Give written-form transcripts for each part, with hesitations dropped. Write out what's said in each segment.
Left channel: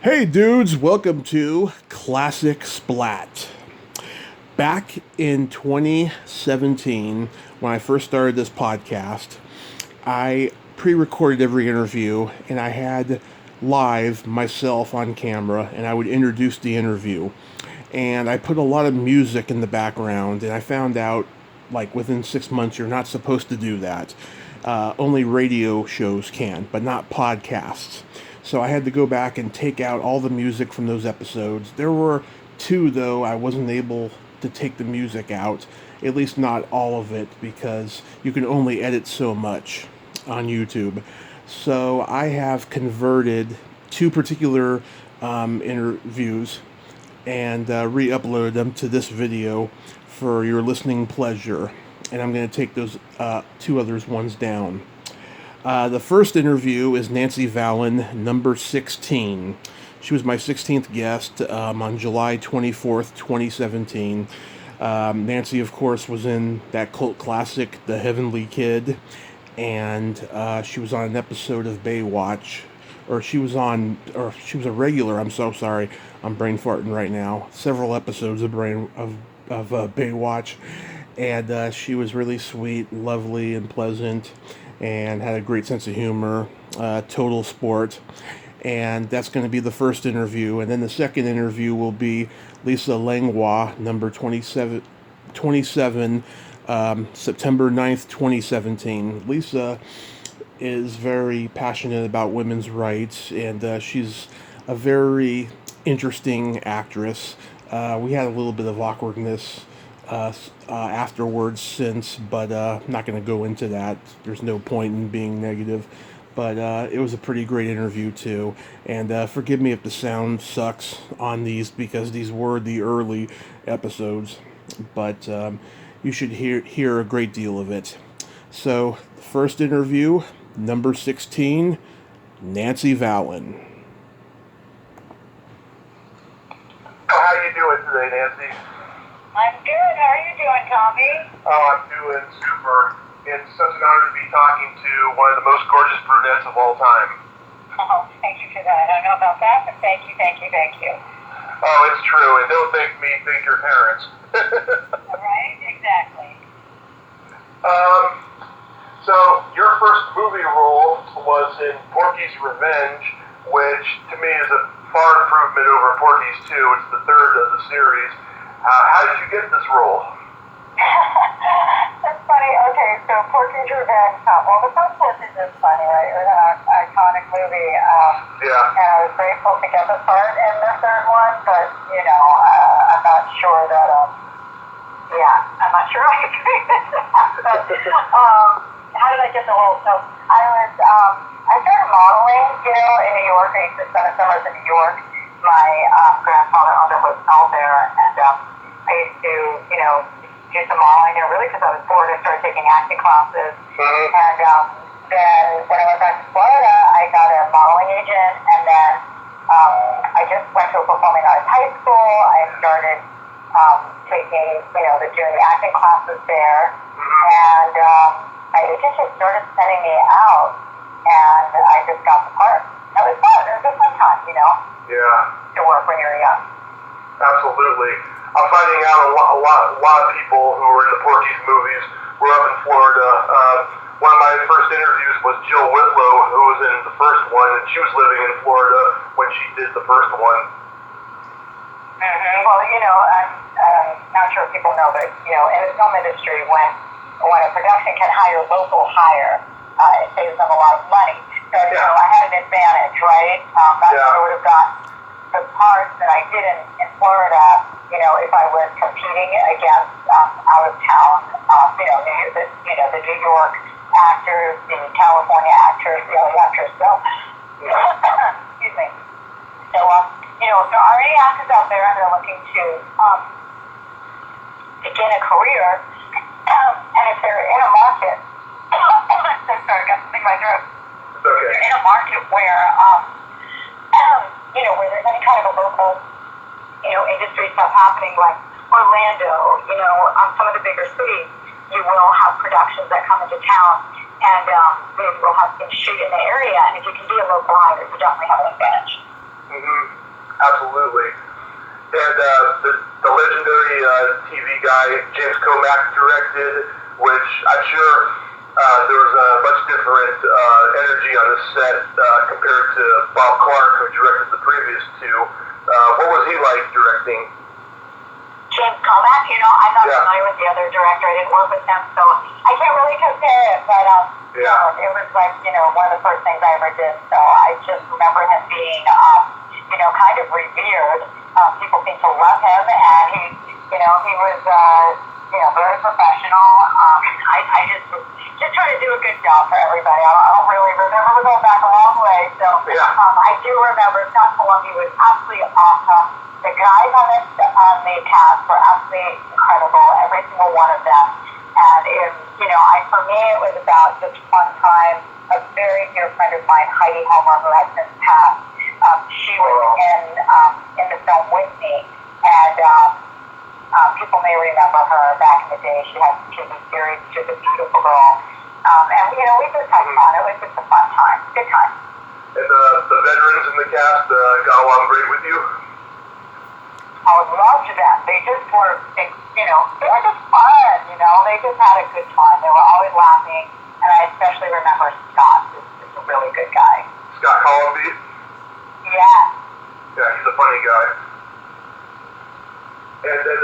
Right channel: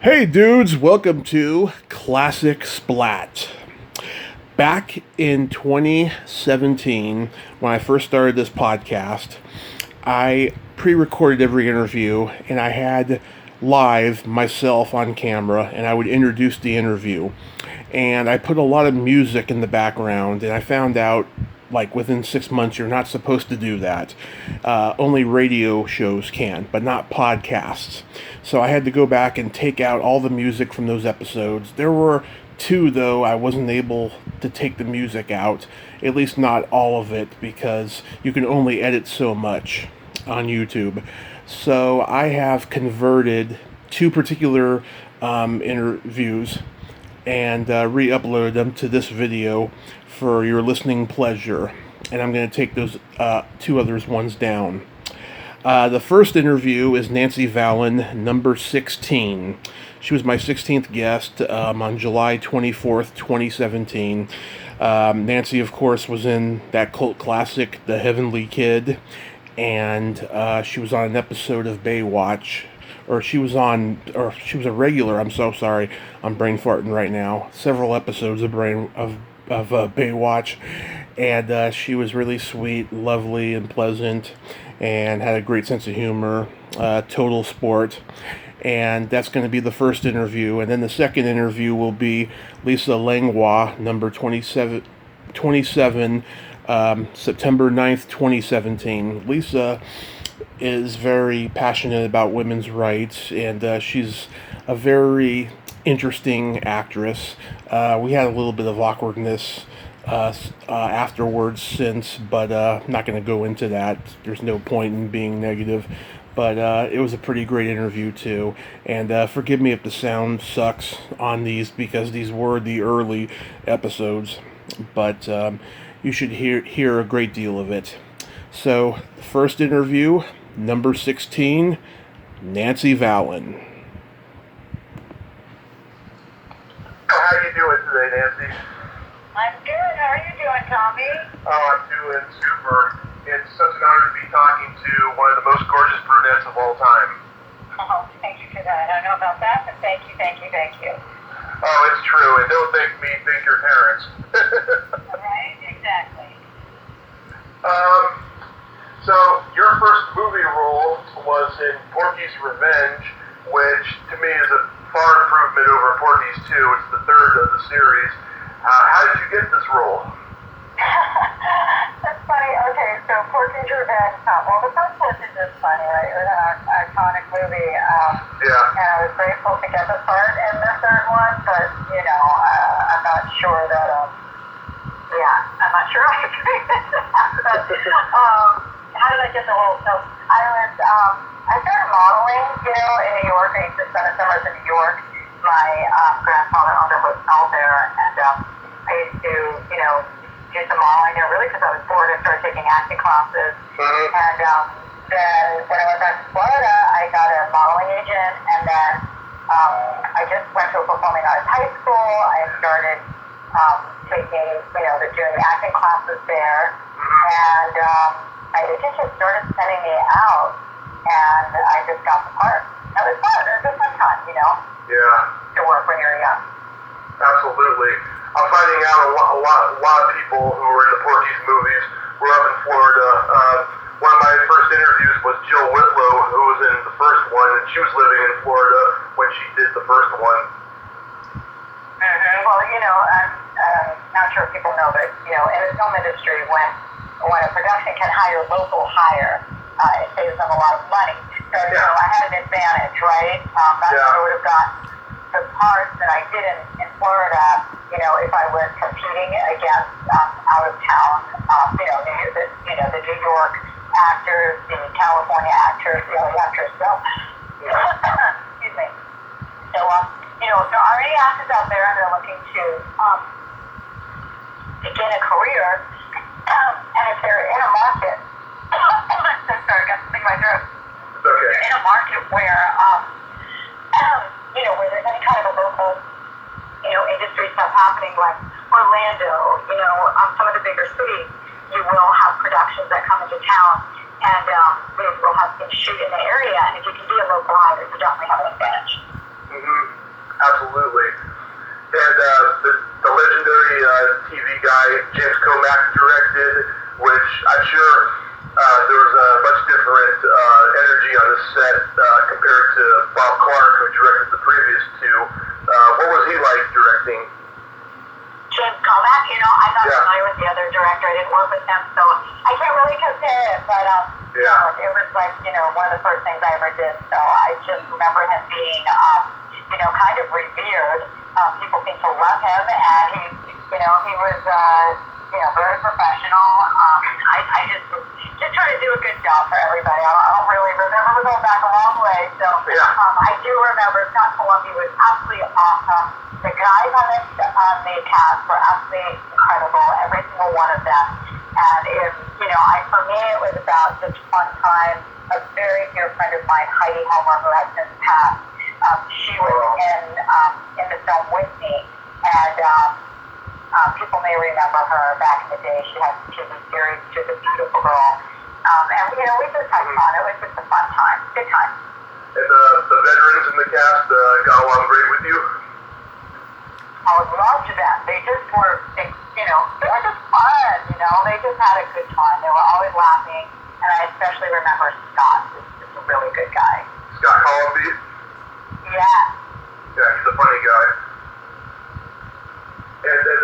Hey dudes, welcome to Classic Splat. Back in 2017, when I first started this podcast, I pre-recorded every interview and I had live myself on camera and I would introduce the interview. And I put a lot of music in the background and I found out like within 6 months you're not supposed to do that. Only radio shows can, but not podcasts. So I had to go back and take out all the music from those episodes. There were two, though, I wasn't able to take the music out, at least not all of it, because you can only edit so much on YouTube. So I have converted two particular interviews and re-uploaded them to this video for your listening pleasure. And I'm going to take those two others ones down. The first interview is Nancy Valen, number 16. She was my 16th guest on July 24th, 2017. Nancy, of course, was in that cult classic, The Heavenly Kid, and she was on an episode of Baywatch, or she was a regular. I'm so sorry, I'm brain farting right now. Several episodes of Baywatch, and she was really sweet, lovely, and pleasant, and had a great sense of humor. Total sport. And that's going to be the first interview. And then the second interview will be Lisa Langlois, number 27, September 9th, 2017. Lisa is very passionate about women's rights, and she's a very interesting actress. We had a little bit of awkwardness afterwards but I'm not going to go into that. There's no point in being negative. But it was a pretty great interview, too. And forgive me if the sound sucks on these, because these were the early episodes. But you should hear a great deal of it. So, first interview, number 16, Nancy Valen. How are you doing today, Nancy? I'm good. How are you doing, Tommy? Oh, I'm doing super. It's such an honor to be talking to one of the most gorgeous brunettes of all time. Oh, thank you for that. I don't know about that, but thank you. Oh, it's true. And don't thank me, thank your parents. Right? Exactly. So, your first movie role was in Porky's Revenge, which to me is a far improvement over Porky's 2. It's the third of the series. How did you get this role? That's funny. Okay, so Porky's Revenge. Well, the first one is just funny, right? It was an iconic movie. Yeah. And I was grateful to get the part in the third one, but, I'm not sure that, I'm not sure I agree with that. But, how did I get the role? So I started modeling, in New York. I used to spend the summers in New York. My grandfather owned a hotel there, and I used to, do some modeling there, really, because I was bored. I started taking acting classes. Mm-hmm. And then when I went back to Florida, I got a modeling agent, and then I just went to a performing arts high school. I started taking, doing the acting classes there, and my agent just started sending me out, and I just got the part. It was fun. It was a fun time, Yeah. to work when you're young. Absolutely. I'm finding out a lot of people who were in the Porky's movies were up in Florida. One of my first interviews was Jill Whitlow, who was in the first one, and she was living in Florida when she did the first one. Mm-hmm. Well, I'm not sure if people know, but, in the film industry, when a production can hire local hire, it saves them a lot of money. So, I had an advantage, right? That's how I would have got the parts that I did in Florida, if I was competing against out of town, the New York actors, the California actors, the LA actors. So, excuse me. So, if there are any actors out there and they're looking to begin a career, and if they're in a market, I'm sorry, I got something in my throat. It's okay. In a market where, where there's any kind of a local, industry stuff happening, like Orlando, some of the bigger cities, you will have productions that come into town, and they will have things shoot in the area, and if you can be a local hire, you definitely have an advantage. Mm-hmm. absolutely. And the legendary TV guy James Comack directed, which I'm sure there was a much different energy on the set compared to Bob Clark, who directed the previous two. What was he like directing? James Comack, I'm not familiar with the other director. I didn't work with him, so I can't really compare it. But it was like one of the first things I ever did. So I just remember him being kind of revered. People seemed to love him, and he was very professional. I just try to do a good job for everybody. I don't really remember. We're going back a long way, so I do remember Scott Columbia was absolutely awesome. The guys on the cast were absolutely incredible, every single one of them. And for me, it was about just fun time. A very dear friend of mine, Heidi Homer, who has since passed, she was in the film with me, and people may remember her back in the day. She had some TV series. She was a beautiful girl, and we just had fun. It was just a fun time, good time. And the veterans in the cast got along great with you? I would love to them. They just were, they were just fun, They just had a good time. They were always laughing, and I especially remember Scott. He's a really good guy. Scott Columbia? Yeah. Yeah, he's a funny guy. And then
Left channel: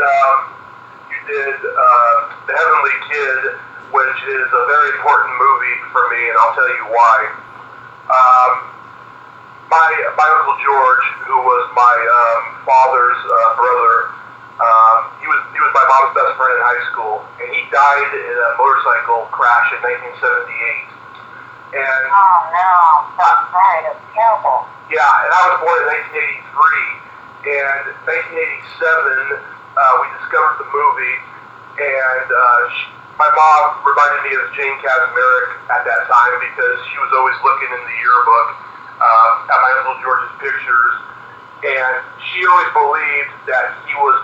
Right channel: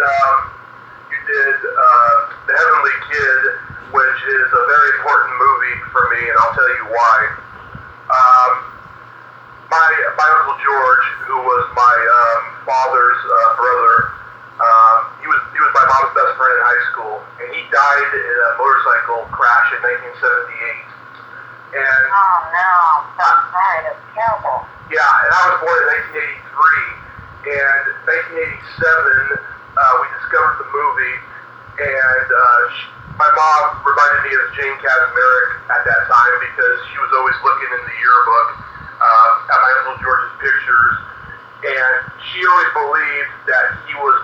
you did The Heavenly Kid, which is a very important movie for me, and I'll tell you why. My Uncle George, who was my father's brother, he was my mom's best friend in high school, and he died in a motorcycle crash in 1978. And oh no, that's right, it's terrible. Yeah, and I was born in 1983, and 1987 we discovered the movie, and my mom reminded me of Jane Kaczmarek at that time because she was always looking in the yearbook at my Uncle George's pictures, and she always believed that he was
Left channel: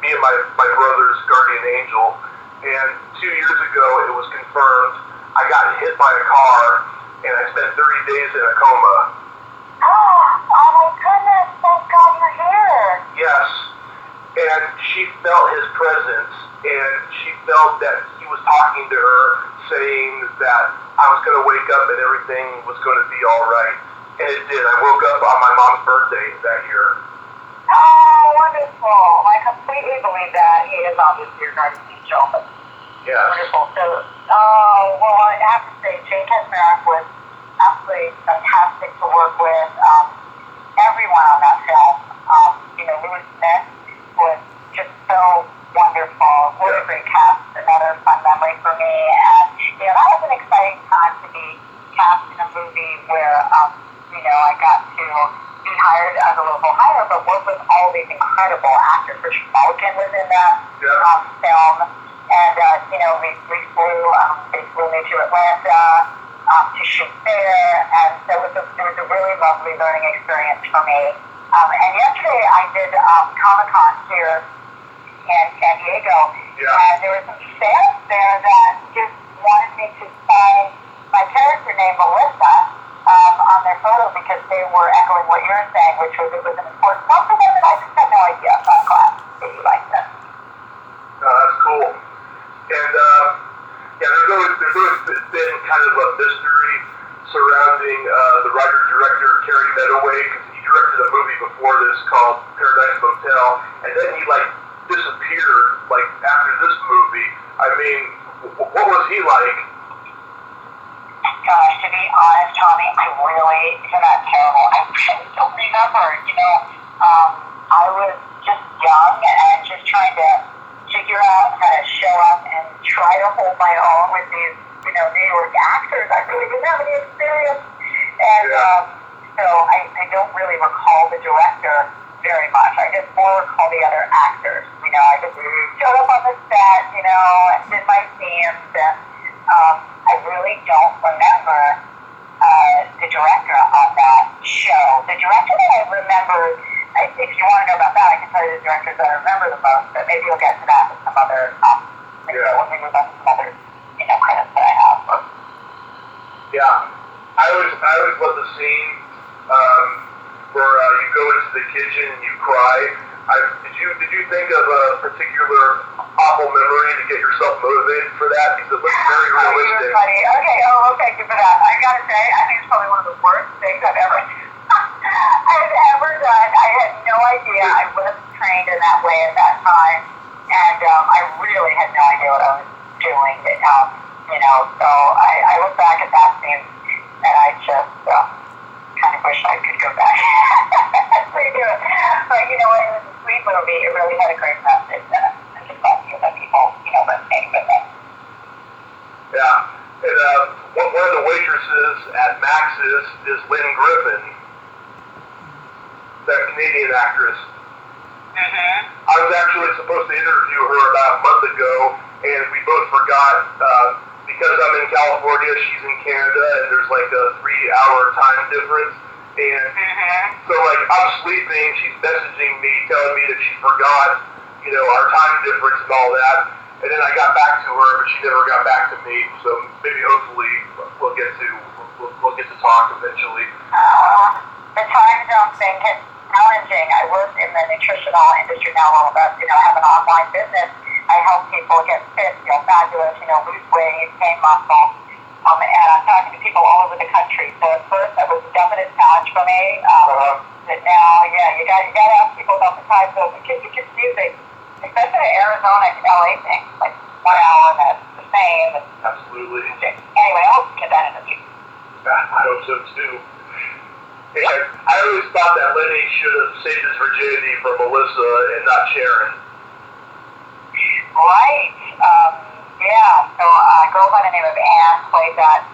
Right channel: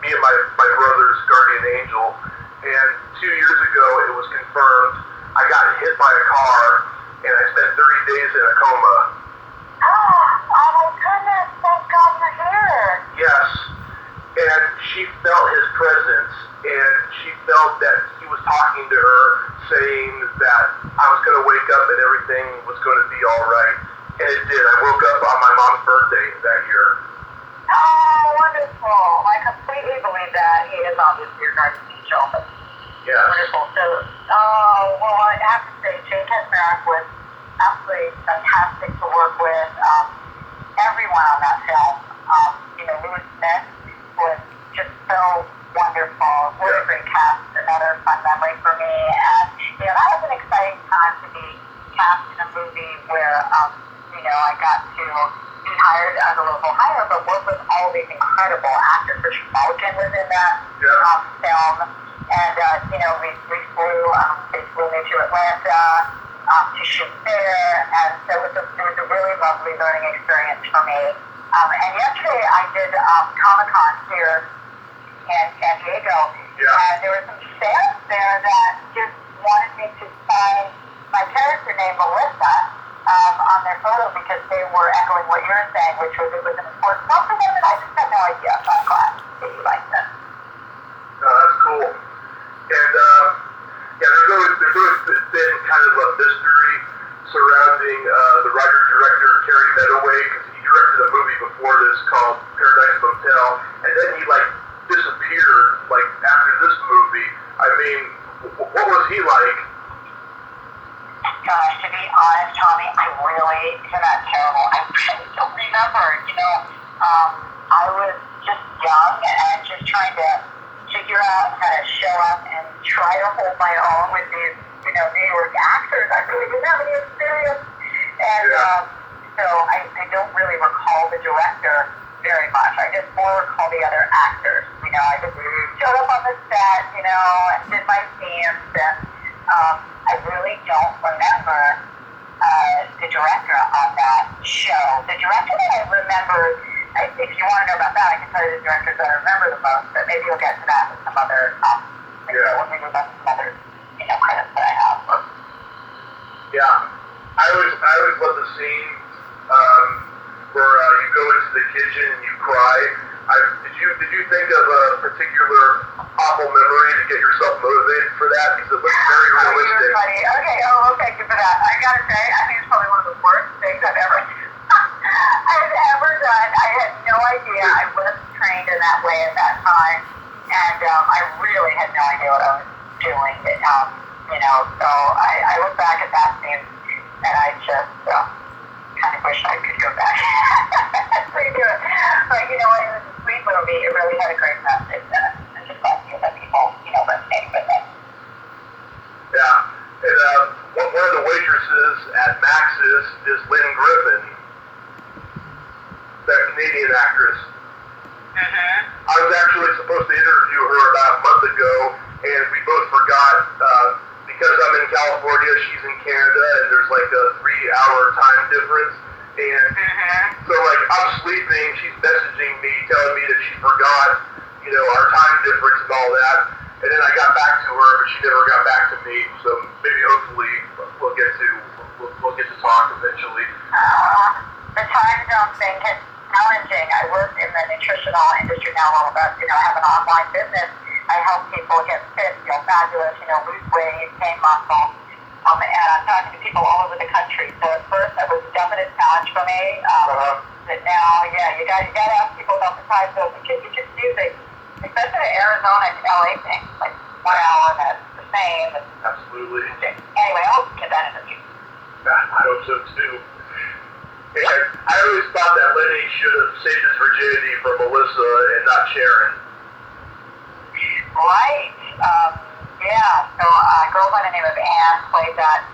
me and my brother's guardian angel. And 2 years ago, it was confirmed. I got hit by a car, and I spent 30 days in a coma. Oh my goodness! Thank God you're here. Yes, and she felt his presence, and she felt that he was talking to her, saying that I was going to wake up and everything was going to be all right. And it did. I woke up on my mom's birthday that year. Oh, wonderful. I completely believe that. He is obviously your guardian angel. Yeah. Wonderful. So, well, I have to say, Jane Kaczmarek was absolutely fantastic to work with. Everyone on that film. Louis Smith was just so wonderful. What a great cast. Another fun memory for me. And, that was an exciting time to be cast in a movie where, I got to be hired as a local hire, but work with all these incredible actors. Richard Mulligan was in that film. And, we flew, they flew me to Atlanta to shoot there. And so it was a really lovely learning experience for me. And yesterday I did Comic-Con here in San Diego. Yeah. And there were some fans there that just wanted me to sign my character named Melissa on their photo because they were echoing what you're saying, which was it was an important one for them, and I just had no idea. So I'm glad that you liked it. That's cool. And there's always been kind of a mystery surrounding the writer-director Terry Medaway, because he directed a movie before this called Paradise Motel, and then he disappeared after this movie. I mean, what was he like? Gosh, to be honest, Tommy, isn't that terrible? I really don't remember. I was just young and just trying to figure out how to show up and try to hold my own with these, New York actors. I really didn't have any experience. And so I don't really recall the director very much. I just more recall the other actors. I just showed up on the set, and did my scenes, and I really don't remember the director on that show. The director that I remember, if you want to know about that, I can tell you the directors that I remember the most, but maybe you'll get to that with some other, maybe that's some other, credits that I have. Yeah. I always love the scene where you go into the kitchen and you cry. Did you think of a particular awful memory to get yourself motivated for that? Because it looks very realistic. Funny. Okay, thank you for that. I gotta say, I think it's probably one of the worst things I've ever done. I had no idea. I wasn't trained in that way at that time, and I really had no idea what I was doing. So I look back at that scene, and I just kind of wish I could go back and redo it. But you know what? It was a sweet movie. It really had a great message in it. I just thought that people, resonate with it. Yeah. And one of the waitresses at Max's is Lynn Griffin, that Canadian actress. Mm-hmm. I was actually supposed to interview her about a month ago, and we both forgot because I'm in California, she's in Canada, and there's like a 3-hour time difference. And so like I'm sleeping, she's messaging me, telling me that she forgot, our time difference and all that. And then I got back to her, but she never got back to me. So maybe hopefully we'll get to talk eventually. The time zone thing is challenging. I work in the nutritional industry now a little bit. I have an online business. I help people get fit, fabulous, lose weight, gain muscle. And I'm talking to people all over the country. So at first that was a definite challenge for me. But now, you got to ask people about the time zone. It's confusing, especially the Arizona and LA thing. Like 1 hour and that's the same. Absolutely. Anyway, I hope to get that in the future. I hope so too. And I always thought that Lenny should have saved his virginity for Melissa and not Sharon. Right. So a girl by the name of Anne played that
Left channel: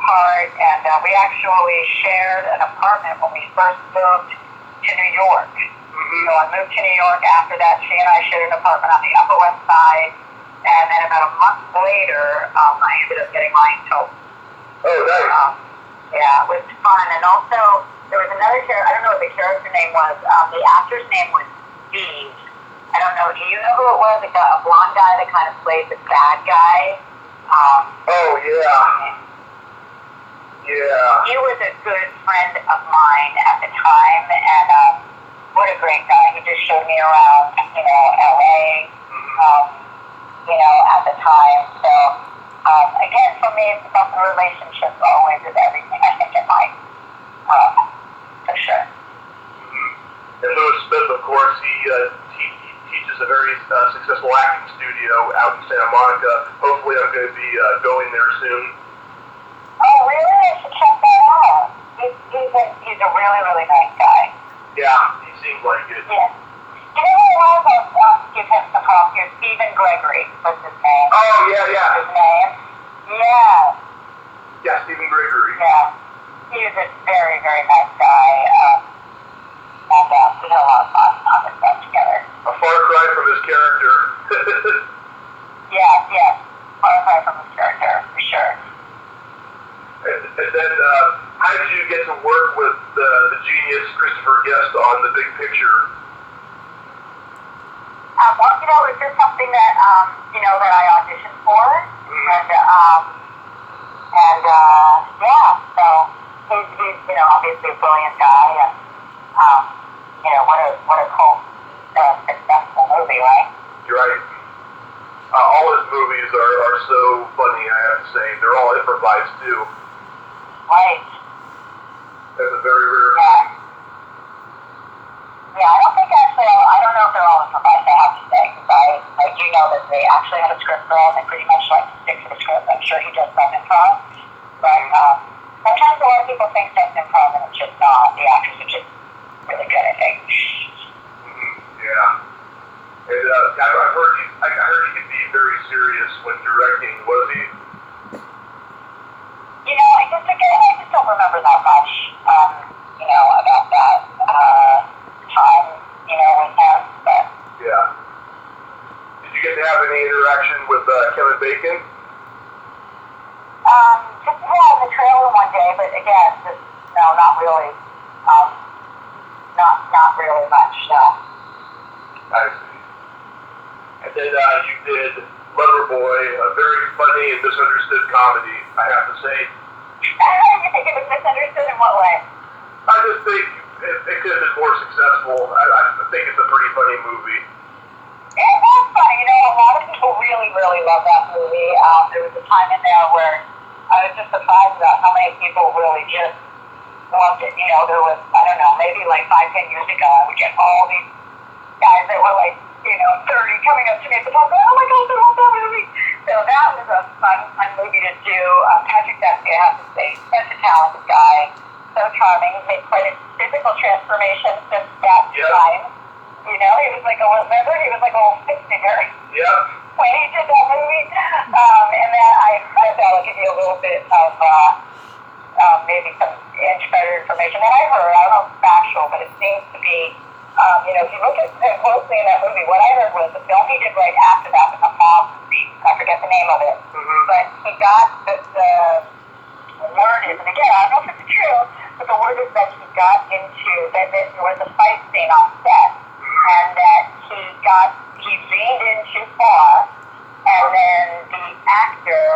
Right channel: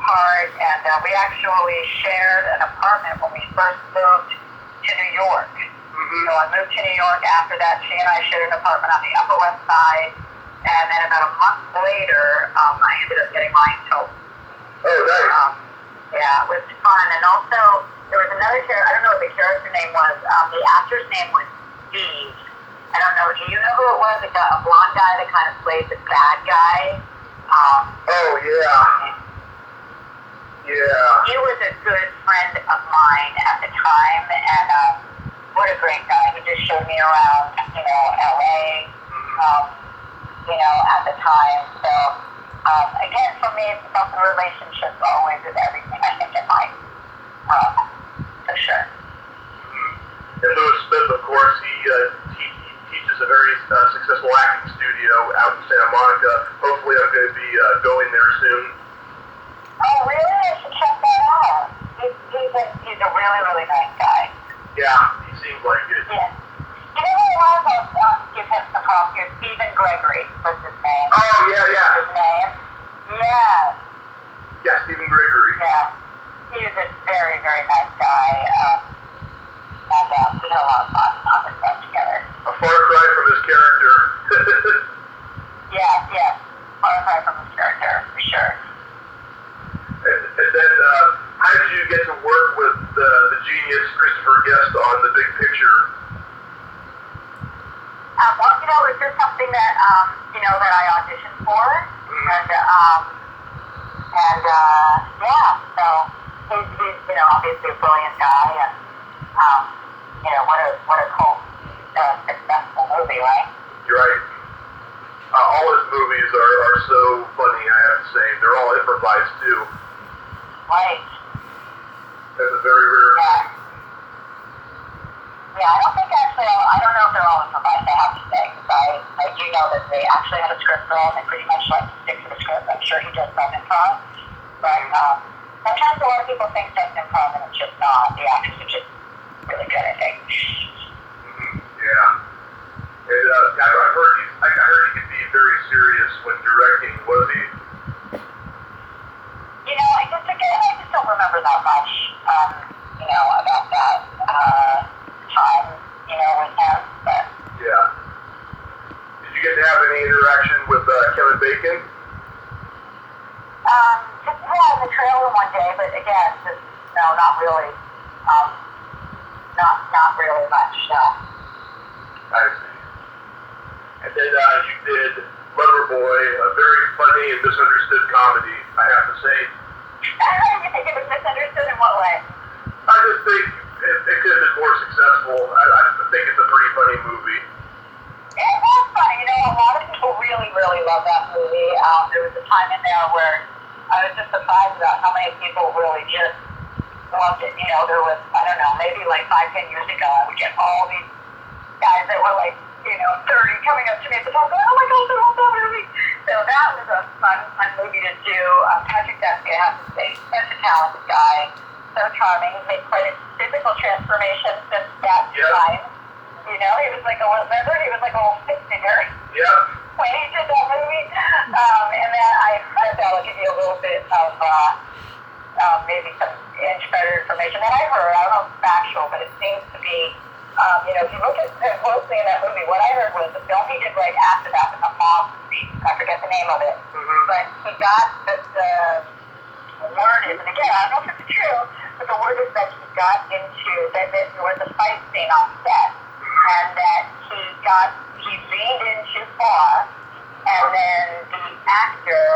part, and we actually shared an apartment when we first moved to New York. So I moved to New York. After that, she and I shared an apartment on the Upper West Side, and then about a month later, I ended up getting mine too. Oh, nice. It was fun, and also there was another character. I don't know what the character name was. The actor's name was Steve. I don't know. Do you know who it was? A blonde guy that kind of played the bad guy. Oh yeah. He was a good friend of mine at the time, and what a great guy. He just showed me around, LA, at the time. So again, for me, it's about the relationship always is everything. I think in life, for sure. And Louis Smith, of course, he teaches a very successful acting studio out in Santa Monica. Hopefully I'm going to be going there soon. Oh, really? I should check that out. He's a really, really nice guy. Yeah, he seems like it. Yeah. You know who it was? I'll give him some props here. Stephen Gregory was his name. Oh, yeah. His name? Yeah. Yeah, Stephen Gregory. Yeah. He was a very, very nice guy. And we had a lot of fun on the set together. A far cry from his character. Yes. Far cry from his character, for sure. And then, how did you get to work with the genius Christopher Guest on The Big Picture? It was just something that, that I auditioned for. So he's obviously a brilliant guy, and, what a cult, successful movie, right? You're right. All his movies are so funny, I have to say. They're all improvised, too. Right. That's a very rare thing. Yeah, I don't know if they're all improvised, I have to say, because I do know that they actually had a script for him and pretty much like to stick to the script. I'm sure he does some improv, but sometimes a lot of people think that's improv and it's just not. The actors are just really good, I think. Yeah. And I heard he could be very serious when directing, was he? I just don't remember that much, about that time, with him, but. Yeah. Did you get to have any interaction with Kevin Bacon? Just in the trailer one day, but again, not really, not really much, no. I see. And then you did Loverboy, a very funny and misunderstood comedy, I have to say. You think it was misunderstood in what way? I just think it it could have been more successful. I think it's a pretty funny movie. It was funny. You know, a lot of people really, really love that movie. There was a time in there where I was just surprised about how many people really just loved it. You know, there was, I don't know, maybe like 5, 10 years ago, I would get all these guys that were like, 30 coming up to me at the top going, oh my gosh, I love that movie. So that was a fun movie to do. Patrick Dempsey, I have to say, such a talented guy, so charming. He made quite a physical transformation since that time. You know, he was like a little stick figure. Yep. When he did that movie. And then that'll give you a little bit of maybe some insider information that I heard. I don't know if it's factual, but it seems to be, if you look at him closely in that movie, what I heard was the film he did right after that was a mob movie. I forget the name of it. Mm-hmm. But he got the word is, and again, I don't know if it's true, but the word is that he got into, that there was a fight scene on set, and that he leaned in too far, and then the actor,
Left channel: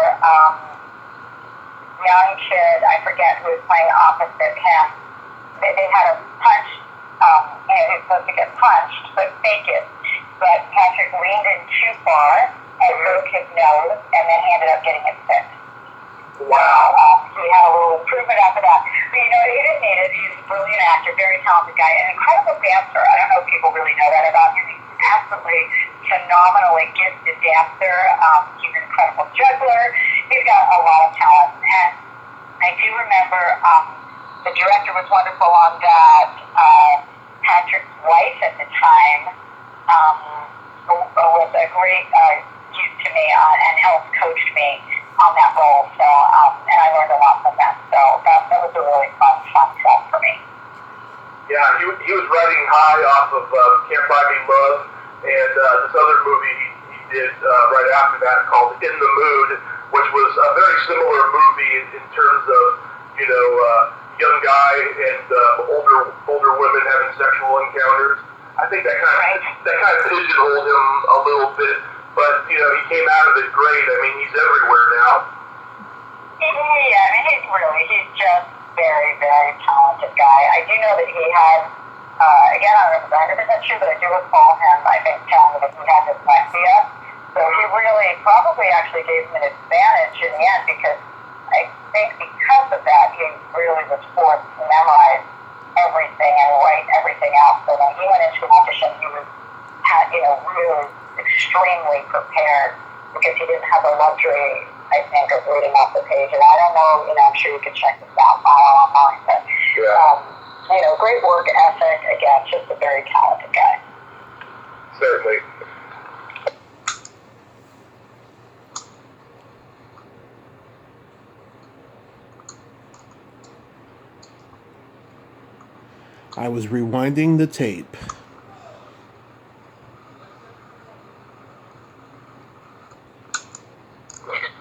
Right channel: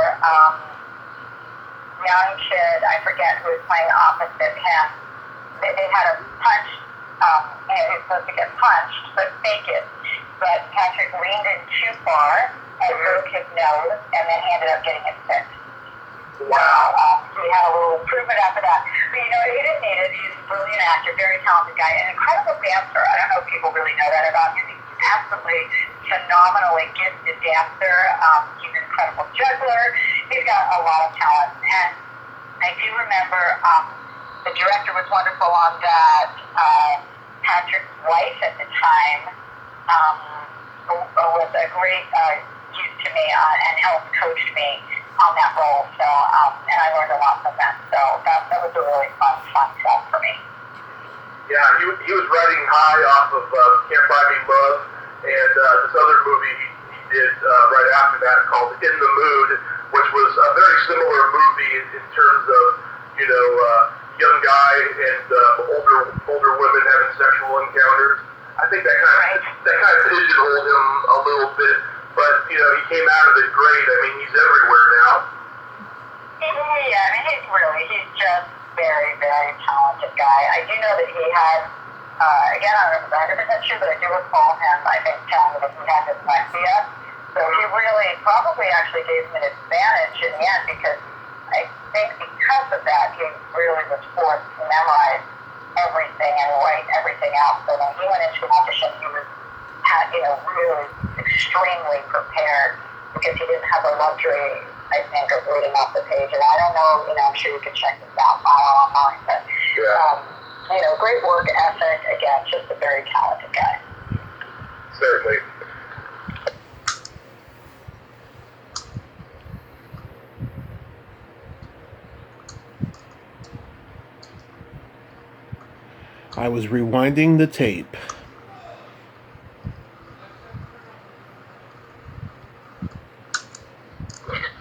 young kid, I forget who was playing opposite him, they had a punch, he was supposed to get punched, but fake it. But Patrick leaned in too far and broke his nose, and then he ended up getting it fixed. Wow. He had a little improvement after that. But he didn't need it. He's a brilliant actor, very talented guy, an incredible dancer. I don't know if people really know that about him. He's absolutely phenomenally gifted dancer. He's an incredible juggler. He's got a lot of talent. And I do remember the director was wonderful on that. Patrick's wife at the time was a great use to me and helped coach me on that role. So, and I learned a lot from that. So that was a really fun film for me. Yeah, he was riding high off of Can't Buy Me Love, and this other movie he did right after that called In the Mood, which was a very similar movie in terms of, young guy and older women having sexual encounters. I think that kind of pigeonholed him a little bit, but he came out of it great. I mean, he's everywhere now. Yeah, I mean, he's just very, very talented guy. I do know that he had, again, I don't remember 100% sure, but I do recall him, I think, telling me that he had dyslexia. So he really probably actually gave him an advantage in the end, because I think because of that, he really was forced to memorize everything and write everything out. So when he went into an audition, he was, really extremely prepared, because he didn't have the luxury, I think, of reading off the page. And I don't know, I'm sure you could check this out online, but, great work ethic. Again, just a very talented guy. Certainly. I was rewinding the tape.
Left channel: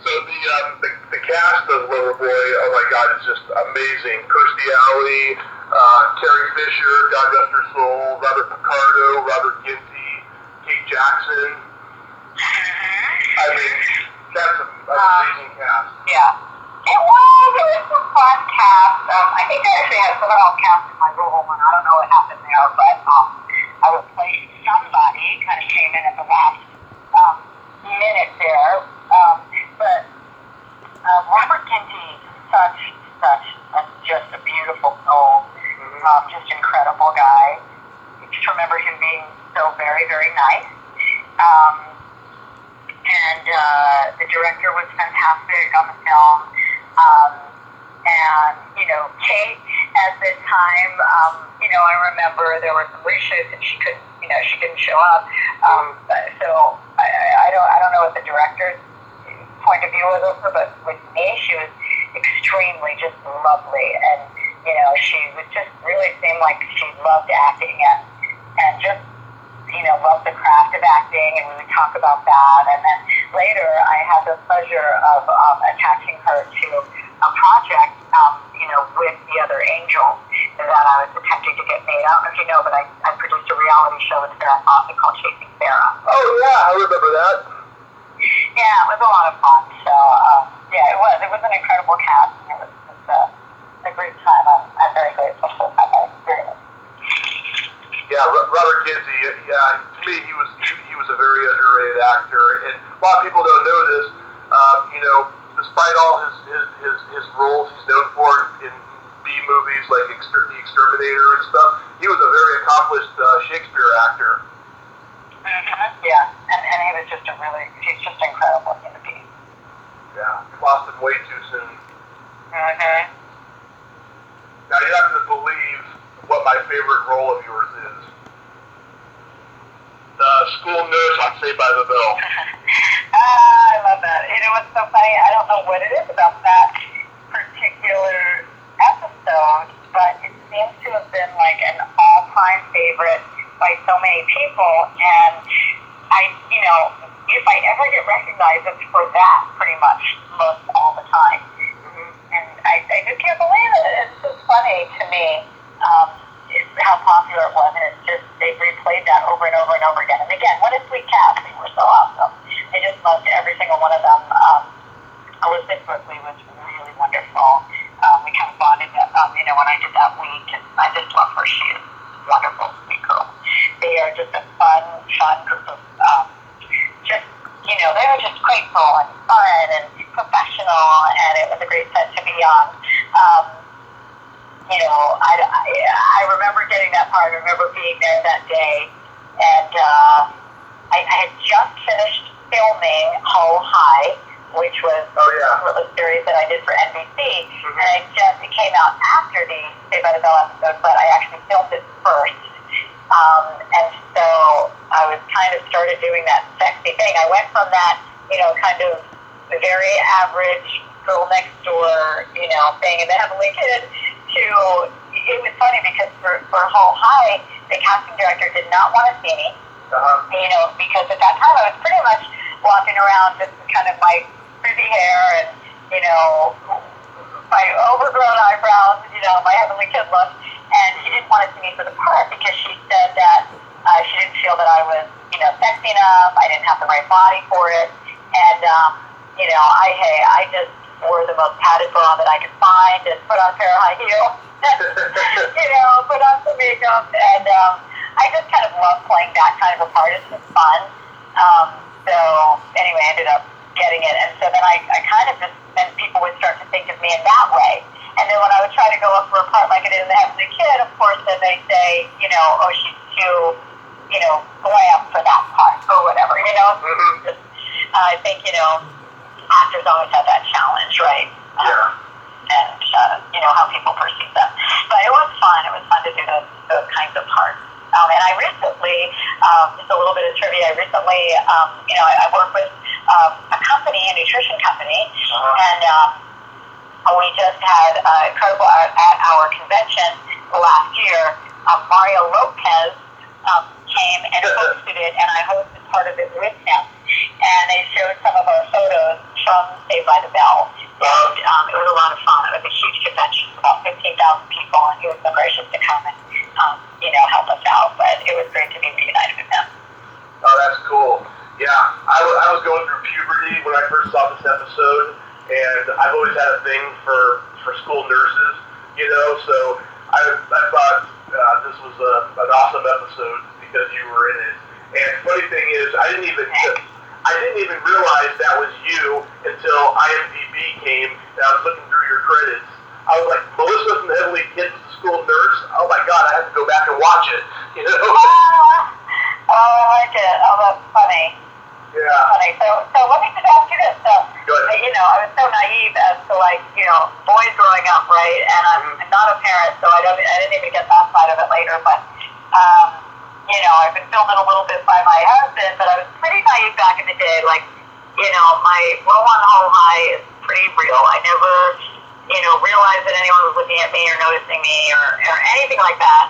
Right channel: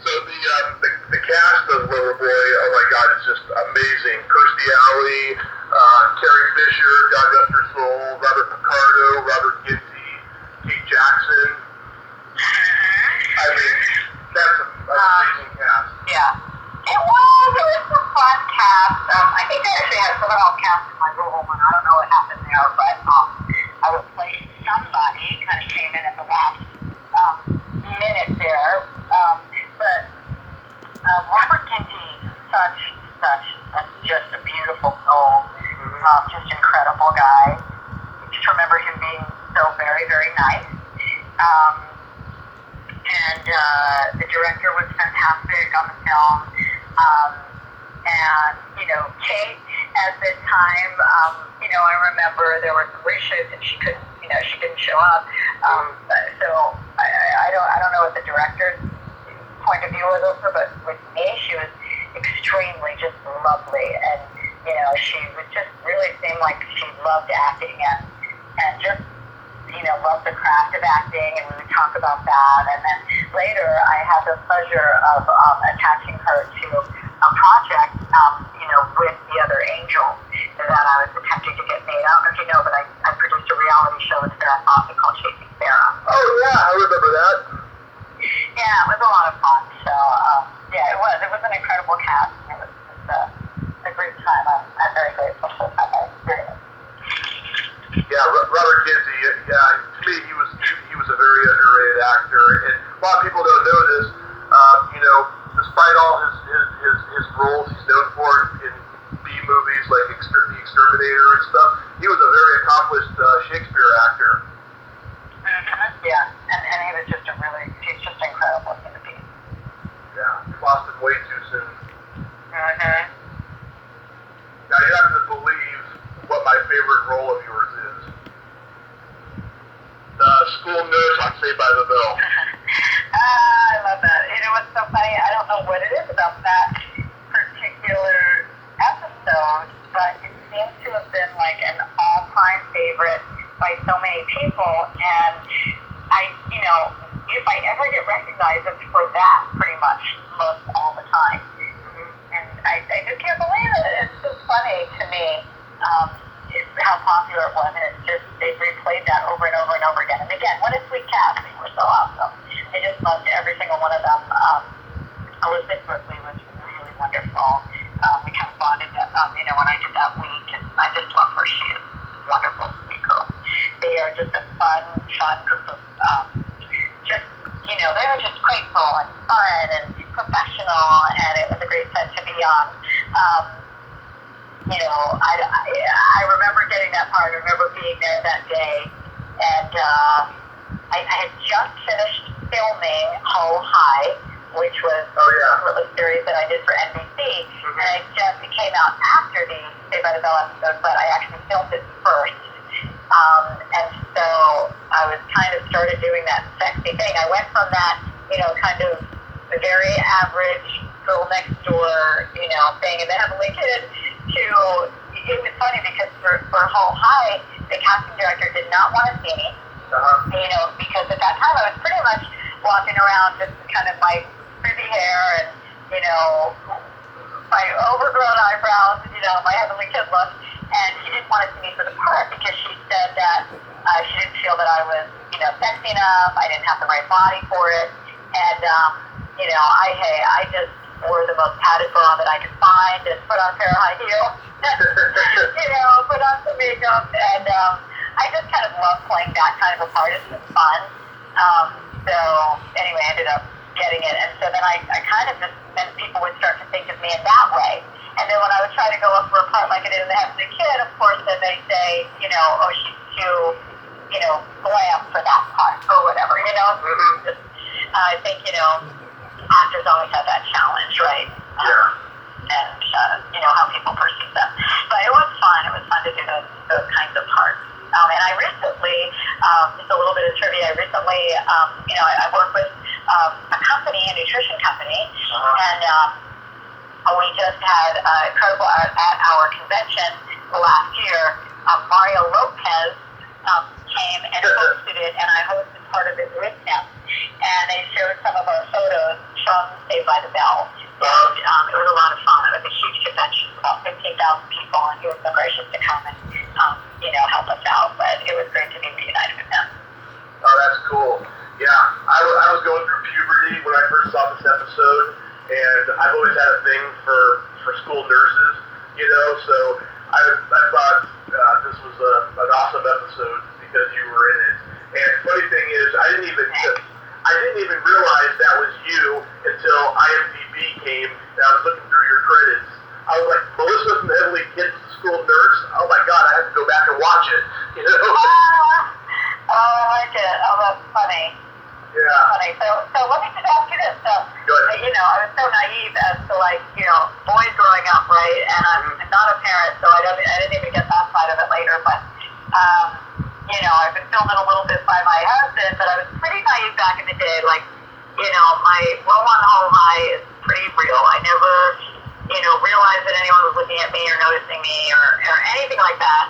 So the cast of Loverboy, oh my God, it's just amazing. Kirstie Alley, Carrie Fisher, God rest her soul, Robert Picardo, Robert Ginty, Kate Jackson. I mean, that's an amazing cast. Yeah. It was a fun cast. I think I actually had someone else cast in my role, and I don't know what happened there, but I replaced somebody, kind of came in at the last minute there. But Robert Ginty, just a beautiful soul, just incredible guy. I just remember him being so very, very nice. And the director was fantastic on the film. And, Kate, at the time, I remember there were some reshoots and she didn't show up. So I don't know what the director's point of view was of her, but with me, she was extremely just lovely. And, she would just really seem like she loved acting and just, loved the craft of acting, and we would talk about that. And then later, I had the pleasure of attaching her to a project, with the other angel that I was attempting to get made. I don't know if you know, but I produced a reality show with Sarah Fossey called Chasing Sarah. Oh yeah, I remember that. Yeah, it was a lot of fun. So it was an incredible cast. It was just a great time. I'm very grateful for that experience. Yeah, Robert Kinsey. Yeah, to me, he was a very underrated actor, and a lot of people don't know this. Despite all his roles he's known for in B movies like The Exterminator and stuff, he was a very accomplished Shakespeare actor. Mm-hmm. Yeah, and he's just incredible in the piece. Yeah, lost him way too soon. Mm-hmm. Now you have to believe what my favorite role of yours is. The school nurse on Saved by the Bell. I love that. You know what's so funny? I don't know what it is about that particular episode, but it seems to have been like an all-time favorite by so many people. And if I ever get recognized, it's for that pretty much most all the time. And I just can't believe it. It's just funny to me how popular it was. And they replayed that over and over and over again. And again, what a sweet cast. They were so awesome. I just loved every single one of them. Elizabeth Berkley was really wonderful. We kind of bonded, when I did that week. And I just love her. She is wonderful, sweet girl. They are just a fun group of they were just grateful and fun and professional, and it was a great set to be on. I remember getting that part. I remember being there that day, and I had just finished filming Ho High, which was a series that I did for NBC, and it came out after the Saved by the Bell episode, but I actually filmed it first. And so I was kind of started doing that sexy thing. I went from that, kind of the very average girl next door, thing in the Heavenly Kid to, it was funny because for Whole High, the casting director did not want to see me, because at that time I was pretty much walking around just kind of my frizzy hair and, my overgrown eyebrows, my Heavenly Kid look. And she didn't want to see me for the part because she said that she didn't feel that I was, sexy enough. I didn't have the right body for it. And, I just wore the most padded bra that I could find and put on a pair of high heels, put on some makeup. And I just kind of love playing that kind of a part. It's just fun. So anyway, I ended up getting it. And so then I kind of just, then people would start to think of me in that way. And then when I would try to go up for a part like I did in The Heavenly Kid, of course, then they say, she's too, glam for that part or whatever, Just, I think, actors always have that challenge, right? And, how people perceive them. But it was fun. It was fun to do those kinds of parts. And I recently, just a little bit of trivia, I work with a company, a nutrition company, and we just had incredible at our convention last year. Mario Lopez came and hosted it, and I hosted part of it with him. And they showed some of our photos from Saved by the Bell. And it was a lot of fun. It was a huge convention, about 15,000 people, and he was so gracious to come and help us out. But it was great to be reunited with him. Oh, that's cool. Yeah, I was going through puberty when I first saw this episode, and I've always had a thing for school nurses, so I thought this was an awesome episode because you were in it. And funny thing is, I didn't even realize that was you until IMDb came and I was looking through your credits. I was like, Melissa from the Heavenly Kid was the school nurse? Oh my God, I have to go back and watch it, Oh, I like it. Oh, that's funny. Yeah. Funny. So let me just ask you this. So, Good. I was so naive as to boys growing up, right? And I'm not a parent, so I didn't even get that side of it later. But I've been filmed a little bit by my husband, but I was pretty naive back in the day. My role on Whole High is pretty real. I never, realized that anyone was looking at me or noticing me or anything like that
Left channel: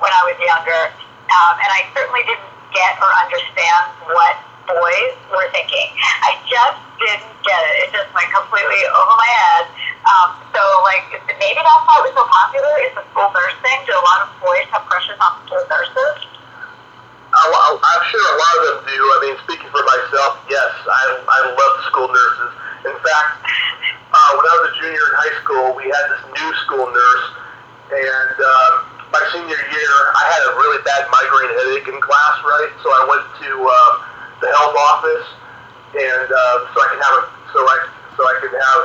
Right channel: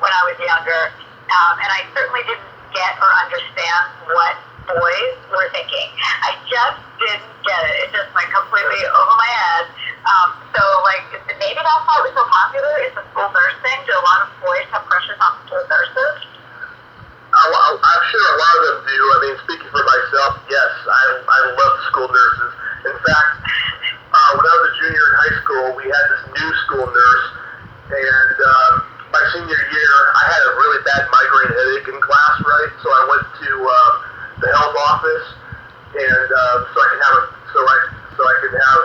when I was younger. And I certainly didn't get or understand what boys were thinking. I just didn't get it. It just went completely over my head. Maybe that's why it was so popular. It's a school nurse thing. Do a lot of boys have crushes on school nurses? I'm sure a lot of them do. I mean, speaking for myself, yes, I love school nurses. In fact, when I was a junior in high school, we had this new school nurse, and my senior year, I had a really bad migraine headache in class, right? So I went to the health office, and so I could have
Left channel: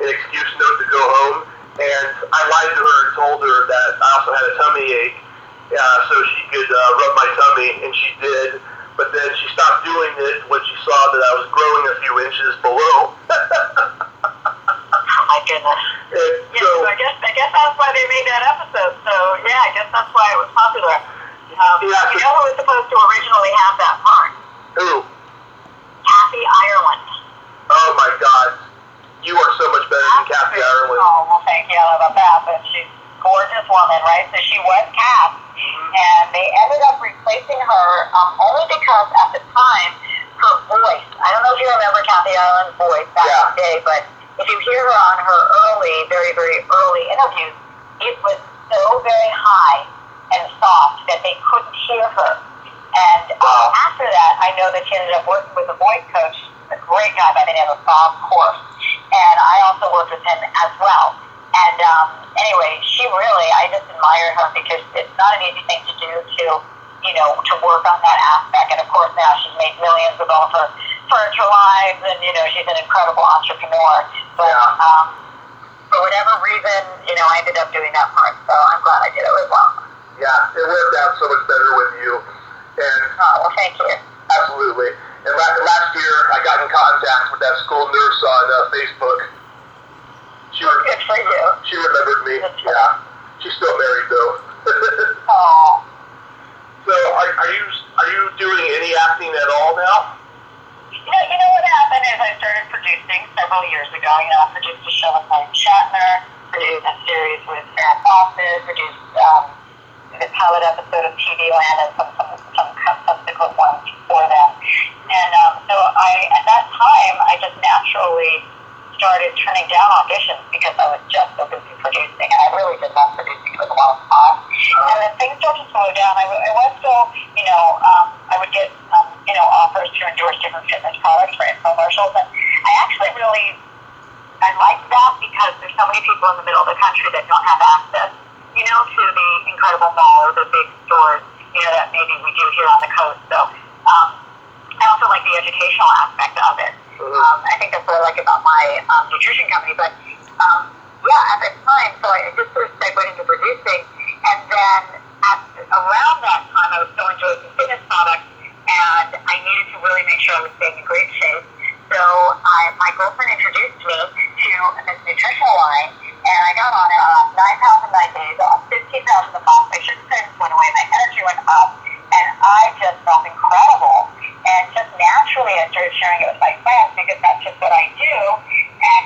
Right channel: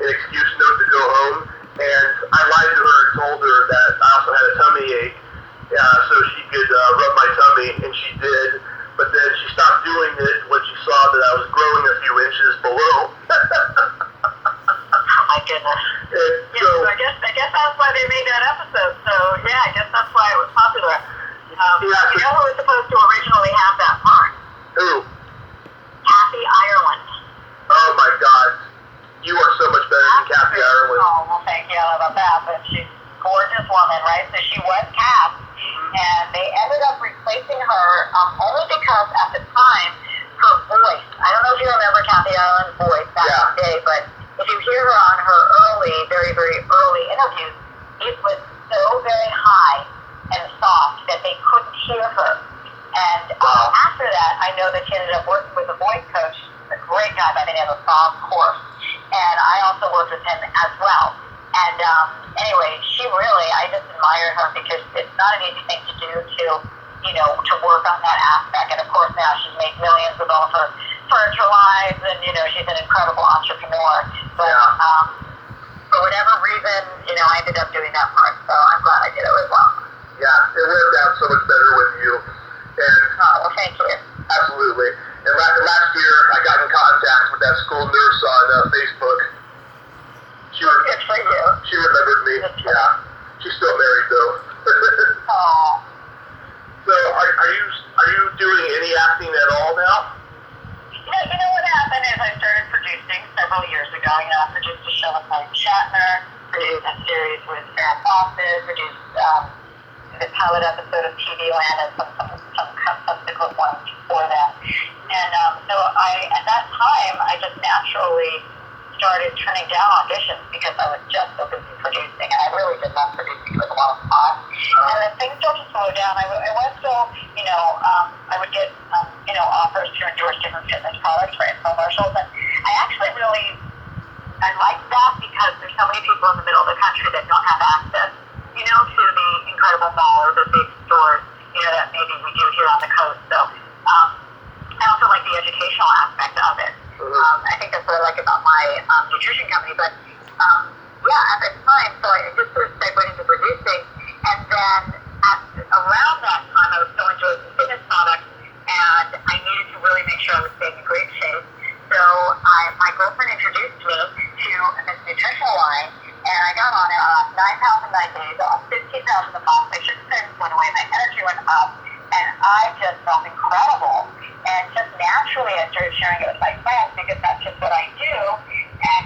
an excuse note to go home. And I lied to her and told her that I also had a tummy ache, so she could rub my tummy, and she did. But then she stopped doing it when she saw that I was growing a few inches below. Oh my goodness. And so I guess that's why they made that episode. So yeah, I guess that's why it was popular. You know who was supposed to originally have that part? Who? Kathy Ireland. Oh my God. You are so much better than Kathy Ireland. Oh, well, thank you. I don't know about that, but she's a gorgeous woman, right? So she was cast, and they ended up replacing her only because at the time, her voice, I don't know if you remember Kathy Ireland's voice back in the day, but if you hear her on her very, very early interviews, it was so very high and soft that they couldn't hear her. And after that, I know that she ended up working with a voice coach, a great guy by the name of Bob Corse. And I also worked with him as well. And anyway, I just admired her because it's not an easy thing to do to work on that aspect. And of course now she's made millions with all of her furniture lines, and she's an incredible entrepreneur. But for whatever reason, I ended up doing that part. So I'm glad I did it as well. Yeah, it worked out so much better with you. And well, thank you. Absolutely. And last year, I got in contact with that school nurse on Facebook. Good for you. She remembered me. Yeah. She's still married, though. Oh. So, are you doing any acting at all now? You know what happened is I started producing several years ago. I produced a show with Mark Shatner, produced a series with Farrah Fawcett, produced the pilot episode of TV Land, and some subsequent ones for them. And so at that time, I just naturally started turning down auditions because I was just so busy producing, and I really did love producing. It was a lot of fun. And then things started to slow down. I was still, I would get, offers to endorse different fitness products for infomercials, and I actually I like that because there's so many people in the middle of the country that don't have access, to the incredible mall or the big stores, that maybe we do here on the coast. So I also like the educational aspect of it. I think that's what I like about my nutrition company. But at the time, so I just sort of segued into producing, and then around that time, I was so enjoying some fitness products, and I needed to really make sure I was staying in great shape. So my girlfriend introduced me to this nutritional line, and I got on it. I lost 9 pounds in 9 days. I lost 15 pounds in a month. My sugar percentage went away. My energy went up, and I just felt incredible. And just naturally, I started sharing it with my friends because that's just what I do. And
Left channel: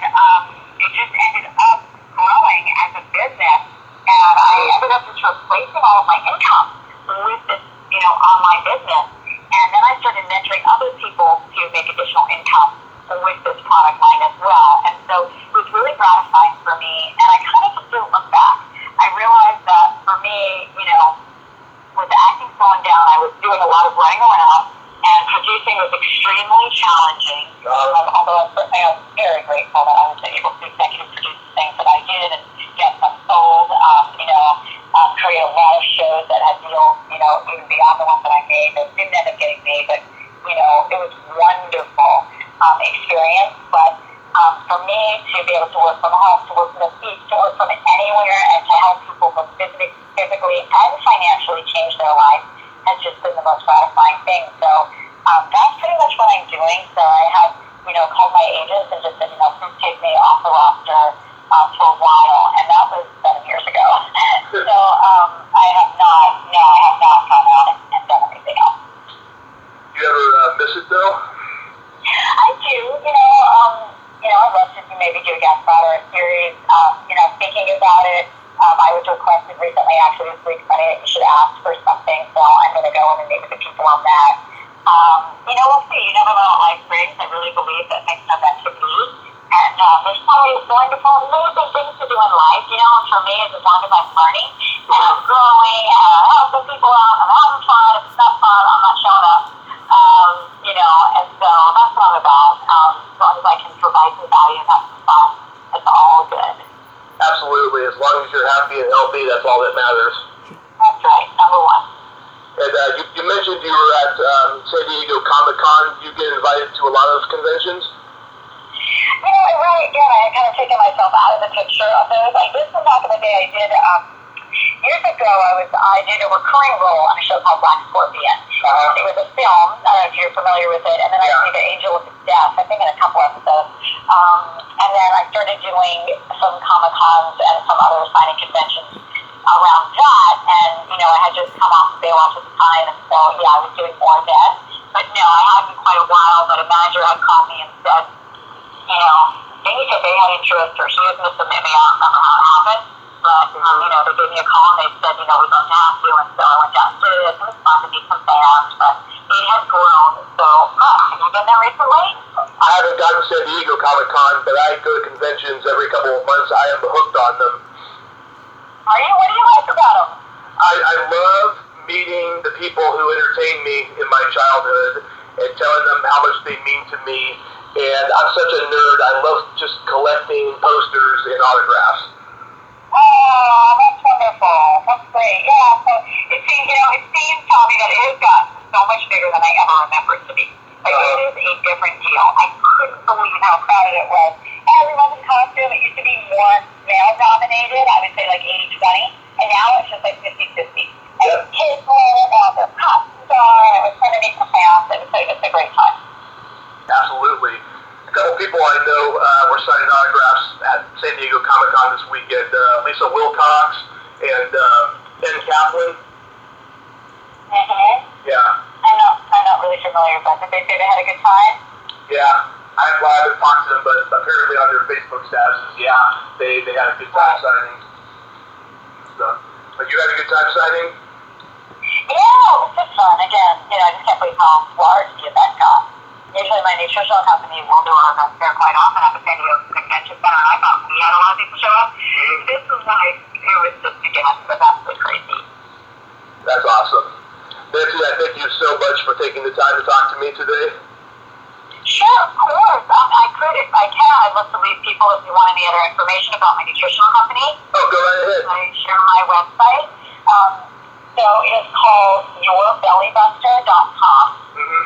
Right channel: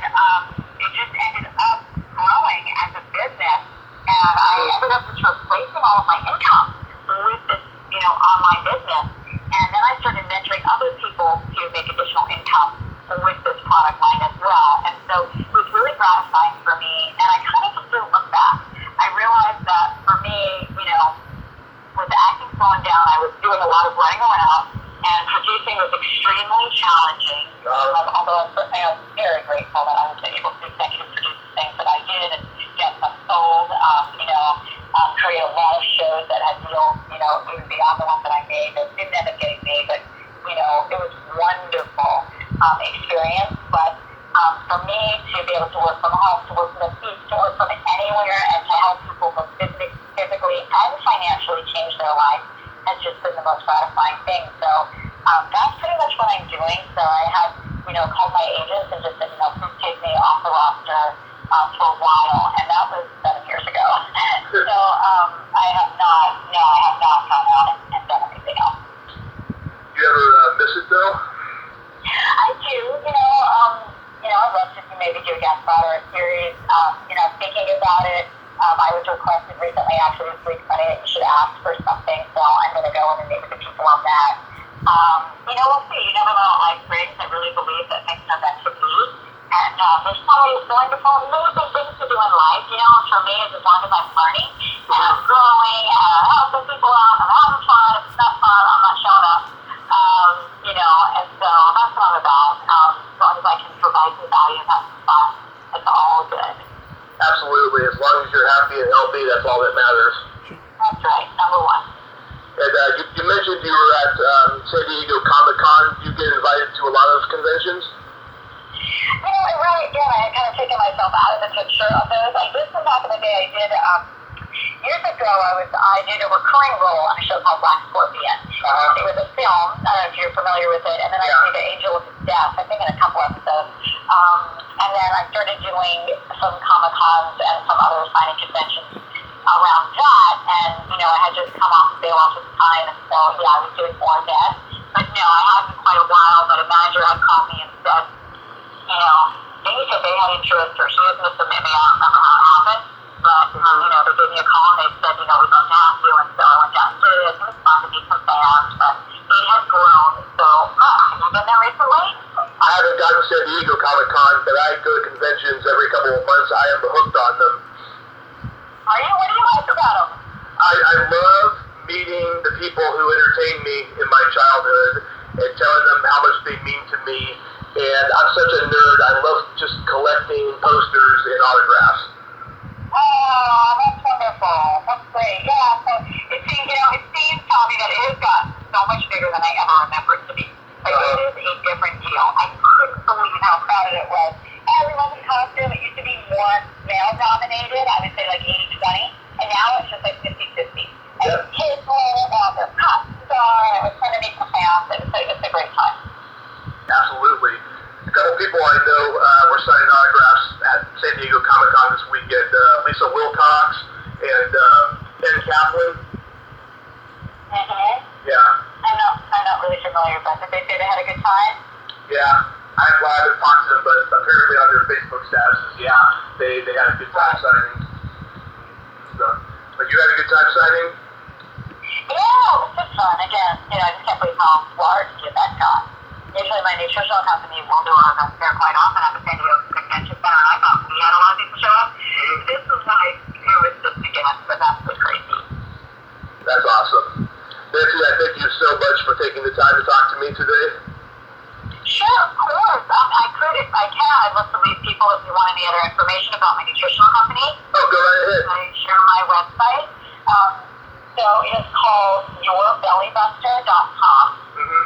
it just ended up growing as a business. And I ended up just replacing all of my income with this, online business. And then I started mentoring other people to make additional income with this product line as well. And so it was really gratifying for me. And I kind of just didn't look back. I realized that for me, with the acting slowing down, I was doing a lot of running around, and producing was extremely challenging. Although I'm very grateful that I was able to executive produce the things that I did and get them sold, create a lot of shows that had deals, even beyond the ones that I made that didn't end up getting made. But, it was wonderful experience. But for me to be able to work from home, to work from the beach, to work from anywhere, and to help people both physically and financially change their life has just been the most gratifying thing. So that's pretty much what I'm doing. So I have, called my agents and just said, please take me off the roster for a while. And that was 7 years ago. So I have not gone out and done anything else. Do you ever miss it, though? I do. I'd love to maybe do a guest spot or a series. Thinking about it. I was requested recently, actually this week, funny that you should ask for something, so I'm going to go in and meet with the people on that. We'll see. You never know what life brings. I really believe that things are meant to be. And there's always wonderful, amazing things to do in life. And for me, as long as I'm learning and I'm growing San Diego Comic-Con? Do you get invited to a lot of conventions? I really did. I had kind of taken myself out of the picture of those. I did some back in the day. I did, years ago, I did a recurring role on a show called Black Scorpion. It was a film. I don't know if you're familiar with it. And then I played the Angel of Death, I think in a couple episodes. And then I started doing some Comic-Cons and some other signing conventions around that. And, I had just come off of Baywatch at the time. And so, I was doing more then. But no, I hadn't quite a while. But a manager had called me and said, maybe that they had interest or she was going to submit me. I don't remember how it happened. But, they gave me a call and they said, we'd love to have you. And so I went down to it. It was fun to meet some fans, but it has grown. So, have you been there recently? I haven't gotten to San Diego Comic-Con, but I go to conventions every couple of months. I am hooked on them. Are you? What do you like about them? I love meeting the people who entertained me in my childhood and telling them how much they mean to me. And I'm such a nerd. I love just collecting posters and autographs. Oh, that's wonderful. That's great. Yeah, so it seems, Tommy, that it has gotten so much bigger than I ever remembered it to be. Like, it is a different deal. I couldn't believe how crowded it was. Everyone's in costume. It used to be more male-dominated. I would say like 80-20. And now it's just like 50-50. And kids wear it out, their costumes on. It was fun to meet some fans. It's a great time. Absolutely. A couple people I know were signing autographs at San Diego Comic-Con this weekend. Lisa Wilcox and Ben Kaplan. Mm-hmm. Yeah. I'm not really familiar, but did they say they had a good time? Yeah. I haven't talked to them, but apparently on their Facebook statuses, they had a good time signing. So, but you had a good time signing? Yeah, it was just fun. Again, I just can't believe how large the event got. Usually my nutritional company will do our events there quite often at the San Diego Convention Center, and I thought we had a lot of people show up. This was like, it was just, again, but that's pretty crazy. That's awesome. Nancy, I thank you so much for taking the time to talk to me today. Sure, of course. I could, if I can, I'd love to leave people if you want any other information about my nutritional company. Oh, go right ahead. I share my website. So it is called yourbellybuster.com. Mm-hmm.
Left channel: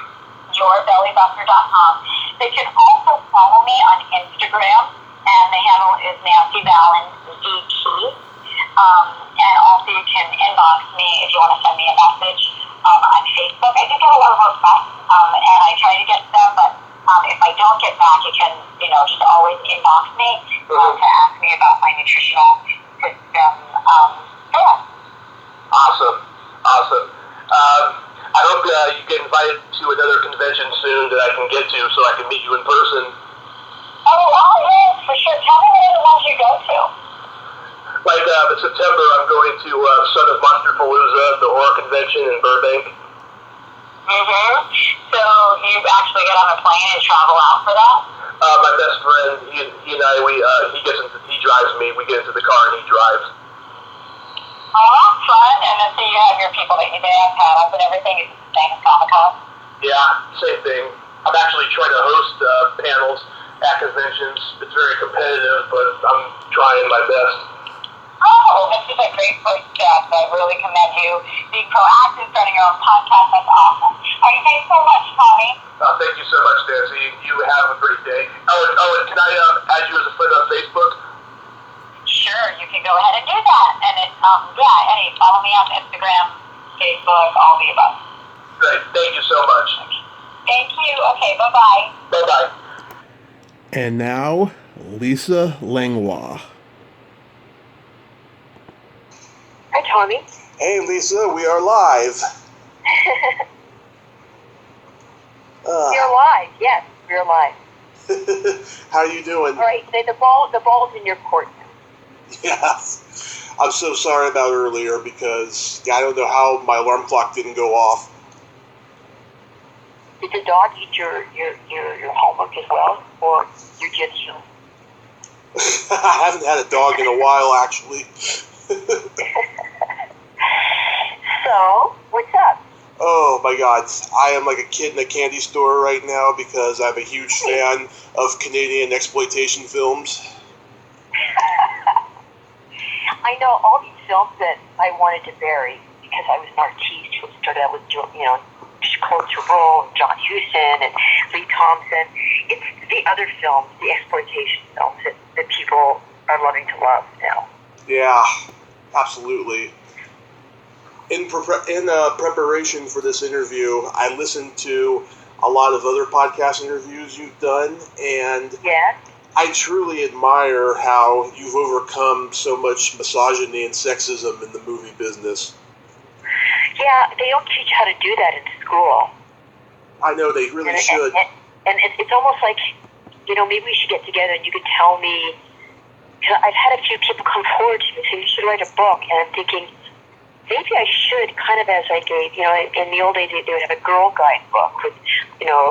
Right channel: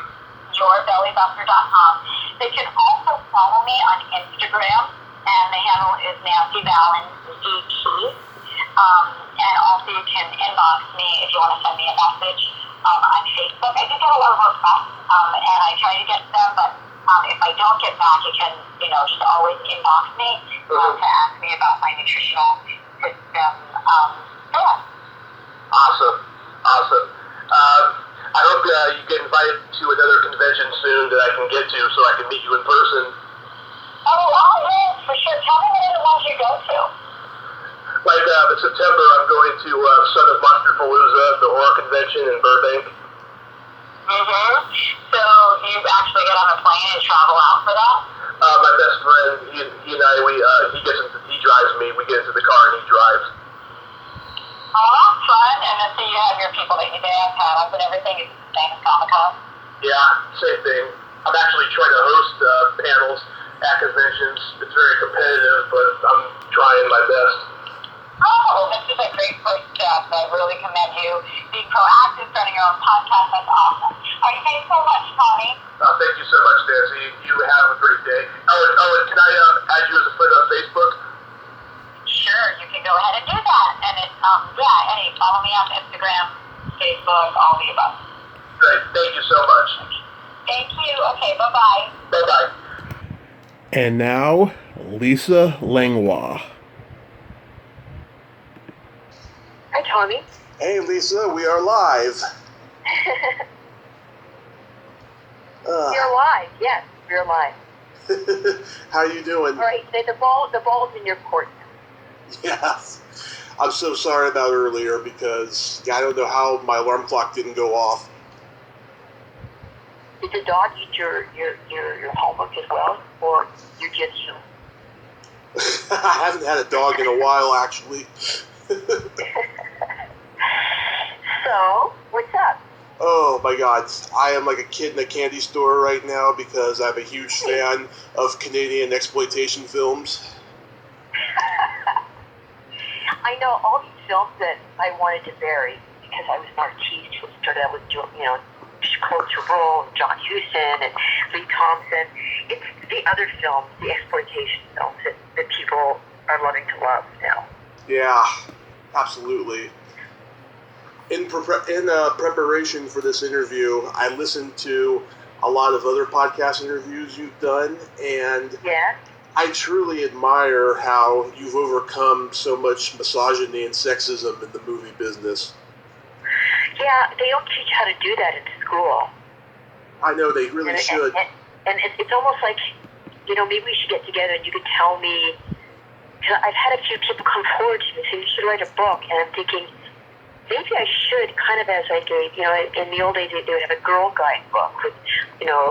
yourbellybuster.com. They can also follow me on Instagram, and the handle is Nancy Valen DT. And also you can inbox me if you want to send me a message on Facebook. I do get a lot of requests, and I try to get to them, but if I don't get back, you can, just always inbox me to ask me about my nutritional system. Awesome. I hope you get invited to another convention soon that I can get to so I can meet you in person. Yes, for sure. Tell me what are the ones you go to. Like in September, I'm going to Son of Monsterpalooza, the horror convention in Burbank. Mm-hmm. So you actually get on a plane and travel out for that? My best friend, he and I, he drives me. We get into the car and he drives. Oh, that's fun. And then so you have your people that you have panels and everything. Is it the same as Comic-Con? Yeah, same thing. I'm actually trying to host panels at conventions. It's very competitive, but I'm trying my best. Oh, this is a great first step. I really commend you being proactive, starting your own podcast. That's awesome. All right, thanks so much, Tommy. Thank you so much, Nancy. You have a great day. And can I add you as a friend on Facebook? Sure, you can go ahead and do that. And it's, follow me on Instagram, Facebook, all the above. Great. Thank you so much. Thank you. Okay, bye-bye. Bye-bye. And now, Lisa Langlois. Hi, Tommy. Hey, Lisa, we are live. You're live. Yes, you're live. How you doing? All right, the ball's in your court. Yeah. I'm so sorry about earlier because I don't know how my alarm clock didn't go off. Did the dog eat your homework as well, or you just you? I haven't had a dog in a while, actually. So, what's up? Oh my God, I am like a kid in a candy store right now because I'm a huge fan of Canadian exploitation films. I know all these films that I wanted to bury because I was an artiste who started out with, Closer Role, John Huston, and Lee Thompson. It's the other films, the exploitation films that people are loving to love now. Yeah, absolutely. In preparation for this interview, I listened to a lot of other podcast interviews you've done, and Yeah. I truly admire how you've overcome so much misogyny and sexism in the movie business. Yeah, they don't teach how to do that in school. I know they really should. And it's almost like, maybe we should get together and you could tell me, because I've had a few people come forward to me and say, you should write a book. And I'm thinking, maybe I should, kind of as like in the old days, they would have a girl guide book with,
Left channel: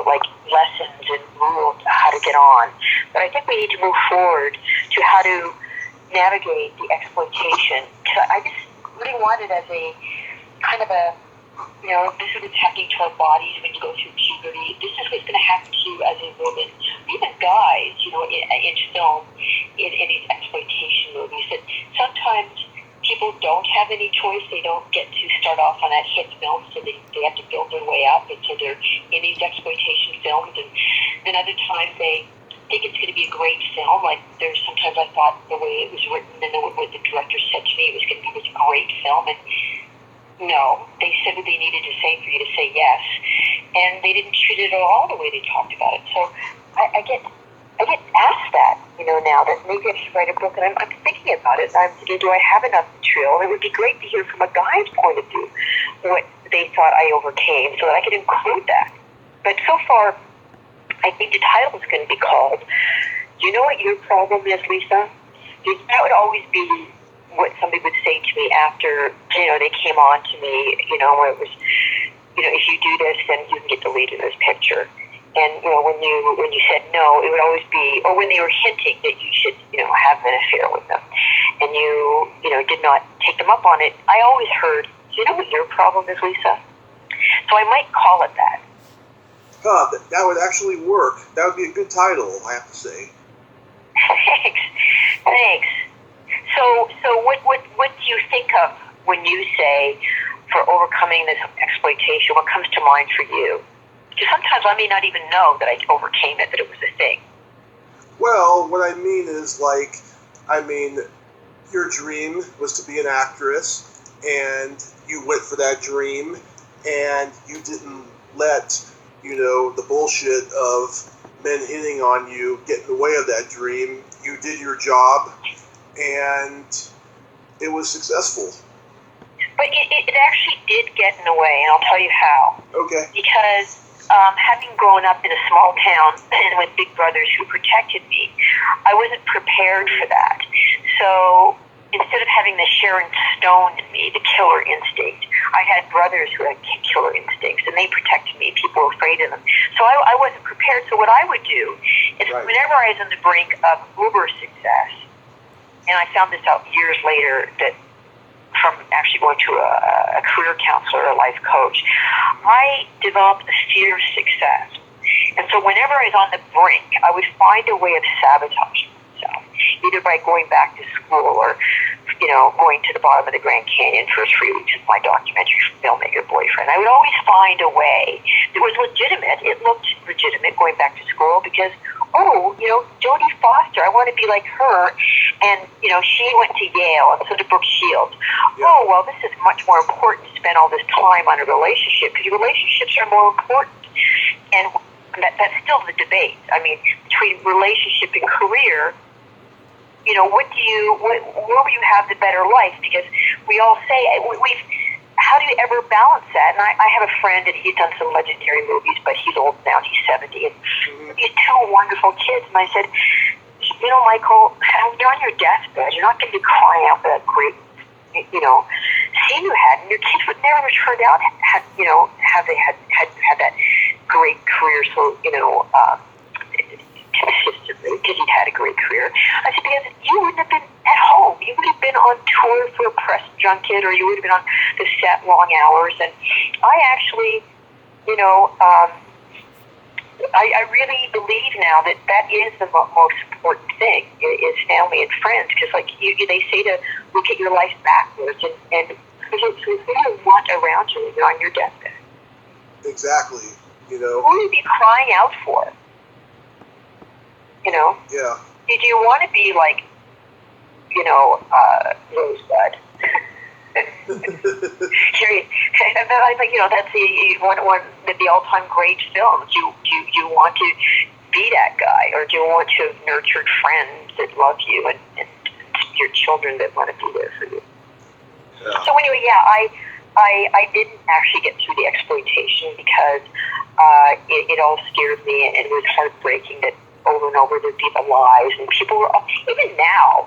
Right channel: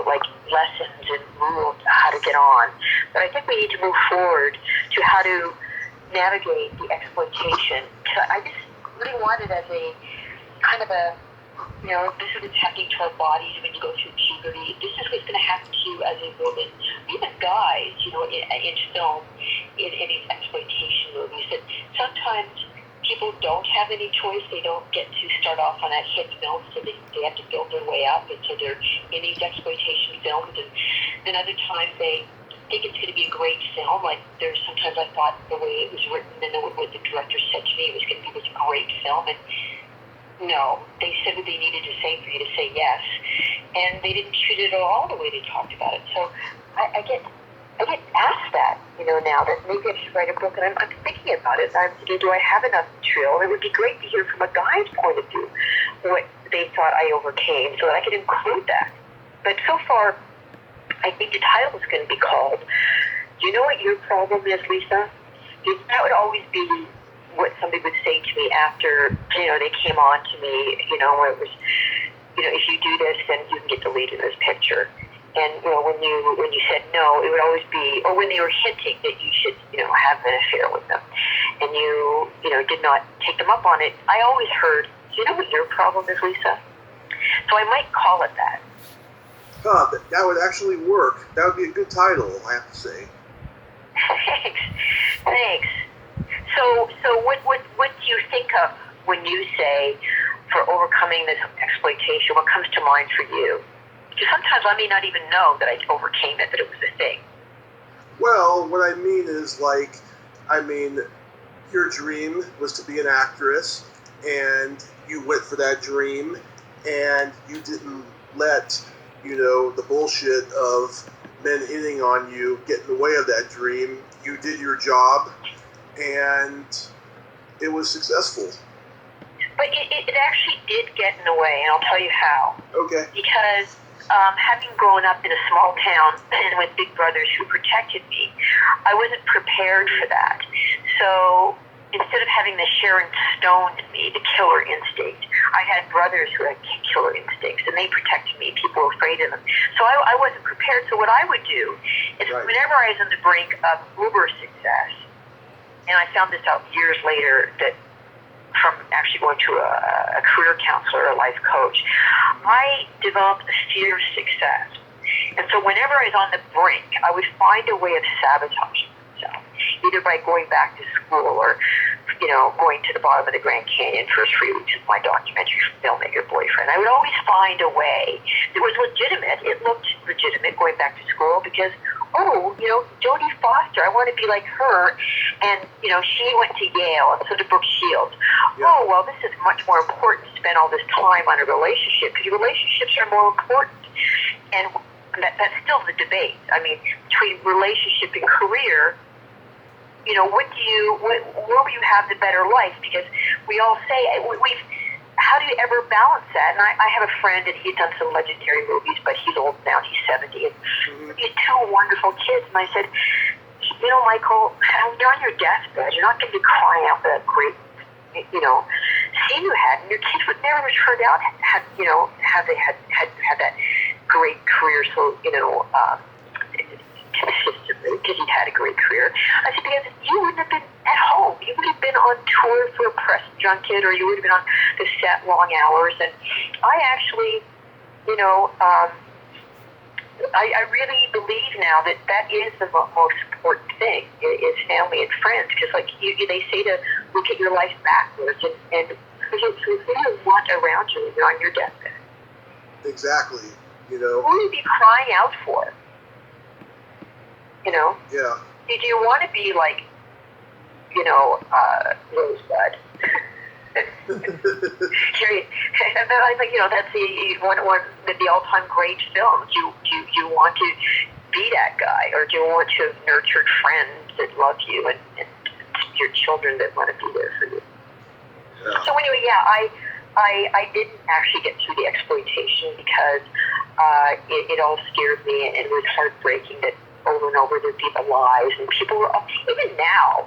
like lessons and rules how to get on. But I think we need to move forward to how to navigate the exploitation. Because I just really want it as a kind of a, this is what's happening to our bodies when you go through puberty. This is what's going to happen to you as a woman. Even guys, in film, in these exploitation movies, that sometimes people don't have any choice. They don't get to start off on that hit film, so they have to build their way up. And so they're in these exploitation films. And then other times they think it's going to be a great film. Like there's sometimes I thought the way it was written and what the director said to me was going to be this great film. And no, they said what they needed to say for you to say yes, and they didn't treat it at all the way they talked about it. So I get asked that, now that maybe I should write a book, and I'm thinking about it. I'm thinking, do I have enough material? And it would be great to hear from a guy's point of view what they thought I overcame, so that I could include that. But so far, I think the title is going to be called, "Do you know what your problem is, Lisa?" Because that would always be what somebody would say to me after, they came on to me, where it was, if you do this, then you can get the lead in this picture. And, when you said no, it would always be, or when they were hinting that you should, have an affair with them, and you did not take them up on it, I always heard, do you know what your problem is, Lisa? So I might call it that. That would actually work. That would be a good title, I have to say. Thanks. So what do you think of when you say, for overcoming this exploitation, what comes to mind for you? Because sometimes I may not even know that I overcame it, that it was a thing. Well, what I mean is, your dream was to be an actress, and you went for that dream, and you didn't let, the bullshit of men hitting on you get in the way of that dream. You did your job, and it was successful. But it actually did get in the way, and I'll tell you how. Okay. Because having grown up in a small town and with big brothers who protected me, I wasn't prepared for that. So instead of having the Sharon Stone in me, the killer instinct, I had brothers who had killer instincts, and they protected me. People were afraid of them. So I wasn't prepared. So what I would do is whenever I was on the brink of uber success, and I found this out years later that from actually going to a career counselor or a life coach, I developed a fear of success. And so whenever I was on the brink, I would find a way of sabotaging myself, either by going back to school or, going to the bottom of the Grand Canyon for 3 weeks with my documentary filmmaker boyfriend. I would always find a way that was legitimate. It looked legitimate going back to school because, Jodie Foster, I want to be like her. And, she went to Yale, and so did Brooke Shields. Yeah. Oh, well, this is much more important to spend all this time on a relationship because relationships are more important. And that's still the debate. I mean, between relationship and career, where will you have the better life? Because we all say, how do you ever balance that? And I have a friend, and he's done some legendary movies, but he's old now, he's 70, and these two wonderful kids. And I said, Michael, when you're on your deathbed, you're not going to be crying out for that great, scene you had, and your kids would never have turned out have they had that great career, so, consistently, because he'd had a great career. I said, because you wouldn't have been at home. You would have been on tour for a press junket, or you would have been on the set long hours. And I actually, I really believe now that is the most important thing, is family and friends. Because, they say to look at your life backwards, and who do you want around you when you're on your deathbed? Exactly. You Who know. would you be crying out for? You know? Yeah. Do you want to be like, Rosebud? And then I think, that's one of the all-time great films. Do you want to be that guy, or do you want to have nurtured friends that love you and your children that want to be there for you? Yeah. So anyway, I didn't actually get through the exploitation because it all scared me, and it was heartbreaking that over and over there'd be the lies, and people were, even now,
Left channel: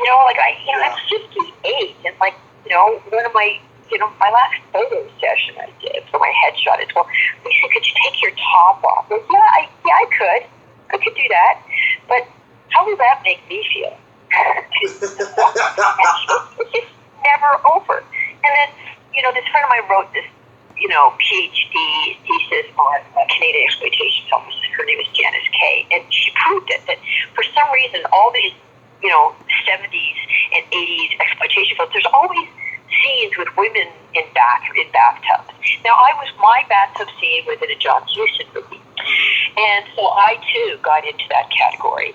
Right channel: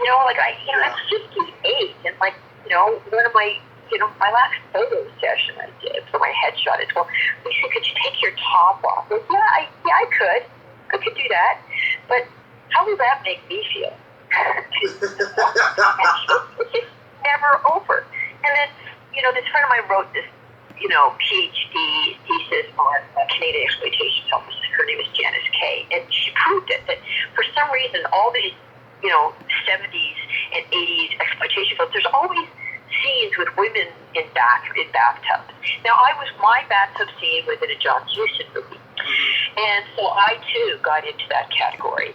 I'm 58, and one of my, my last photo session I did for my headshot, it's, well, Lisa, could you take your top off? I said, I could. I could do that. But how does that make me feel? It's just never over. And then, this friend of mine wrote this, PhD thesis on Canadian exploitation films. Her name is Janice Kay, and she proved it, that for some reason all these 70s and 80s exploitation films, there's always scenes with women in bathtubs. Now, my bathtub scene was in a John Huston movie. And so I, too, got into that category.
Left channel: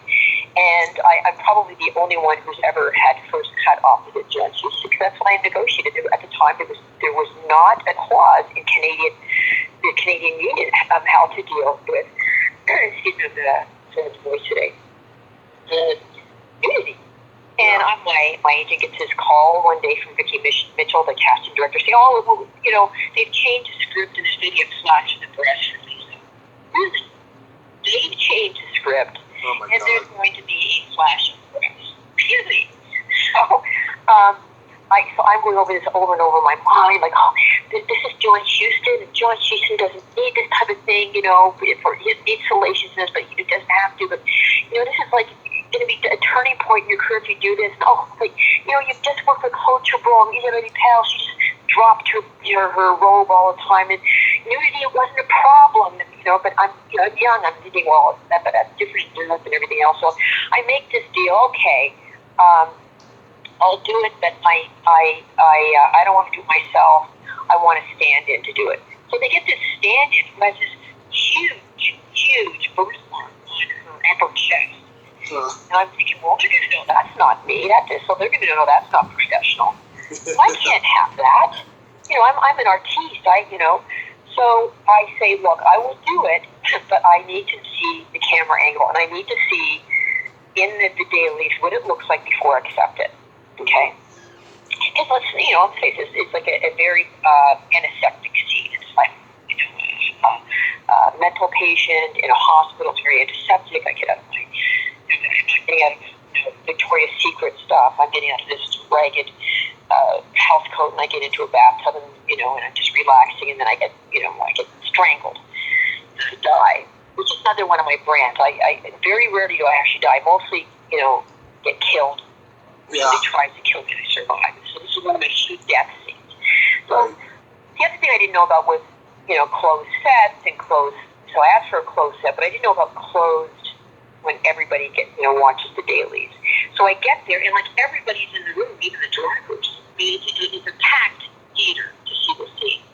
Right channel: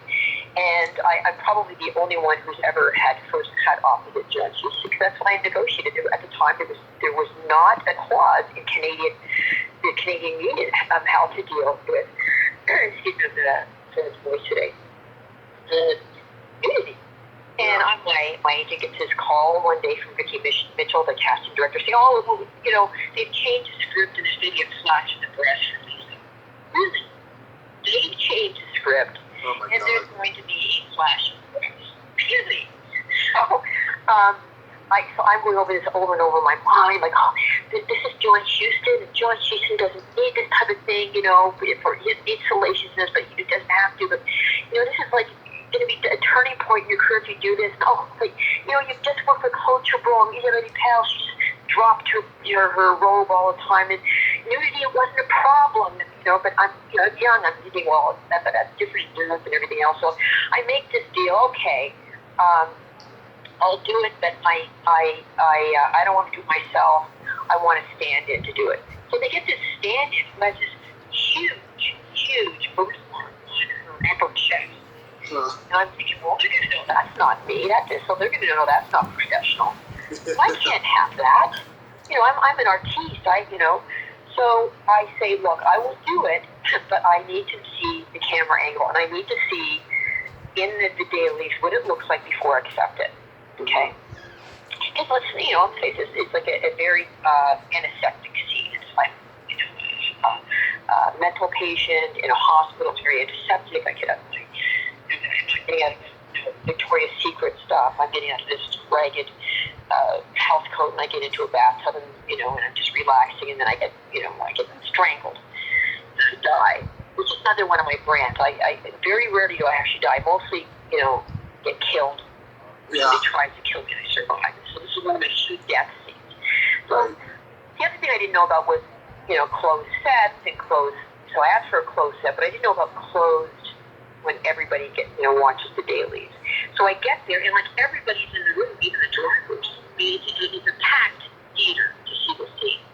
And I'm probably the only one who's ever had first cut opposite John Huston, because that's why I negotiated. At the time, there was not a clause in the Canadian Union of how to deal with, excuse me, the voice today, nudity. And my agent gets his call one day from Vicki Mitchell, the casting director, saying, they've changed the script and there's going to be a flash of the breast release. Really? They've changed the script, and there's going to be a flash of the breast. Really? So, I'm going over this over and over in my mind, like, this is John Huston, and John Huston doesn't need this type of thing, for his needs salaciousness, but he doesn't have to, but, this is like going to be a turning point in your career if you do this. You've just worked with Culture Bro, Isabelle Pell, she just dropped her robe all the time, and nudity wasn't a problem, but I'm young, I'm thinking, well, that's different than everything else. So I make this deal, okay, I'll do it, but I don't want to do it myself. I want to stand in to do it. So they get this stand-in who has this huge birthmark on her upper chest. And I'm thinking, well, they're going to know that's not me. So they're going to know that's not professional. I can't have that. I'm an artiste. So I say, look, I will do it, but I need to see the camera angle, and I need to see in the dailies what it looks like before I accept it. Okay? Because let's face it, it's like a very antiseptic scene. It's like a mental patient in a hospital. It's very antiseptic. I get up. I'm not getting out of Victoria's Secret stuff. I'm getting out of this ragged house coat, and I get into a bathtub, and I'm just relaxing, and then I get strangled, die, which is another one of my brands. I very rarely do I actually die. Mostly, get killed. Yeah. Somebody tries to kill me, and I survive. So this is one of my few death scenes. So the other thing I didn't know about was, closed sets and closed. So I asked for a closed set, but I didn't know about closed when everybody watches the dailies. So I get there, and like everybody's in the room, even the drivers. It's a packed theater to see the scene.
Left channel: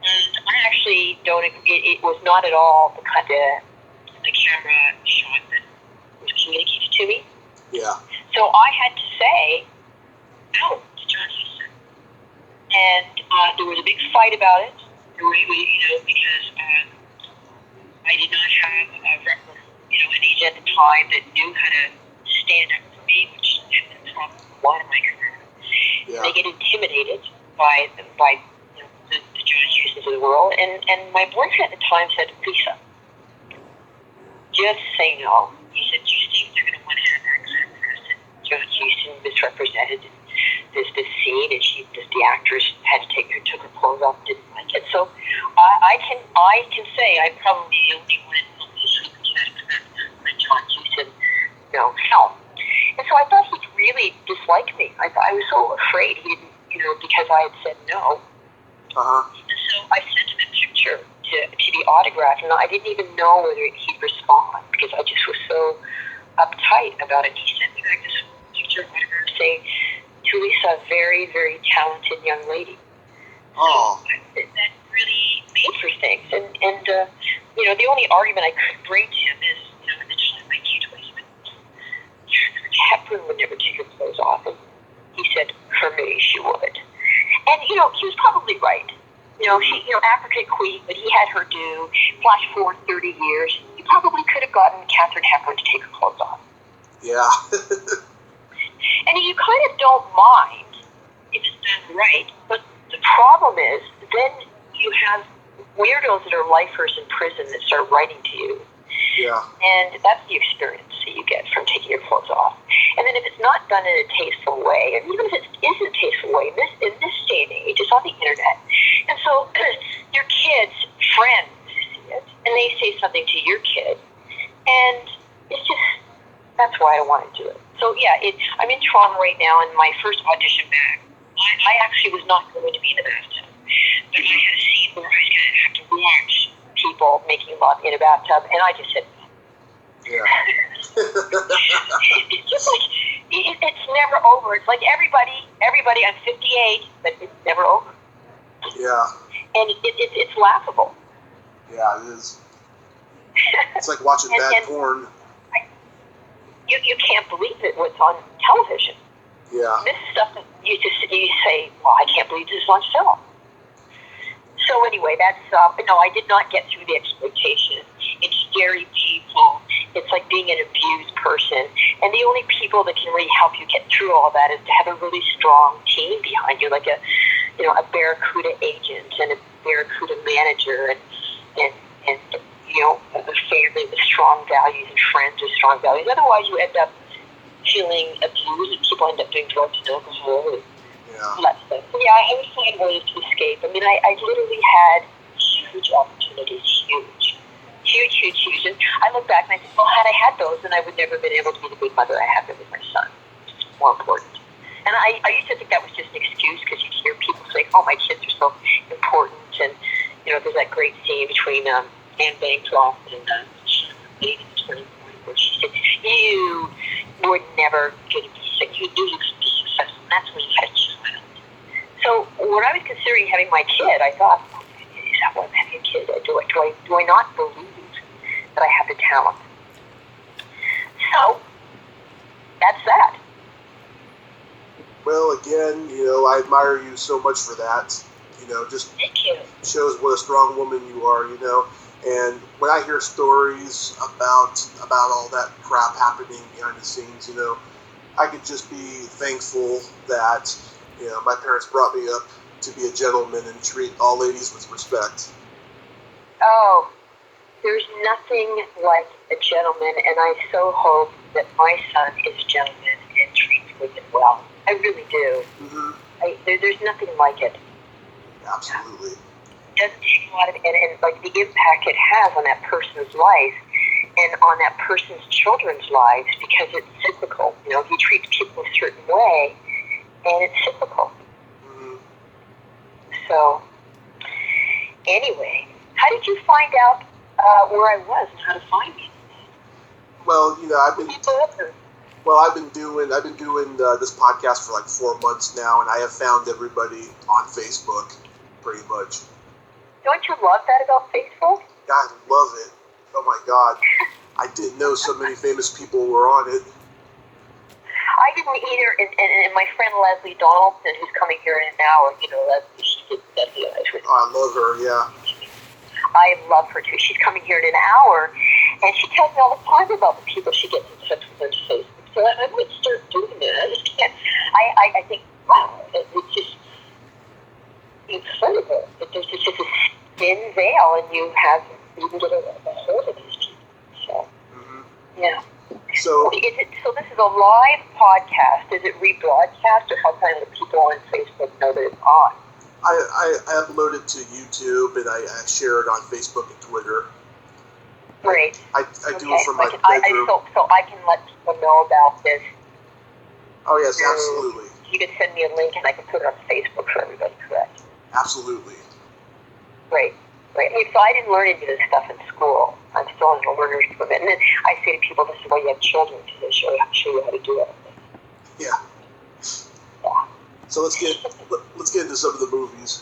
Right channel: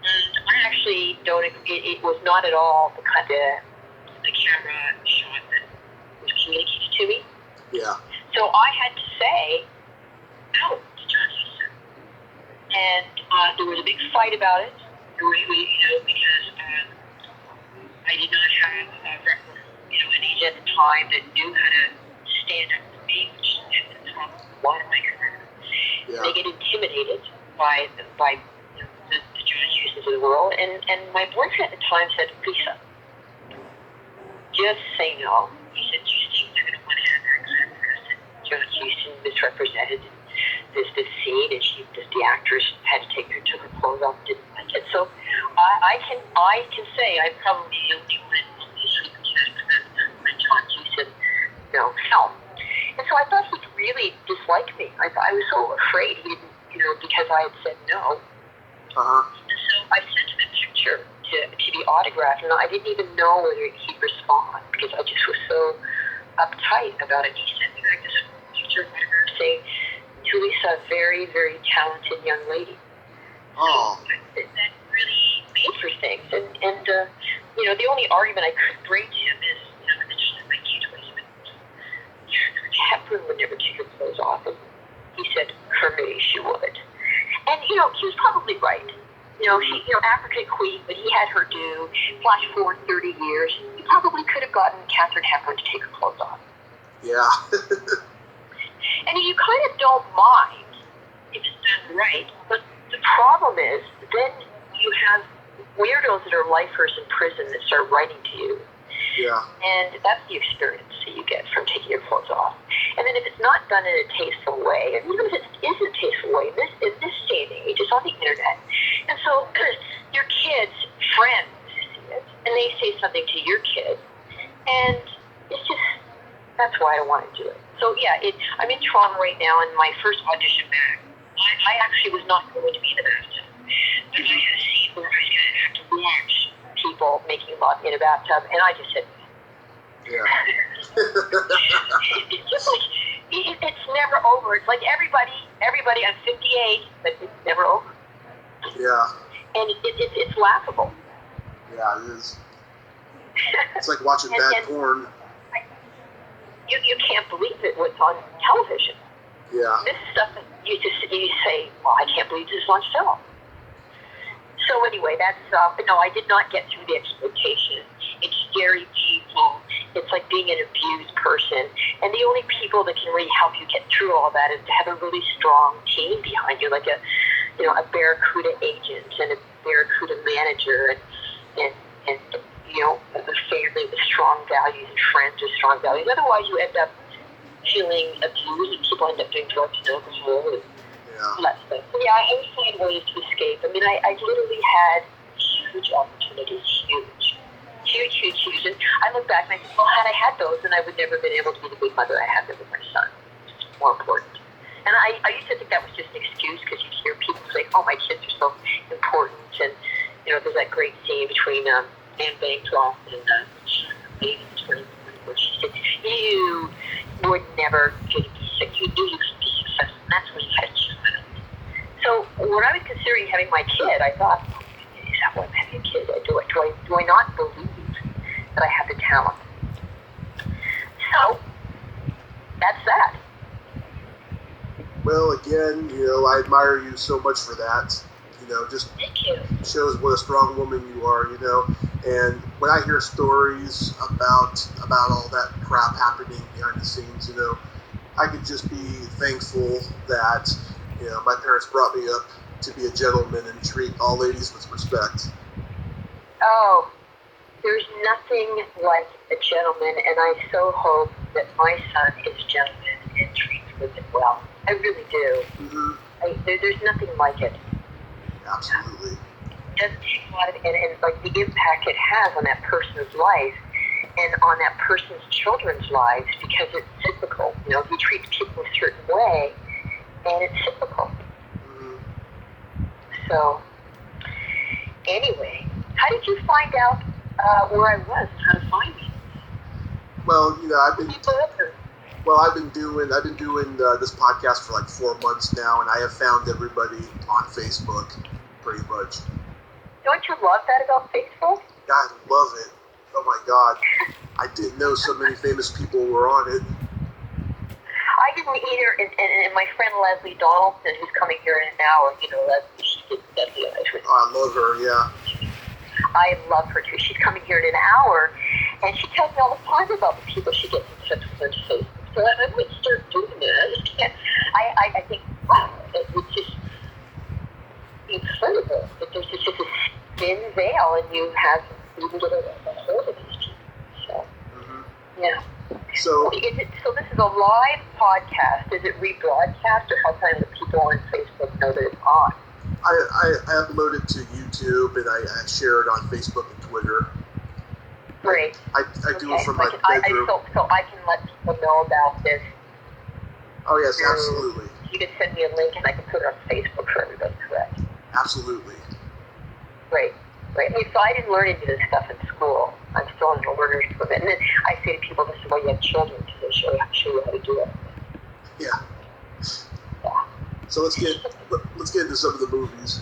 And I actually don't. It was not at all the kind of the camera shot that was communicated to me. Yeah. So I had to say no to John Huston, and there was a big fight about it. Because I did not have an agent at the time that knew how to stand up to me, which is a lot of my career. Yeah. They get intimidated by the John Hustons of the world, and my boyfriend at the time said, Lisa, just say no. He said, do you think they're going to want to have that kind of person? John Huston misrepresented this scene, and the actress took her clothes off, didn't like it. So I can say I'm probably the only one in this who can represent the John Huston film. And so I thought he'd really dislike me. I was so afraid he didn't, because I had said no. Uh-huh. And so I sent him a picture to be autographed, and I didn't even know whether he'd respond because I just was so uptight about it. He sent me back this picture of autograph saying, to Lisa, a very, very talented young lady. Oh. So that really made for things. the only argument I could bring to him is, my teenage Hepburn would never take her clothes off. And he said, for me, she would. And, he was probably right. She, African queen, but he had her do, flash forward 30 years, he probably could have gotten Catherine Hepburn to take her clothes off. Yeah. And you kind of don't mind if it's done right, but the problem is, then you have weirdos that are lifers in prison that start writing to you. Yeah. And that's the experience that you get from taking your clothes off. And then if it's not done in a tasteful way, and even if it isn't a tasteful way, in this day and age, it's on the internet. And so your kids' friends see it, and they say something to your kid. And it's just, that's why I want to do it. So yeah, I'm in Toronto right now, and my first audition back, I actually was not going to be in the bathtub. But I had a scene where I was going to have to watch people making love in a bathtub, and I just said, yeah. it's just like, it's never over. It's like everybody, I'm 58, but it's never over. Yeah. And it's laughable. Yeah, it is. It's like watching bad porn. You can't believe it what's on television. Yeah. This is stuff that you say, well, I can't believe this is on film. So anyway, that's, no, I did not get through the exploitation. It's scary people. It's like being an abused person. And the only people that can really help you get through all that is to have a really strong team behind you, like a Barracuda agent and a Barracuda manager and a family with strong values and friends with strong values. Otherwise, you end up feeling abused and people end up doing drugs and alcohol and all that stuff. So yeah, I would find ways to escape. I mean, I literally had huge opportunities, huge. And I look back and I think, well, had I had those, then I would never have been able to be the good mother I have been with my son. It's more important. And I used to think that was just an excuse because you hear people say, oh, my kids are so important. And, there's that great scene between Anne Bancroft and Lady in the Turning Point where she said, you were never going to be sick. You knew you could be successful. And that's when you had a child. So when I was considering having my kid, I thought, is that why I'm having a kid? Do I not believe that I have the talent? So that's that. Well, again, I admire you so much for that. Just Thank you. Shows what a strong woman you are, And when I hear stories about all that crap happening behind the scenes, I could just be thankful that, my parents brought me up to be a gentleman and treat all ladies with respect. Oh, there's nothing like a gentleman, and I so hope that my son is a gentleman and treats women well. I really do. Mm-hmm. There's nothing like it. Absolutely. It doesn't take a lot of, and like the impact it has on that person's life and on that person's children's lives because it's cyclical. He treats people a certain way, and it's cyclical. Mm-hmm. So, anyway, how did you find out where I was and how to find me? Well, I've been doing this podcast for like 4 months now, and I have found everybody on Facebook, pretty much. Don't you love that about Facebook? I love it. Oh my God, I didn't know so many famous people were on it. I didn't either, and my friend Leslie Donaldson, who's coming here in an hour, Leslie, she did that. I love her, yeah. I love her too. She's coming here in an hour, and she tells me all the time about the people she gets in touch with on Facebook. So I might start doing that. I just can't. I think, wow, it's just incredible that there's just a thin veil, and you can get a hold of these people. So, yeah. So this is a live podcast. Is it rebroadcast, or how can the people on Facebook know that it's on? I upload it to YouTube, and I share it on Facebook and Twitter. Great. I do it from my bedroom. So I can let people know about this. Oh, yes, absolutely. You can send me a link, and I can put it on Facebook for everybody, correct? Absolutely. Great. So I didn't learn any of this stuff in school. I'm still in the learner's program. And then I say to people, this is why you have children, to show you how to do it. Yeah. So let's get into some of the movies.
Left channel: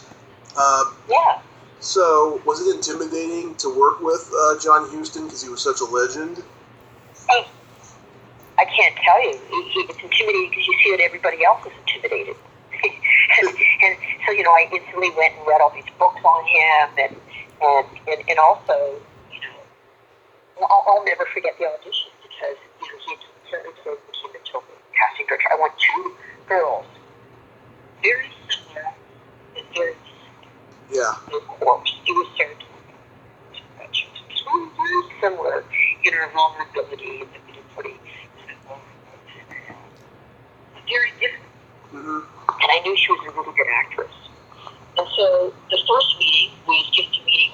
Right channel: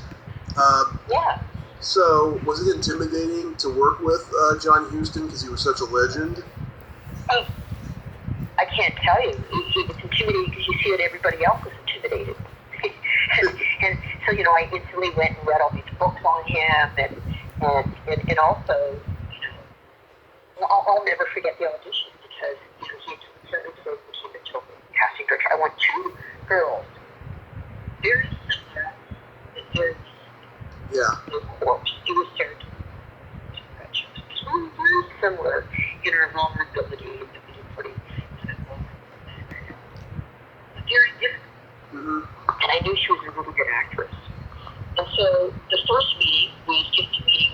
Yeah. So, was it intimidating to work with John Huston because he was such a legend? Oh, I can't tell you. It's intimidating because you see that everybody else is intimidated. and so, I instantly went and read all these books on him, and also, I'll never forget the audition because, he certainly became a total casting director. I want two girls, very similar, but very of course. It was Sarah very similar in her vulnerability and pretty very different. Mm-hmm. And I knew she was a really good actress. And so the first meeting was just a meeting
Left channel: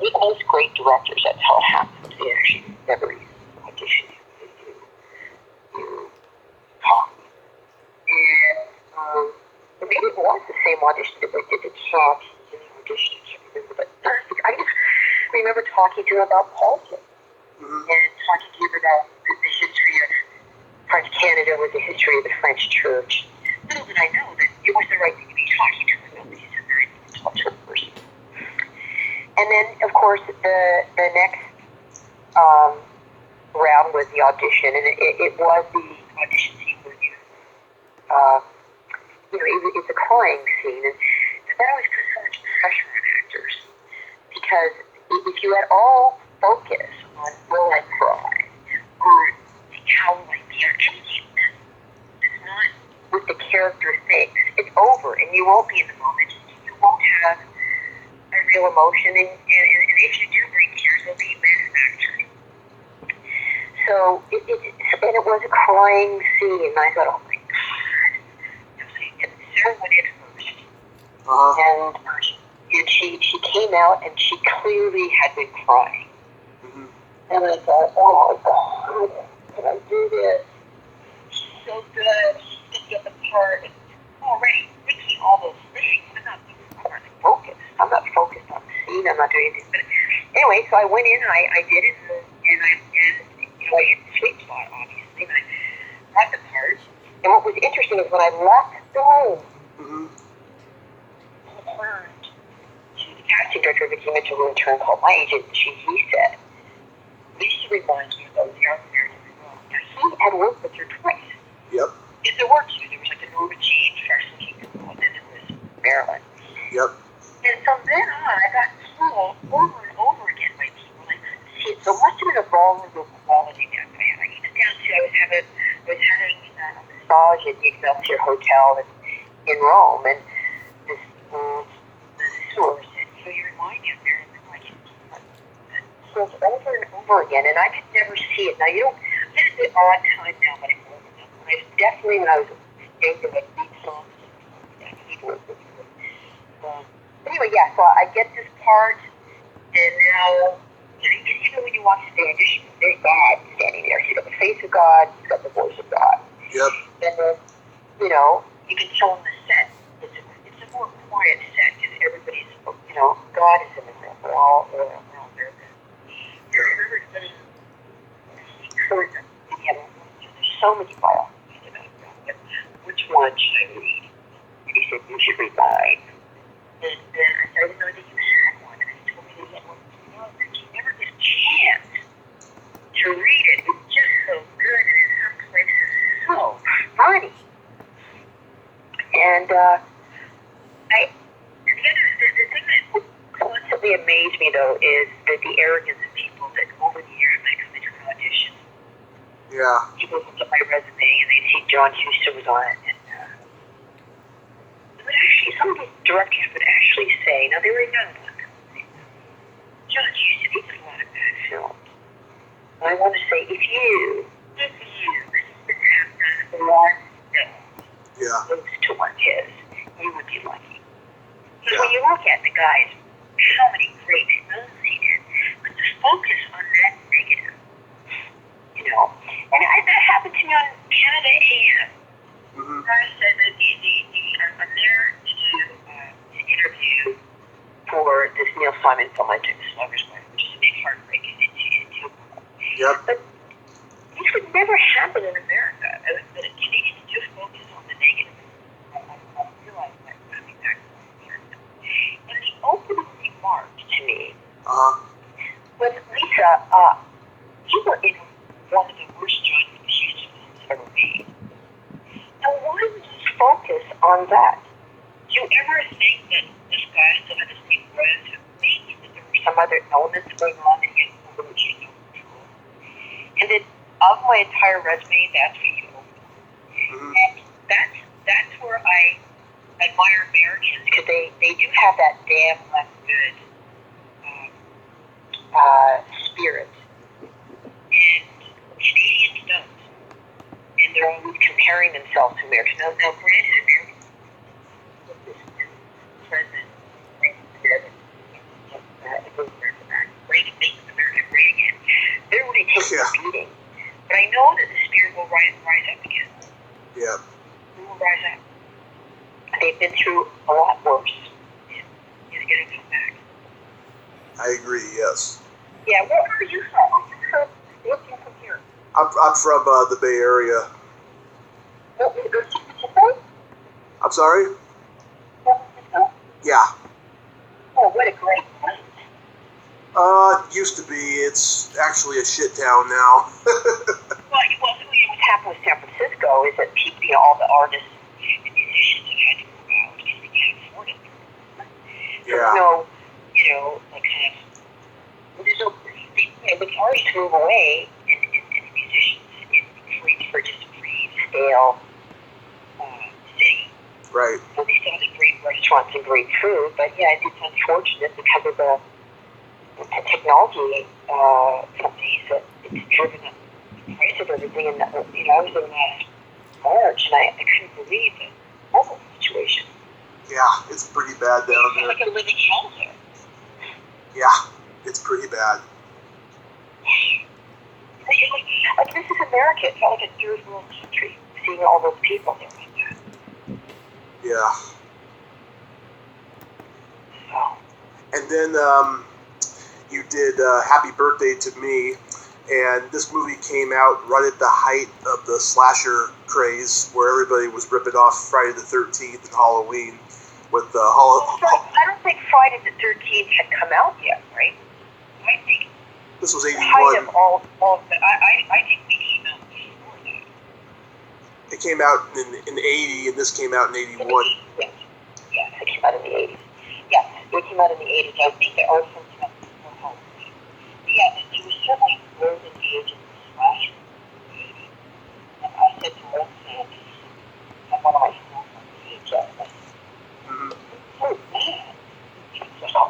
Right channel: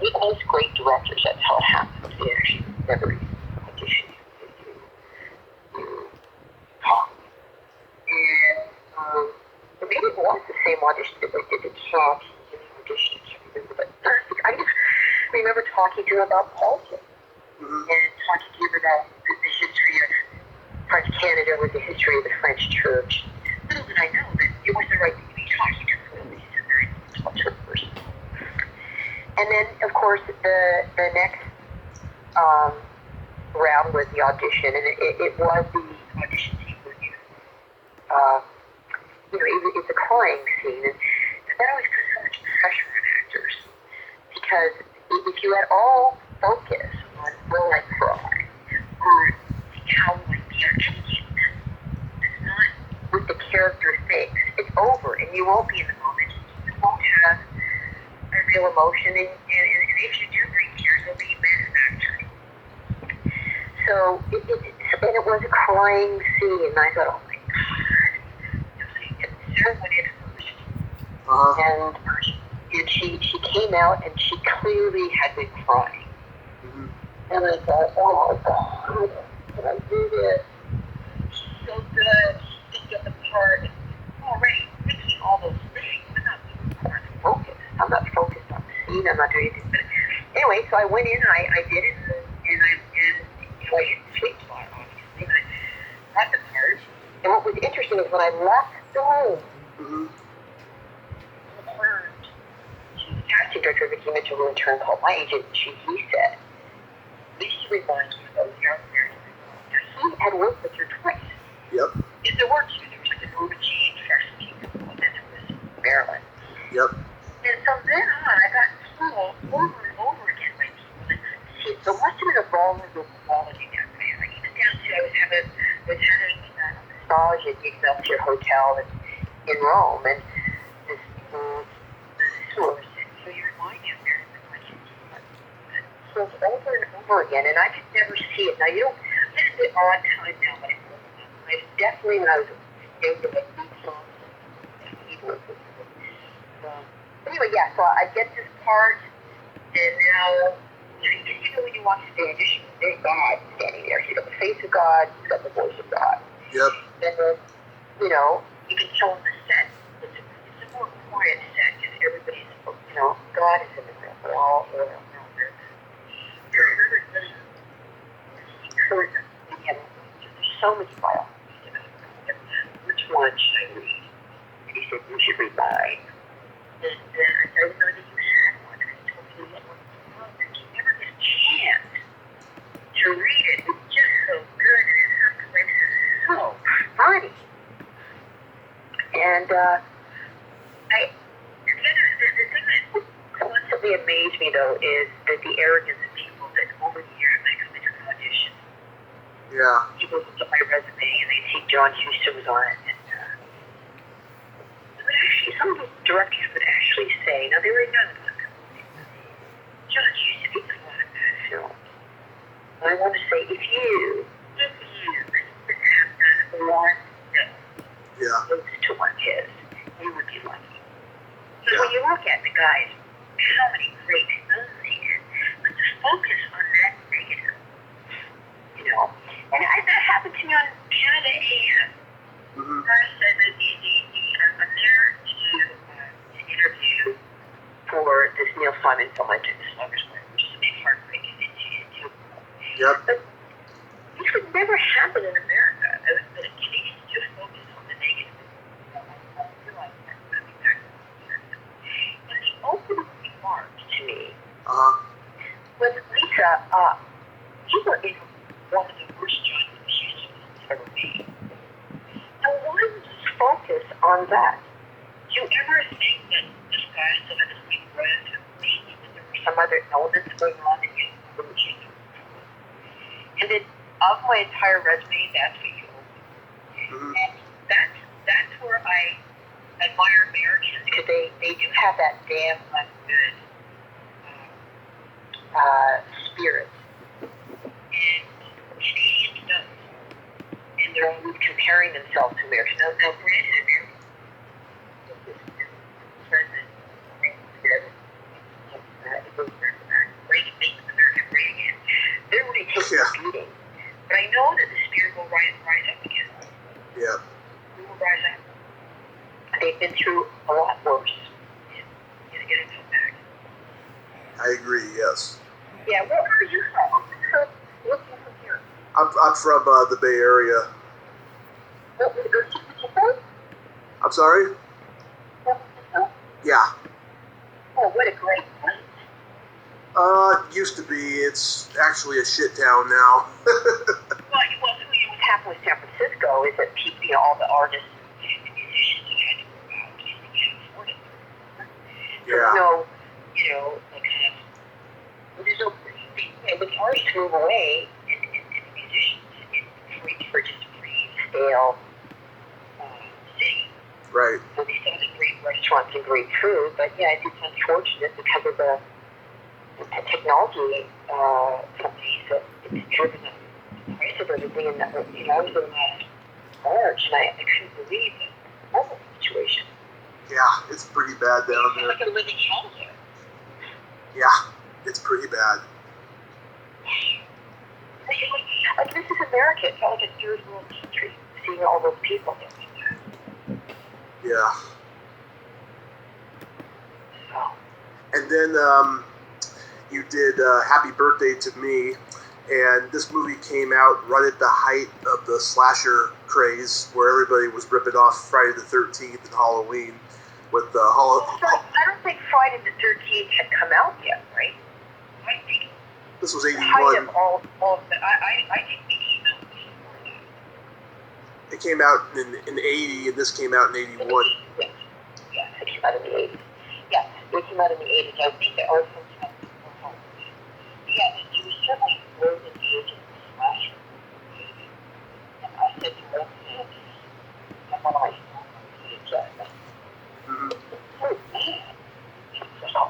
with most great directors. That's how it happened. They actually never even auditioned. You talk. And maybe it was the same audition that they did the Cats in the audition. I can't remember. But I just remember talking to him about politics. Mm-hmm. And talking to him about the history of French Canada with the history of the French church. Little did I know that it was the right thing to be talking to him. He's a very intellectual person. And then, of course, the next round was the audition, and it was the audition scene where it's a crying scene, and that always puts so much pressure on actors, because if you at all focus on will I cry, or how will I be, or anything that's not what the character thinks, it's over, and you won't be in the moment, you won't have a real emotion, and if you do bring tears, they'll be bad actors. So it was a crying scene, and I thought, oh my God. And Sarah went in first, and she came out, and she clearly had been crying. Mm-hmm. And I thought, oh my God, can I do this? She's so good. She can get the part. And already thinking all those things. I'm not focused. I'm not focused on the scene. I'm not doing anything. But anyway, so I went in, I did it, and I hit the sweet spot, obviously, and I got the part. And what was interesting is when I left the room, I turned to the casting director that came into the room, turned called my agent, and he said, Lisa reminds me of those young Marilyn Monroe. Now, he had worked with her twice. Yep. There were two. There was like a Norma Jean freshman girl, and then there was Marilyn. Yep. And from then on, I got told over and over again by people, like, see, so much of a vulnerable quality that I had. Like, even down to I was having a massage at the Excelsior Hotel in Rome, and this source said, you remind me of Marilyn Monroe. So it's over and over again, and I could never see it. Now, you don't, it's a bit odd time now, but it wasn't. I was definitely, when I was younger, like, beat songs and keyboard. Anyway, yeah, so I get this part, and now, even when you watch the audition, there's God standing there. He's got the face of God, he's got the voice of God. Yep. And then, you can tell on the set, it's a more quiet set, because everybody's, God is in the room. We're all there. There's so many biographies about God. Which one should I read? And he said, you should read mine. And I said, I didn't know that you had one. And he told me that he had one. But you never get a chance to read it. It's just so good. And in some places, so funny. And the thing that constantly amazed me, though, is that the arrogance of people that over the years when I come into an audition, people look at my resume and they see John Huston was on it. Some of these directors would actually say, now they were young ones, John Huston, he did a lot of bad films. And I want to say, if you have done one film close to one his, you would be lucky. Because when you look at the guys, how many great films he did, but to focus on that negative, and that happened to me on Canada AM. I said that I'm there to do an interview for this Neil Simon film I took, The Slugger's Wife, which is a big heartbreak. Yep. But this would never happen in America. The Canadians just focus on the negative. I realize that coming back to America. And the opening remark But Lisa, you were in one of the worst John Hughes films ever made. Now, why would you focus on that? Do you ever think that this guy still had the same voice as me, that there were some other elements going on that you were no control? And that of my entire resume, that's what you own. And that's where I admire Americans, because they do have that damn good spirit. And Canadians don't. And they're always comparing themselves to Americans. Now granted, Americans present Reagan, they're really taking a beating. But I know that the spirit will rise up again. Yeah. It will rise up. They've been through a lot worse. And it's going to come back. I agree, yes. Yeah, where are you from? What's you from here? I'm from the Bay Area. What was the I'm sorry? Yeah. Oh, what a great place. Used to be. It's actually a shit town now. Well, what's happened with San Francisco is that people, all the artists and musicians have had to move out because they can't afford it. Yeah. There's no, like kind of, there's no, when the artists move away and the musicians, it creates for just a pretty stale city. Right. So they still have great restaurants and great food, but yeah, it's unfortunate because of the technology companies that it's driven up the price of everything. And I was in last March, and I couldn't believe the mobile situation. Yeah, it's pretty bad down there. It's like a living hell there. Yeah, it's pretty bad. Like this is America. It's not like a third world country. Seeing all those people there. Yeah. So. And then you did Happy Birthday to Me, and this movie came out right at the height of the slasher craze, where everybody was ripping off Friday the 13th and Halloween with the I don't think Friday the 13th had come out yet, right? I think this was the 81. height of all of the, I think we came out before that. It came out in 80, and this came out in 81. Yes, it came out in the 80s. Yes, it came out in the 80s. I think the art from home. Yeah, it was certainly more than the age of the slasher. And I said to Lindsay, and one of my schools on VHS, so bad. So,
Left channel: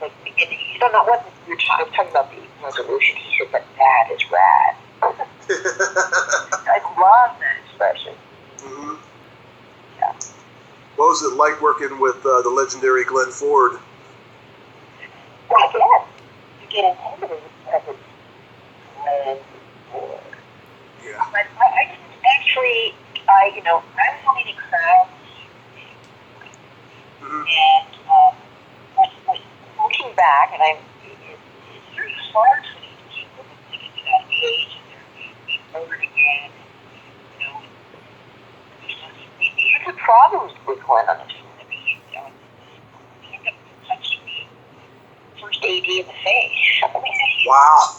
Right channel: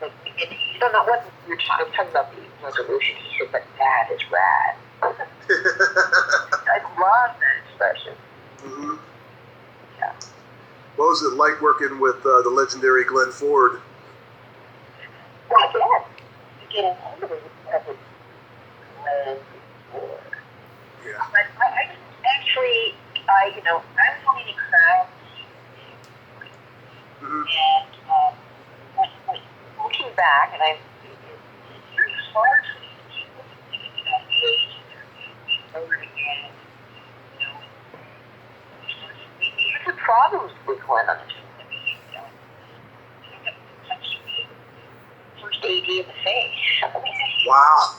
like, you don't know what you're talking about the resolution. He said, but that is rad. I love that expression. Mm-hmm. Yeah. What was it like working with the legendary Glenn Ford? Well, again, you get intimidated because it's Glenn Ford. Yeah. But I didn't actually, I was only in a crowd. Mm-hmm. And looking back, and it's very hard for these people to get to that age and they're being older again, He had some problems with Glenn on this film. I mean, he ended up punching the first AD in the face. Wow.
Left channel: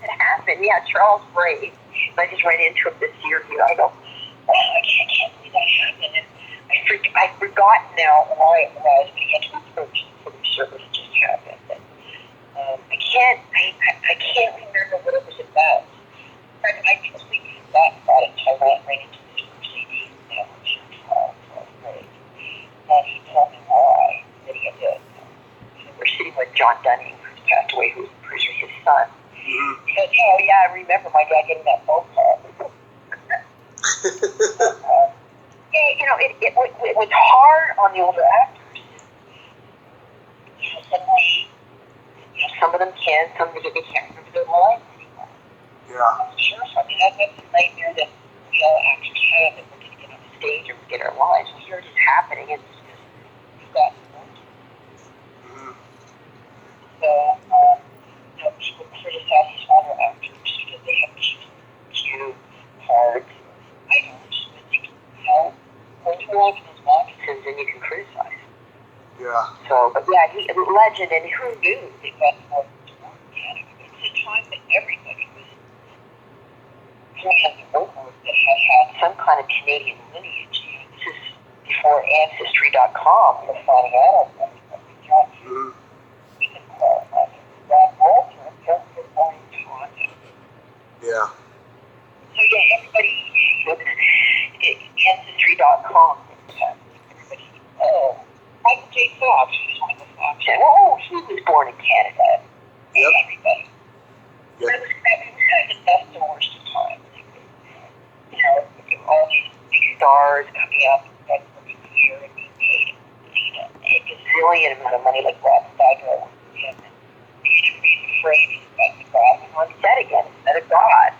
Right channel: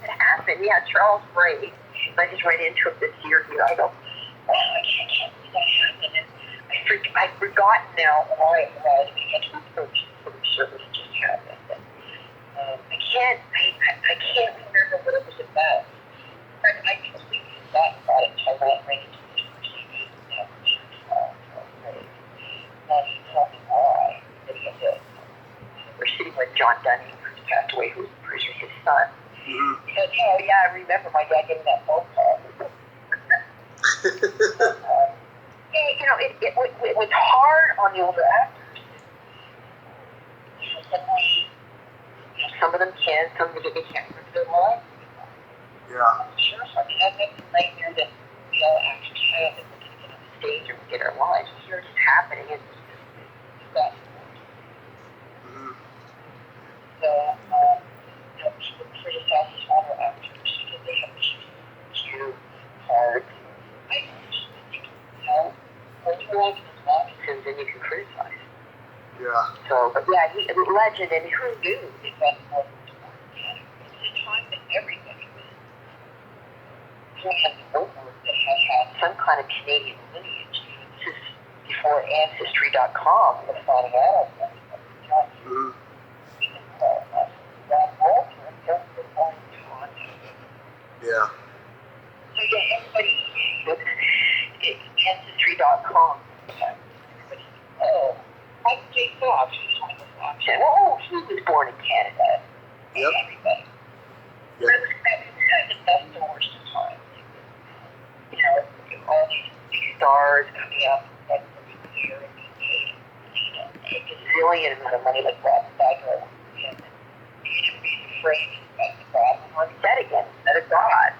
That happened. Yeah, Charles Bray. And I just ran into him this year. I go, oh, I can't believe that happened. And I've forgotten now why it was, but he had to approach the service just happened. And I can't remember what it was about. I completely forgot about it until I ran into this CD that was Charles Bray. And he told me why that he had to. We're sitting with John Dunning, who's passed away, who's his son. He said, oh, yeah, I remember my dad getting that phone call. It was hard on the older actors. Suddenly, some of them can, some of them they can't remember their lines anymore. Yeah. Sure, so I mean, that's a nightmare that we all actors have, that we're going to get on the stage or get our lines. We hear it just happening, and it's just that. So, people criticize these older actors because they have too hard items. I think, when you walk in those moccasins, then you can criticize. Yeah. So, but yeah, legend, and who knew it got more Canada? It was a time that everybody was playing over that had some kind of Canadian lineage. This is before Ancestry.com was finding out on that. Yeah. So yeah, everybody, Ancestry.com. Everybody, Michael J. Fox, who's one of the Fox. Oh, he was born in Canada. Yep. Everybody. Yep. That was kind of the best and worst of times. You know, all these big stars coming up and working here and being paid, a gazillion amount of money, like Rod Steiger. And he's afraid of God. And on set again, another God.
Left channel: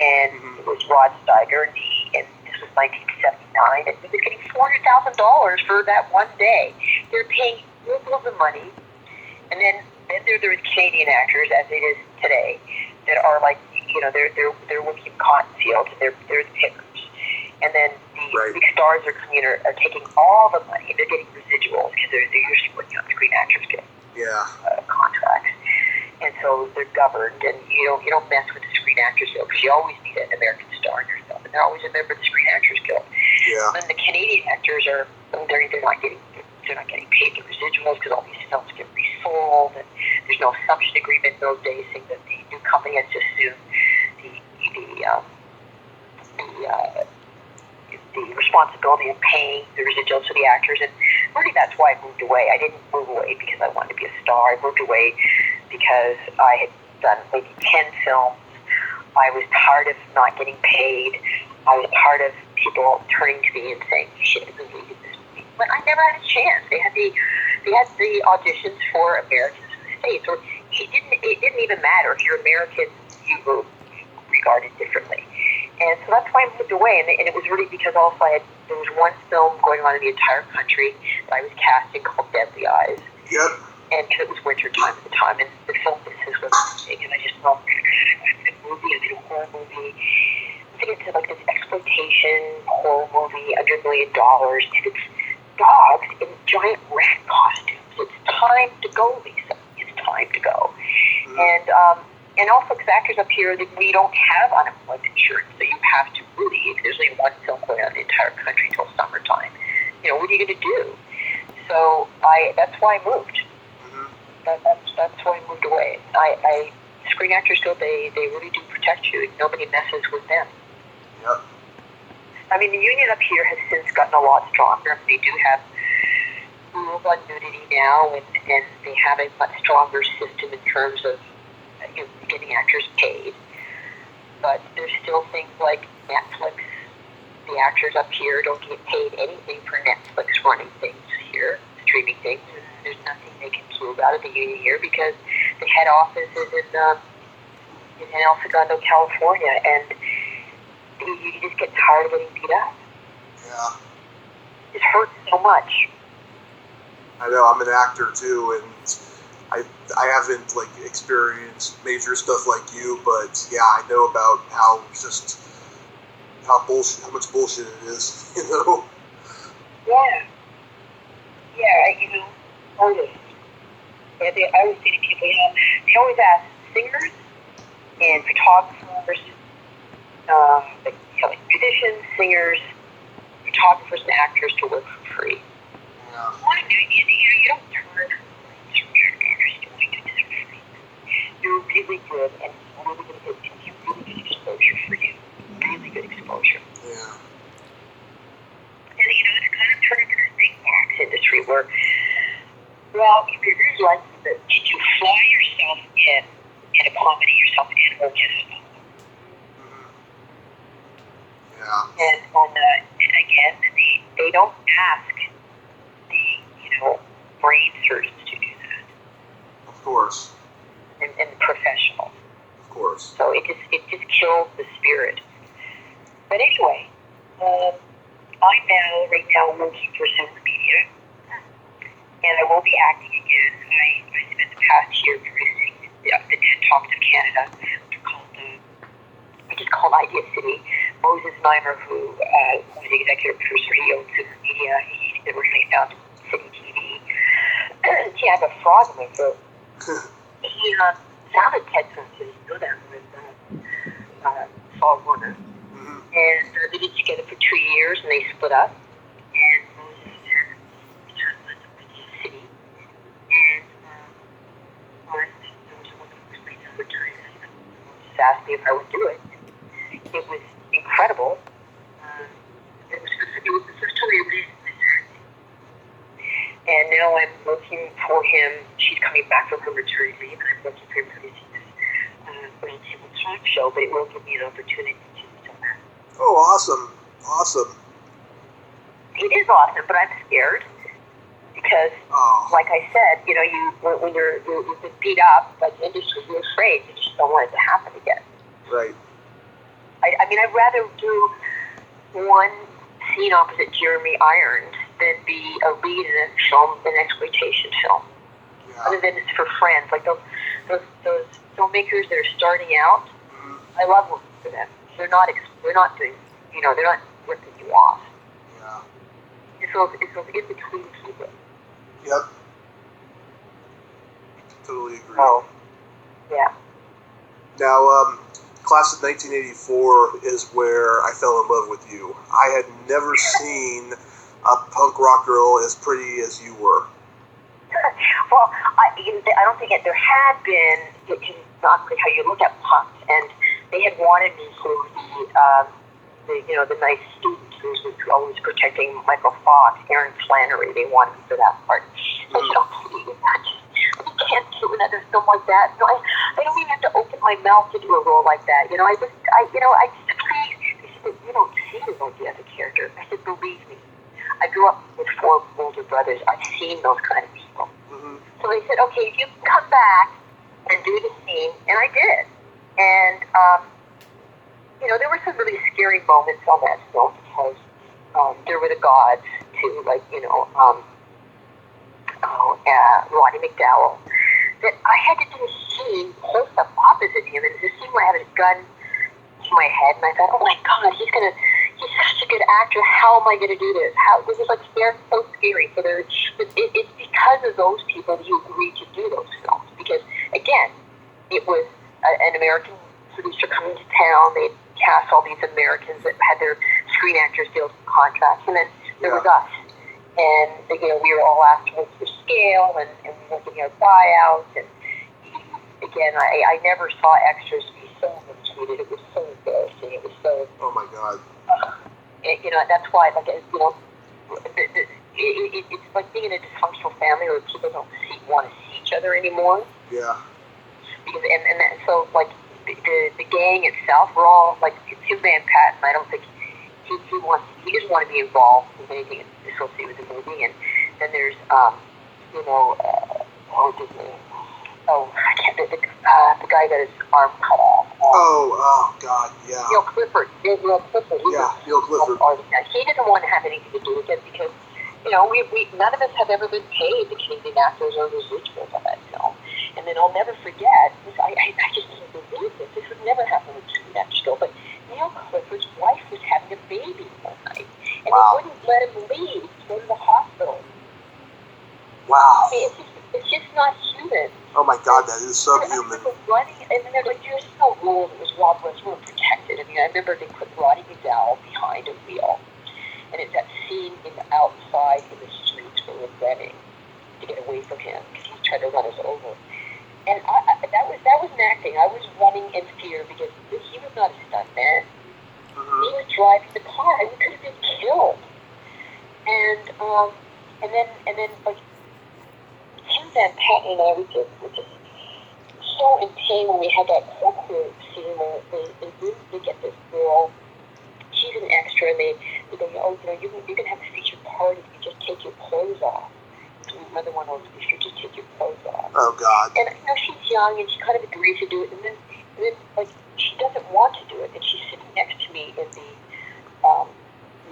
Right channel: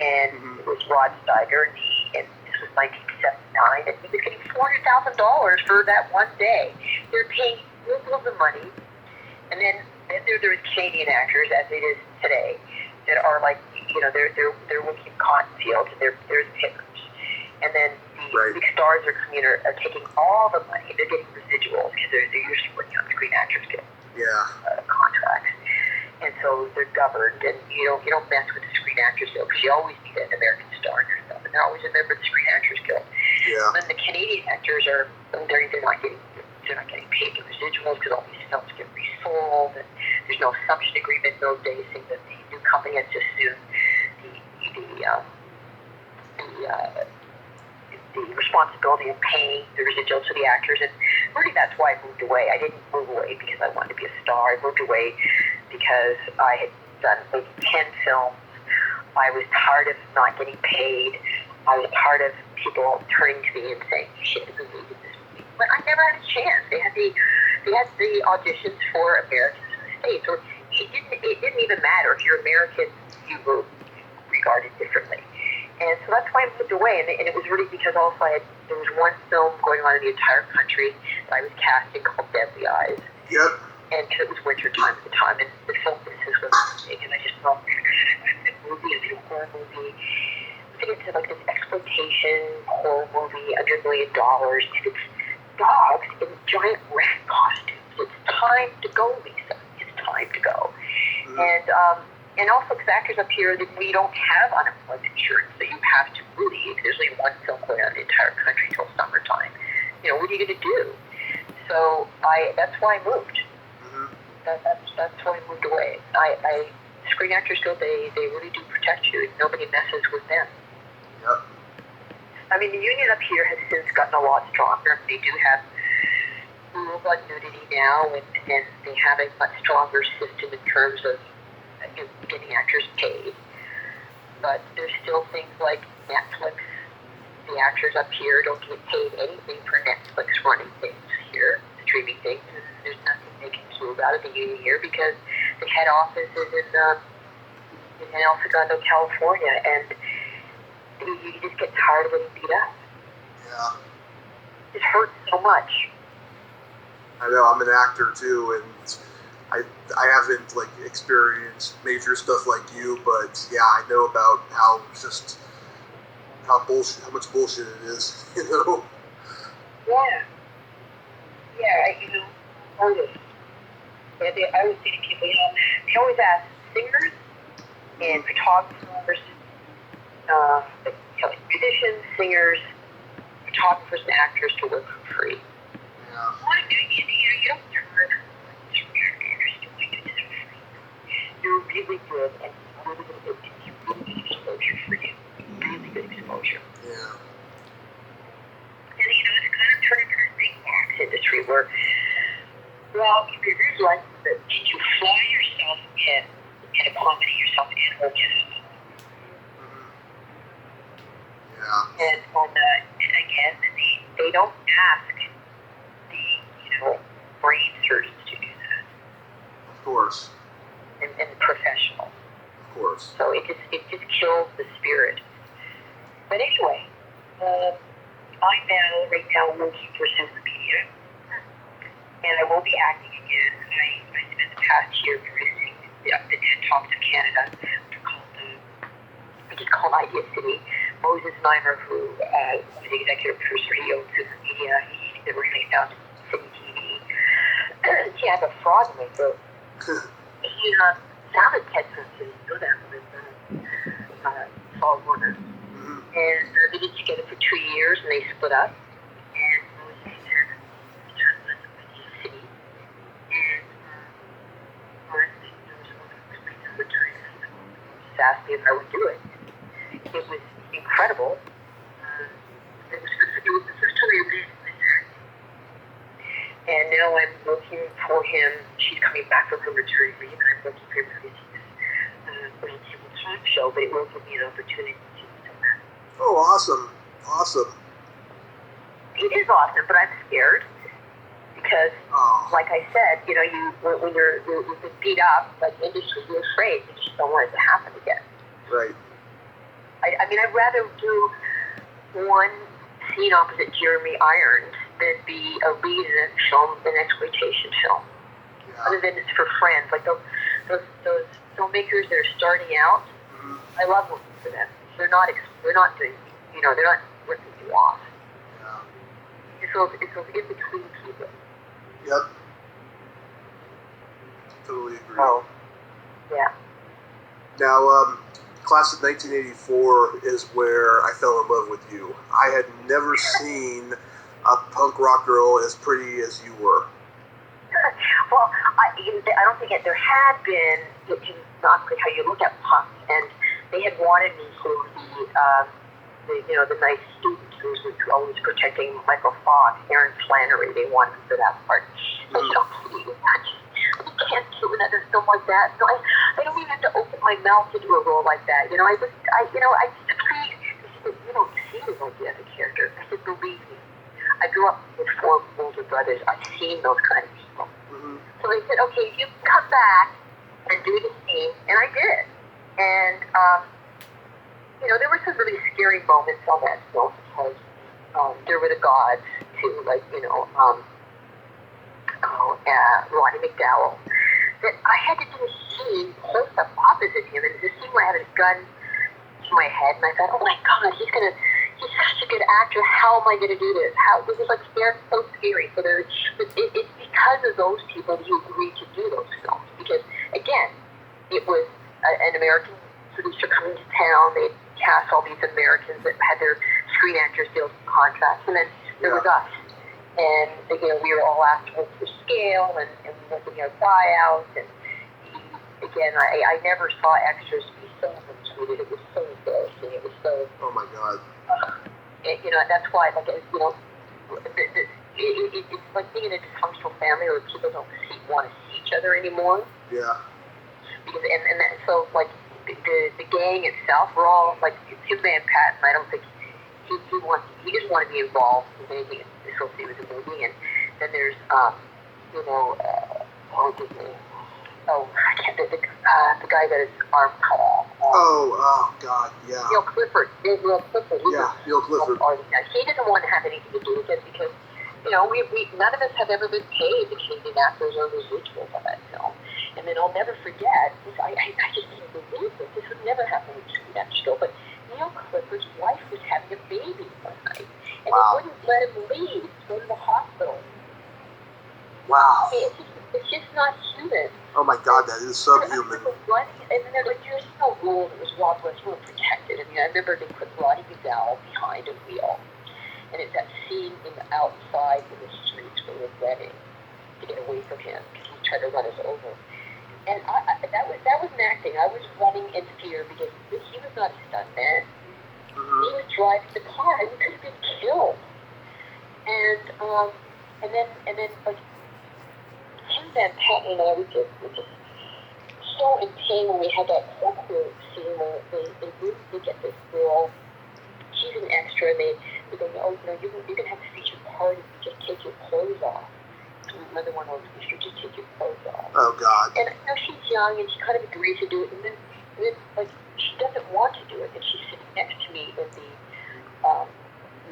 And it was Rod Steiger, and this was 1979, and he was getting $400,000 for that one day. They're paying oodles of money, and then there's Canadian actors, as it is today, that are like, they're working cotton fields, and they're the pickers. And then the big stars are coming in, are taking all the money, and they're getting residuals, because they're usually working on Screen Actors Guild contracts. And so they're governed, and you don't mess with the Screen Actors Guild, because you always need an American star in your film, and they're always a member of the Screen Actors Guild. Yeah. And then the Canadian actors they're not getting paid the residuals, because all these films get resold, and there's no assumption agreement in those days, saying that the new company has to assume the responsibility of paying the residuals to the actors. And really, that's why I moved away. I didn't move away because I wanted to be a star. I moved away because I had done maybe 10 films. I was tired of not getting paid. I was tired of people turning to me and saying, "You should have been leading this movie." But I never had a chance. They had the auditions for Americans in the States, or it didn't even matter if you're American, you were regarded differently. And so that's why I moved away. And it was really because also there was one film going on in the entire country that I was casting called Deadly Eyes. Yep. And because it was winter time at the time, and the film business was big, and I just thought, a horror movie. I think it's like this exploitation horror movie, under $1 million, and it's dogs in giant rat costumes. It's time to go, Lisa. It's time to go. And also, because actors up here, we don't have unemployment insurance, so you have to really, there's only one film going on in the entire country until summertime. What are you going to do? So that's why I moved. That's why I moved away. Screen Actors Guild, they really do protect you. Nobody messes with them. Yep. I mean, the union up here has since gotten a lot stronger. They do have rules on nudity now, and they have a much stronger system in terms of getting actors paid. But there's still things like Netflix. The actors up here don't get paid anything for Netflix running things here, streaming things. And there's nothing they can prove out of the union here, because the head office is in El Segundo, California, and you just get tired of getting beat up. Yeah. It hurts so much. I know. I'm an actor too, and I haven't experienced major stuff like you, but yeah, I know about how much bullshit it is. Yeah. Artists. Yeah, I always say to people, they always ask singers and photographers, musicians, singers, photographers, and actors to work for free. Yeah. You don't turn actors doing it for free. You're really good, and it gives you really good exposure for you. Really good exposure. Yeah. And it's kind of turned into this big box industry where, you're like, did you fly yourself in and accommodate yourself in, or just Yeah. And again, they don't ask the brain surgeons to do that. Of course. And professionals. Of course. So it just kills the spirit. But anyway, I'm right now working for Super Media, and I will be acting again. I spent the past year producing the TED Talks of Canada, which is called Idea City. Moses Mimer, who was the executive producer, he owns Super Media. He originally founded City TV. lucky I have a frog in my throat. He founded Ted Francis, know that with Saul Warner. And they did together for 2 years, and they split up. And Moses was in the city. And there was a woman who was leading the returning husband. Just asked me if I would do it. It was incredible. It was the first time I ever did it. And now I'm working for him. She's coming back from her maternity leave, and I'm working for him for this Roundtable Talk show, but it will give me an opportunity to do that. Oh, awesome. Awesome. It is awesome, but I'm scared because, like I said, you know, when you've been beat up by the industry, you're afraid. You just don't want it to happen again. Right. I mean, I'd rather do one scene opposite Jeremy Irons than be a lead in a film, an exploitation film. Yeah. Other than it's for friends, like those filmmakers that are starting out. I love working for them. They're not doing, you know, they're not ripping you off. Yeah. It's those in between people. Yep. Totally agree. Oh, yeah. Now, class of 1984 is where I fell in love with you. I had never seen a punk rock girl as pretty as you were. Well, I don't think there had been, which is not how you look at punks, and they had wanted me for the nice student who was always protecting Michael Fox, Aaron Flannery. They wanted me for that part. So I said, oh, please, I can't do another film like that. No, I don't even have to open my mouth to do a role like that. You know, I just please. They said, you don't see me like the other character. I said, believe me. I grew up with 4 older brothers. I've seen those kind of people. So they said, okay, you can come back and do the scene, and I did. And, you know, there were some really scary moments on that film because there were the gods too, like, you know, Roddy McDowell, that I had to do a scene close up opposite him, and the scene where I had a gun to my head, and I thought, oh my God, he's such a good actor. How am I going to do this? This is like so scary. So it's because of those people that you agreed to do those films. Because again, it was an American producer coming to town. They cast all these Americans that had their Screen Actors Guild contracts, and then there was us. And you know, we were all asked to work for scale, and we weren't getting our buyouts. And again, I never saw extras be so mistreated. It was so embarrassing. It was so. Oh my God. You know, that's why, like, you know, it's like being in a dysfunctional family where people don't want to see each other anymore. Yeah. Because so like the gang itself, we're all like Tim Van Patten. I don't think he doesn't want to be involved with anything associated with the movie. And then there's I can't think the guy got his arm cut off. Oh God, yeah. Neil Clifford. Neil Clifford. He doesn't want to have anything to do with it because, you know, we none of us have ever been paid the Canadian actors or residuals on that film. And then I'll never forget, I just didn't believe this. This would never happen with Screen Actors Guild. But Neil Clifford's wife was having a baby one night. And they wouldn't let him leave to go to the hospital. Wow. I mean, it's just not human. Oh my God, that is subhuman. Running, and then they're like, there's no rules. It was Rob West. We were protected. I mean, I remember they put Roddy McDowell behind a wheel. And it's that scene outside in the streets where we're running to get away from him because he's trying to run us over. And that was acting. I was running in fear because he was not a stuntman. He was driving the car, and we could have been killed. And then like Tim Van Patten and I were just so in pain when we had that courtroom scene where they get this girl. She's an extra, and they go, oh, you know, you can have a featured part if you just take your clothes off. So another one was, if you just take your clothes off. Oh God. And you know, she's young, and she kind of agrees to do it, and then like she doesn't want to do it, and she's sitting next to me in the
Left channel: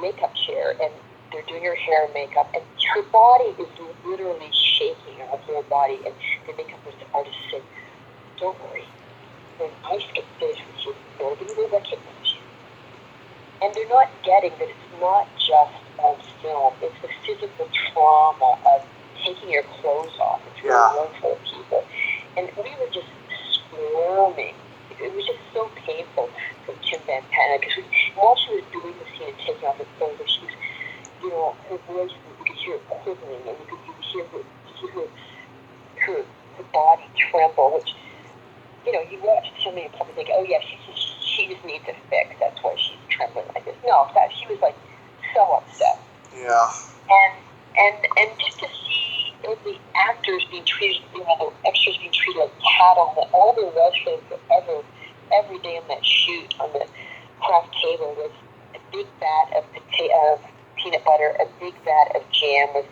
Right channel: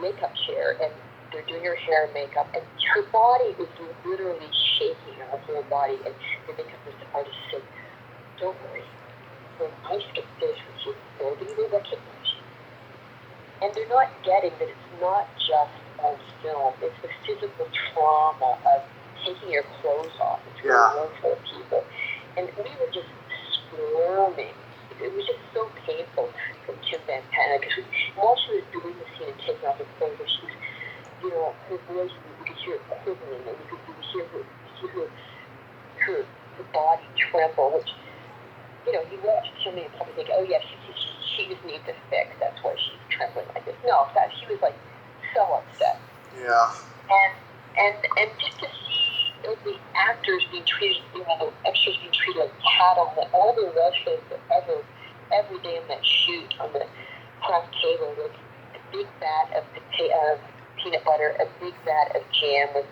makeup chair, and they're doing her hair and makeup, and her body is literally shaking, her whole body, and the makeup artist said, don't worry, when I skip this with you, nobody will recognize you. And they're not getting that it's not just on film, it's the physical trauma of taking your clothes off. It's a room full of people. And we were just squirming. It was just so painful from Tim Van Patten, because while she was doing the scene and taking off her clothes, she was, her voice, you could hear it quivering, and you could hear her body tremble, which, you watch somebody and probably think, oh yeah, she just needs a fix, that's why she's trembling like this. No, she was like so upset. Yeah. And just to see the actors being treated, the extras being treated like cattle, that all there was for them every day on that shoot on the craft table was a big vat of peanut butter, a big vat of jam with,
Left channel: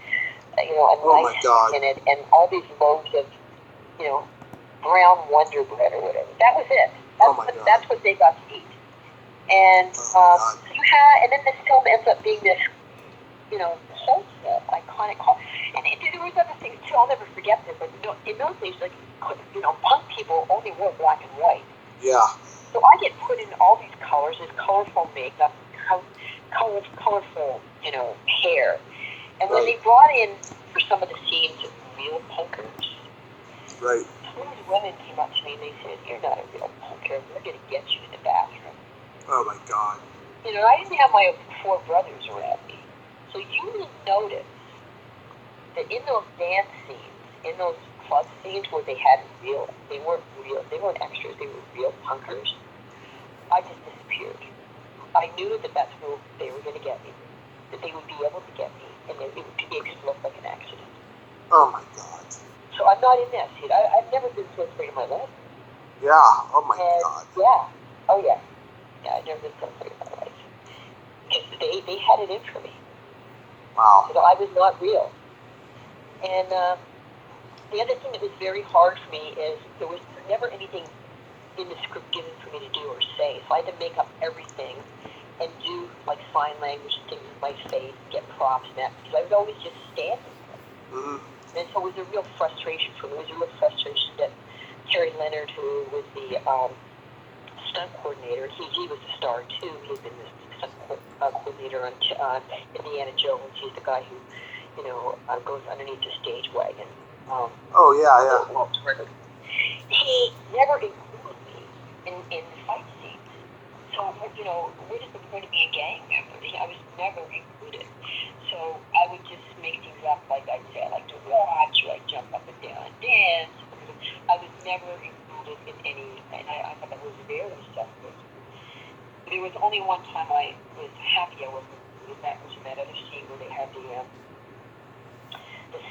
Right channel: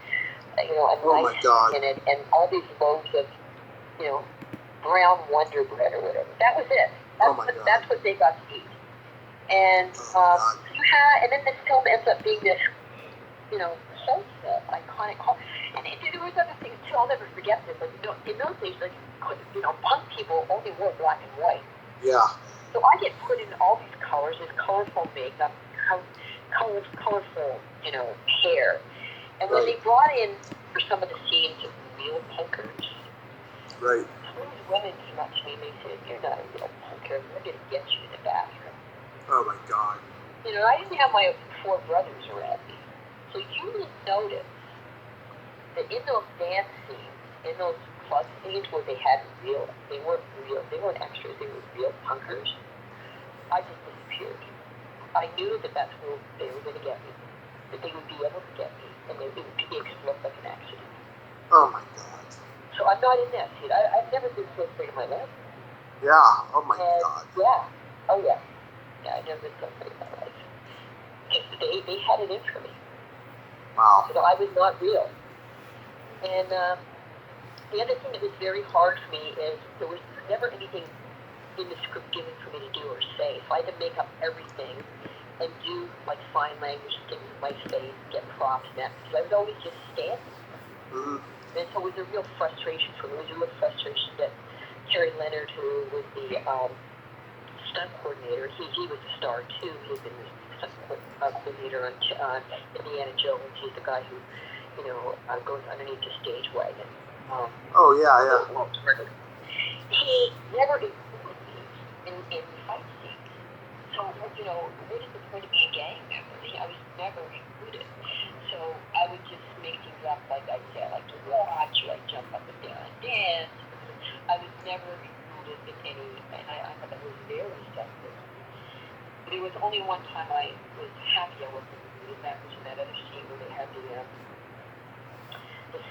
a nice in it, and all these loaves of, brown Wonder Bread or whatever. That was it. That's what they got to eat. And and then this film ends up being this, cult film, iconic cult. And there was other things too. I'll never forget this. But in those days, punk people only wore black and white. Yeah. So I get put in all these colors, this colorful makeup, colorful, hair. And when they brought in for some of the scenes real punkers, right. Some of these women came up to me and they said, "You're not a real punker. We're going to get you in the bathroom." Oh my God. I didn't have my 4 brothers around me. So you will notice that in those dance scenes, in those club scenes where they weren't extras, they were real punkers, I just disappeared. I knew that that's where they were going to get me, that they would be able to get me, and it would look like an accident. Oh my God. So I'm not in that scene. I've never been so afraid in my life. Yeah. Oh my God. Yeah. Oh yeah. Yeah, I've never been so afraid in my life. Because they had it in for me. Wow. So I was not real. And the other thing that was very hard for me is there was never anything in the script given for me to do or say. So I had to make up everything and do like sign language things with my face, get props and that, because I would always just stand there. Mm-hmm. And so it was a real frustration for me. It was a real frustration that Terry Leonard, who was the stunt coordinator, he was a star too. He had been the stunt coordinator on Indiana Jones. He's the guy who, goes underneath the stage wagon. He never included me in fight scenes. So, what is the point of being a gang member? I was never included. So I would just make things up like I'd say I like to watch, or I'd jump up and down and dance. I was never included in any, and I thought that was very selfish. There was only one time I was happy I wasn't included, that was in that other scene where they had the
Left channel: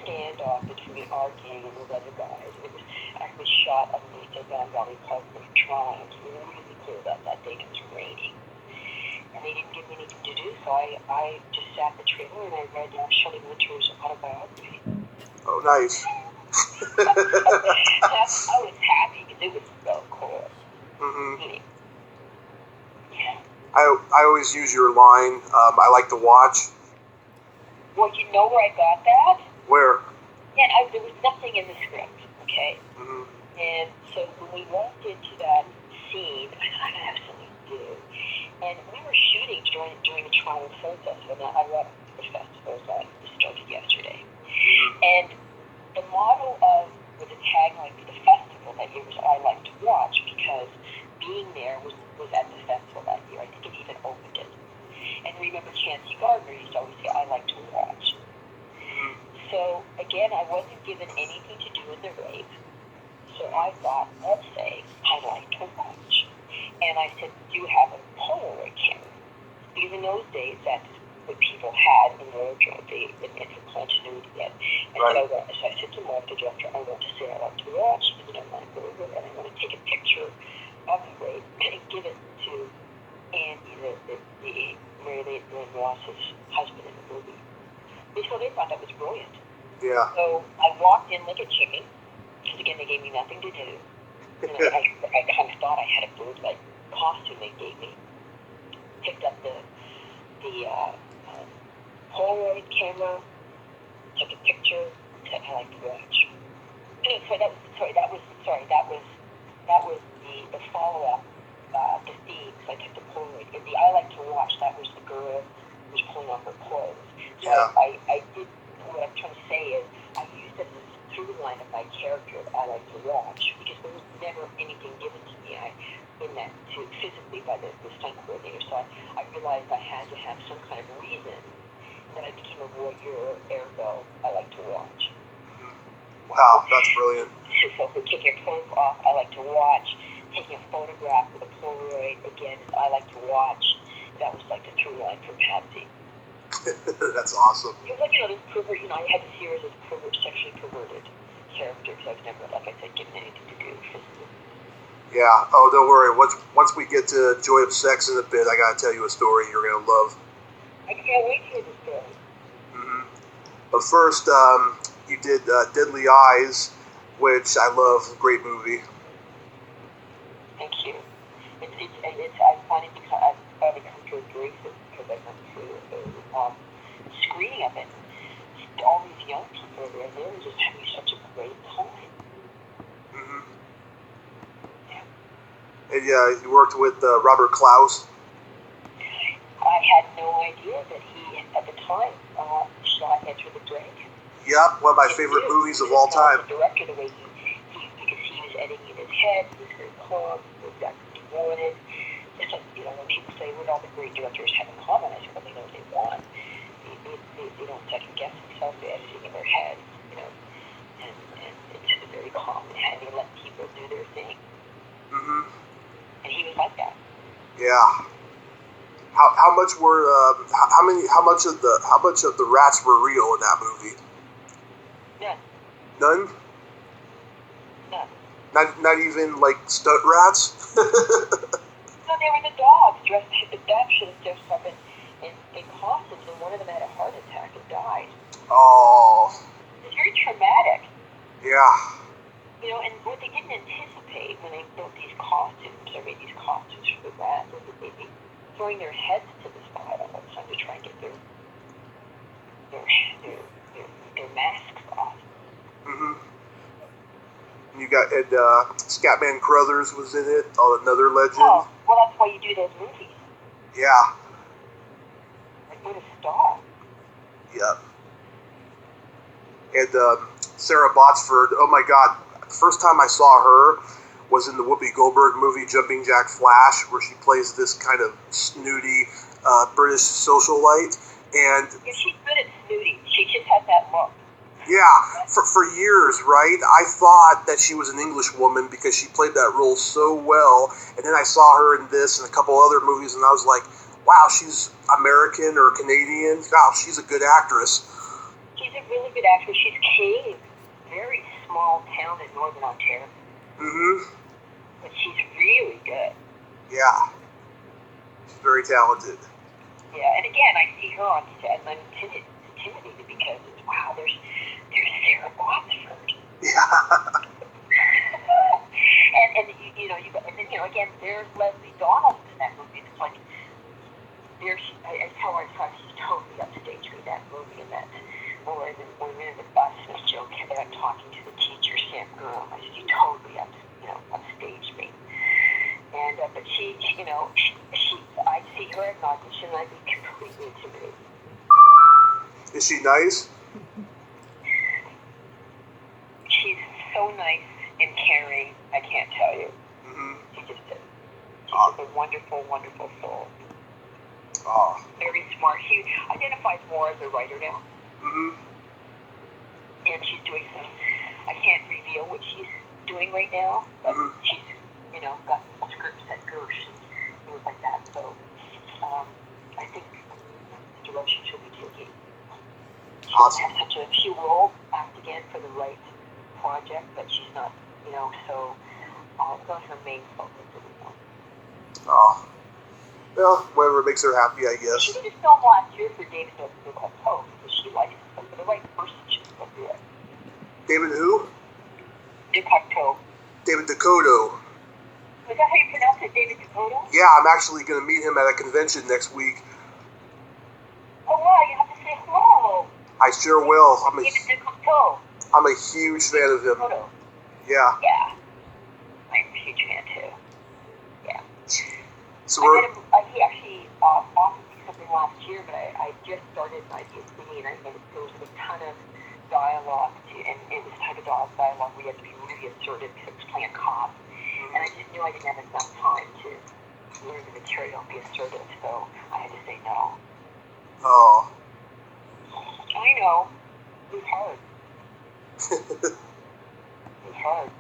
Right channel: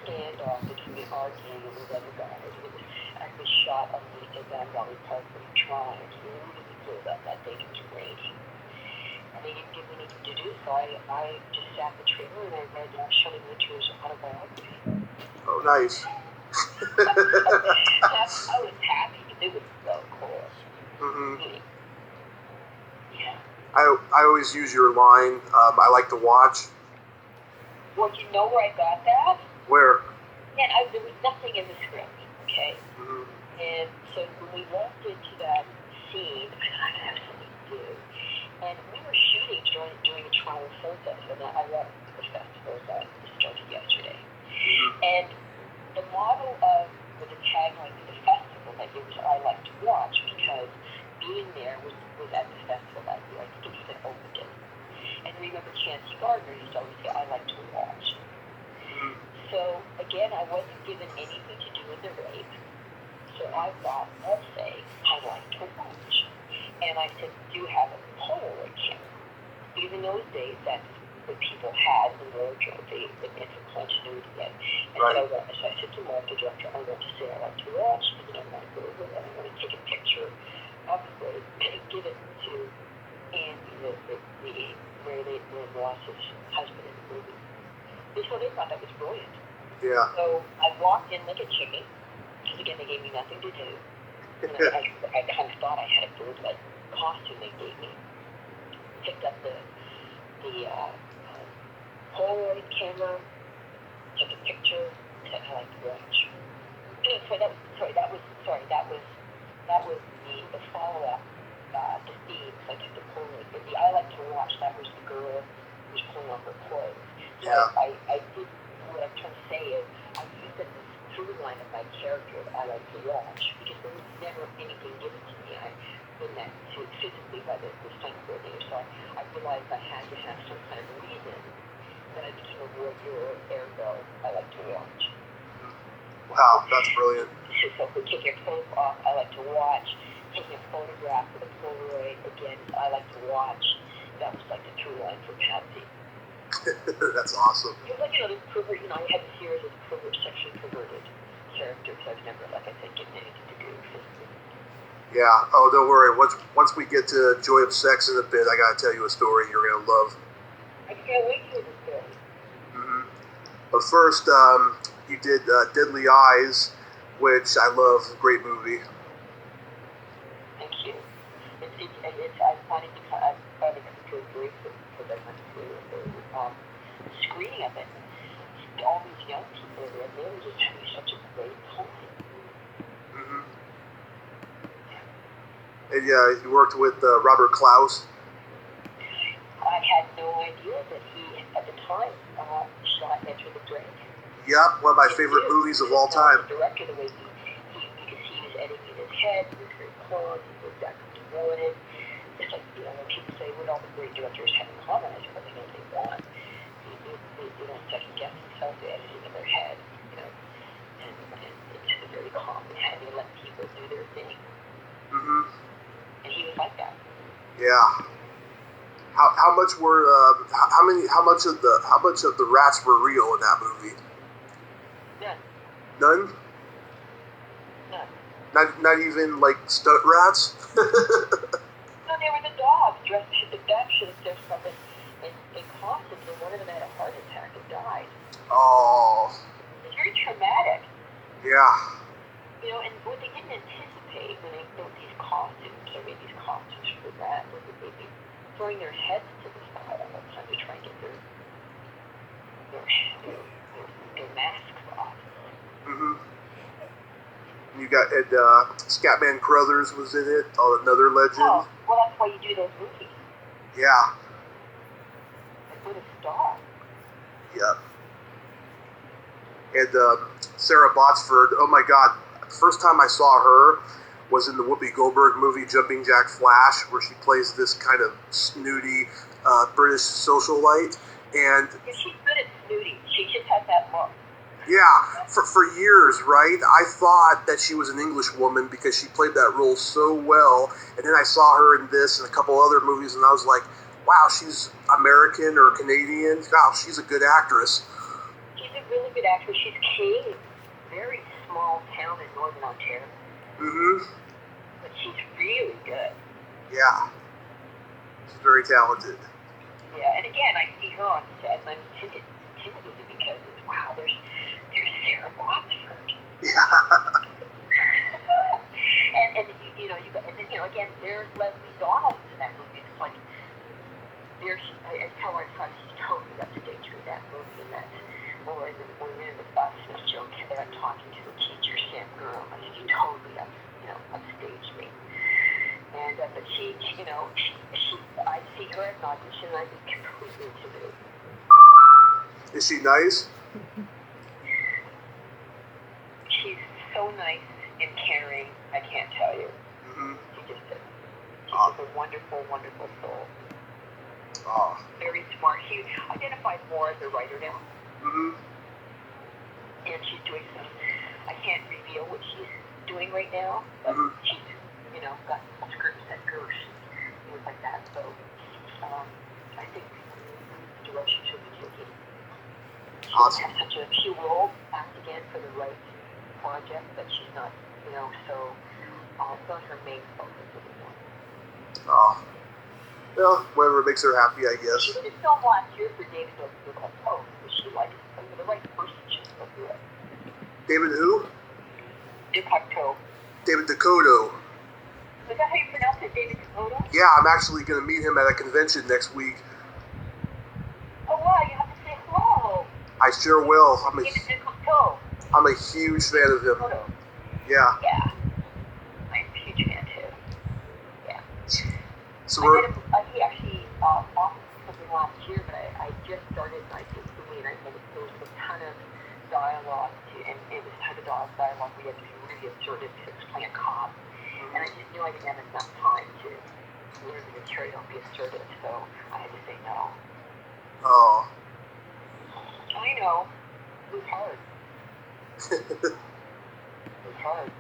standoff between our gang and those other guys. It was actually shot underneath the Van Valley Park where we tried. It was really clear that day it was raining. And they didn't give me anything to do, so I just sat in the trailer and I read Shelley Winter's autobiography. Oh, nice. I was happy because it was so cool. Mm-hmm. Yeah. I always use your line, I like to watch. Well, you know where I got that? Where? Yeah, there was nothing in the script, okay? Mm-hmm. And so when we walked into that scene, I thought, I have something to do. And we were shooting during the Toronto Film Festival. Now, I love the festivals. I just started yesterday. Mm-hmm. And the model the tagline for the festival that year was I like to watch, because being there was at the festival that year. I think it even opened it. And remember, Chancey Gardner used to always say, I like to watch. Mm-hmm. So, again, I wasn't given anything to do with the rape. So I thought, let's say, I like to watch. And I said, do you have a Polaroid camera? Because in those days, that's what people had in wardrobe, and for continuity then. Right. So I said to Mark, the director, I want to say I like to watch, because I want to go over it, and I want to take a picture of the rape and give it to Andy, the Mary Langlois' husband in the movie. So they thought that was brilliant. Yeah. So I walked in like a chicken, because again, they gave me nothing to do. And I kind of thought I had a bird-like costume they gave me. Picked up the Polaroid camera, took a picture, said I like to watch. That was the follow-up, the theme. So I took the Polaroid. And the I like to watch, that was the girl who was pulling off her clothes. So Yeah. I did, what I'm trying to say is, I through line of my character I like to watch, because there was never anything given to me in that physically by the stunt coordinator. So I realized I had to have some kind of reason that I became a voyeur, ergo I like to watch. Wow, that's brilliant. So for taking your clothes off, I like to watch. Taking a photograph with a Polaroid, again, I like to watch. That was like the true line for Patsy. That's awesome. It was like, this pervert, I had to see her as a sexually perverted character, because I was never, like I said, given anything to do physically. Yeah. Oh, don't worry. Once we get to Joy of Sex in a bit, I gotta tell you a story you're gonna love. I can't wait to hear the story. Mm-hmm. But first, you did Deadly Eyes, which I love. Great movie. Thank you. I've finally come to agree with it, because I went to a screening of it. All these young people were there, were just having such a great time. Mm-hmm. Yeah. And you worked with Robert Klaus. I had no idea that he, at the time, shot Enter the Dragon. Yep, one of my favorite movies of all time. The director, the way because he was editing in his head, he was very calm, he was exactly what he wanted. Just like, when people say what all the great directors have in common, I said, well, they know what they want. They don't second guess themselves, they're editing in their head, and it's just very calm and how they let people do their thing. Mm-hmm. And he was like that. Yeah. How much of the rats were real in that movie? None. None? None. Not even like stunt rats? No, they were the dogs dressed. The dogs should have dressed up in costumes, and one of them had a heart attack and died. Oh. It's very traumatic. Yeah. And what they didn't anticipate when they built these costumes, or made these costumes for the rats, is that they'd be throwing their heads to the side all the time to try and get their masks off. Mm-hmm. You got Scatman Crothers was in it. Oh, another legend. Oh, well, that's why you do those movies. Yeah. Like, what a star. Yep. And Sarah Botsford. Oh my God! The first time I saw her was in the Whoopi Goldberg movie Jumping Jack Flash, where she plays this kind of snooty British socialite. And yeah, she's good at snooty. She just has that look. yeah, for years, right? I thought that she was an English woman because she played that role so well. And then I saw her in this and a couple other movies, and I was like, wow, she's American or Canadian. Wow, she's a good actress. She's a really good actress. She's Canadian. Very small town in Northern Ontario. Mm-hmm. But she's really good. Yeah. She's very talented. Yeah, and again, I see her on set, and I'm intimidated because wow, there's Sarah Botsford. Yeah. and again, there's Leslie Donaldson in that movie. It's like I tell her she's totally upstaged me that movie, and that when we're in the bus and Joe kept talking to the teacher, Sam Girl, I said, you totally upstaged me. And but she I see her at an audition, and I'd be completely intimidated. Is she nice? She's so nice and caring, I can't tell you. Mm-hmm. She's just a wonderful, wonderful soul. Oh. Very smart. She identifies more as a writer now. Mm-hmm. And she's doing some, I can't reveal what she's doing right now, but she's, got scripts that go, things like that. So I think the direction she'll be taking. Awesome. She will act again for the right project, but she's not, so it's not her main focus anymore. Oh. Well, whatever makes her happy, I guess. She did a film last year for David Duchovny because she likes it. So for the right person, she's going to do it. David who? Duchovny. David Dakota. Is that how you pronounce it, David Dakota? Yeah, I'm actually going to meet him at a convention next week. Oh, wow, you have to say hello. I sure will. I'm a huge fan of him. Yeah. Yeah. I'm a huge fan, too. Yeah. So he actually offered me something last year, but I just started my PhD, and there was a ton of dialogue, and it was type of dialogue we had to be really assertive because I was playing a cop. And I just knew I didn't have enough time to learn the material and be assertive, so I had to say no. Oh. I know. It was hard. It was hard.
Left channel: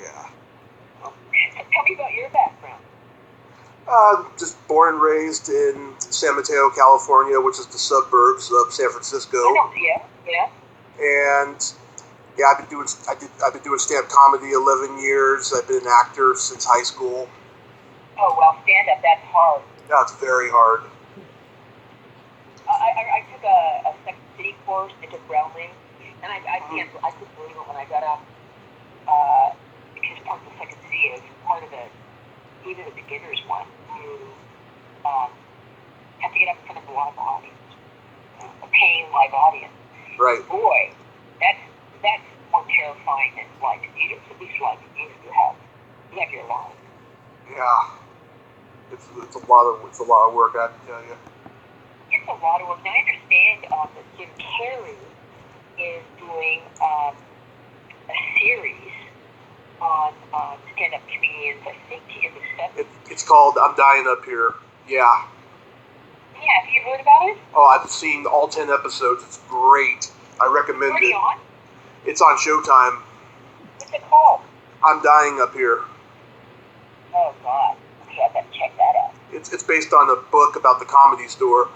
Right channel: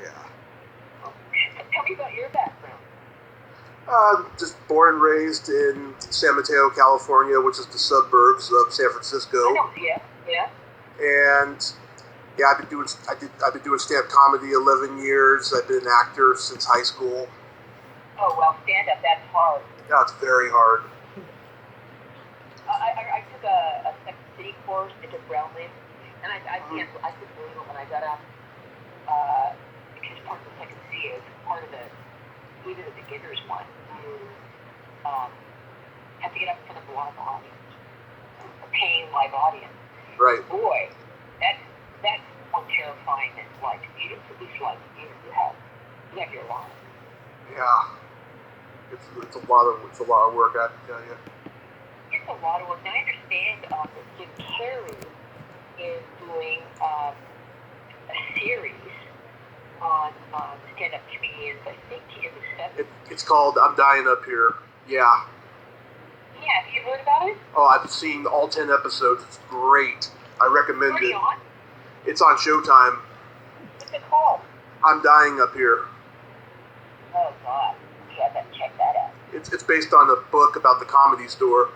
Yeah. So tell me about your background. Just born and raised in San Mateo, California, which is the suburbs of San Francisco. I know, yeah. And yeah, I've been doing stand-up comedy 11 years. I've been an actor since high school. Oh, well, stand-up, that's hard. Yeah, it's very hard. I took a Second City course. I took Valen, and I couldn't believe it when I got up, because part of the Second City is part of even the beginners one. You have to get up in front of a live audience, a paying live audience. Right. Boy, that's more terrifying than like theater. At least like theater, you have your line. Yeah. It's a lot of work, I have to tell you. It's a lot of work. Now, I understand that Jim Carrey is doing a series on stand-up comedians, I think in the 70s. It's called I'm Dying Up Here. Yeah. Yeah, have you heard about it? Oh, I've seen all 10 episodes. It's great. I recommend Where are you on? It's on Showtime. What's it called? I'm Dying Up Here. Oh, God. Okay, I better check that out. It's based on a book about the Comedy Store.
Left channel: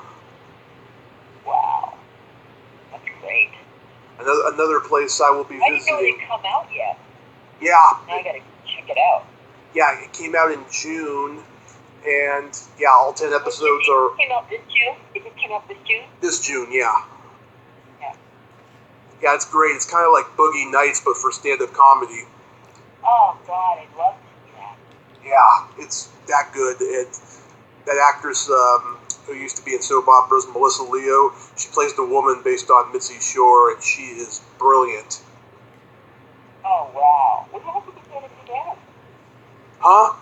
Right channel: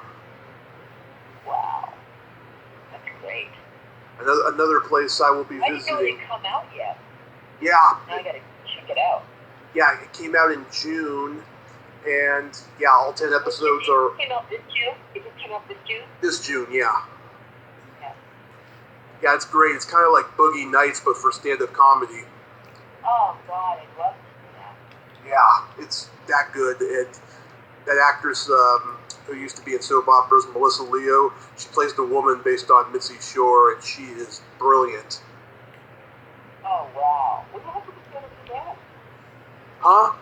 Wow. That's great. Another place I will be I visiting. didn't know it had come out yet. Yeah. Now I gotta check it out. Yeah, it came out in June, and yeah, all 10 episodes are... It came out this June? It just came out this June? This June, yeah. Yeah. Yeah, it's great. It's kind of like Boogie Nights, but for stand-up comedy. Oh, God, I'd love to see that. Yeah, it's that good. And that actress who used to be in soap operas, Melissa Leo, she plays the woman based on Mitzi Shore, and she is brilliant. Oh, wow. What happened to get it together? Huh?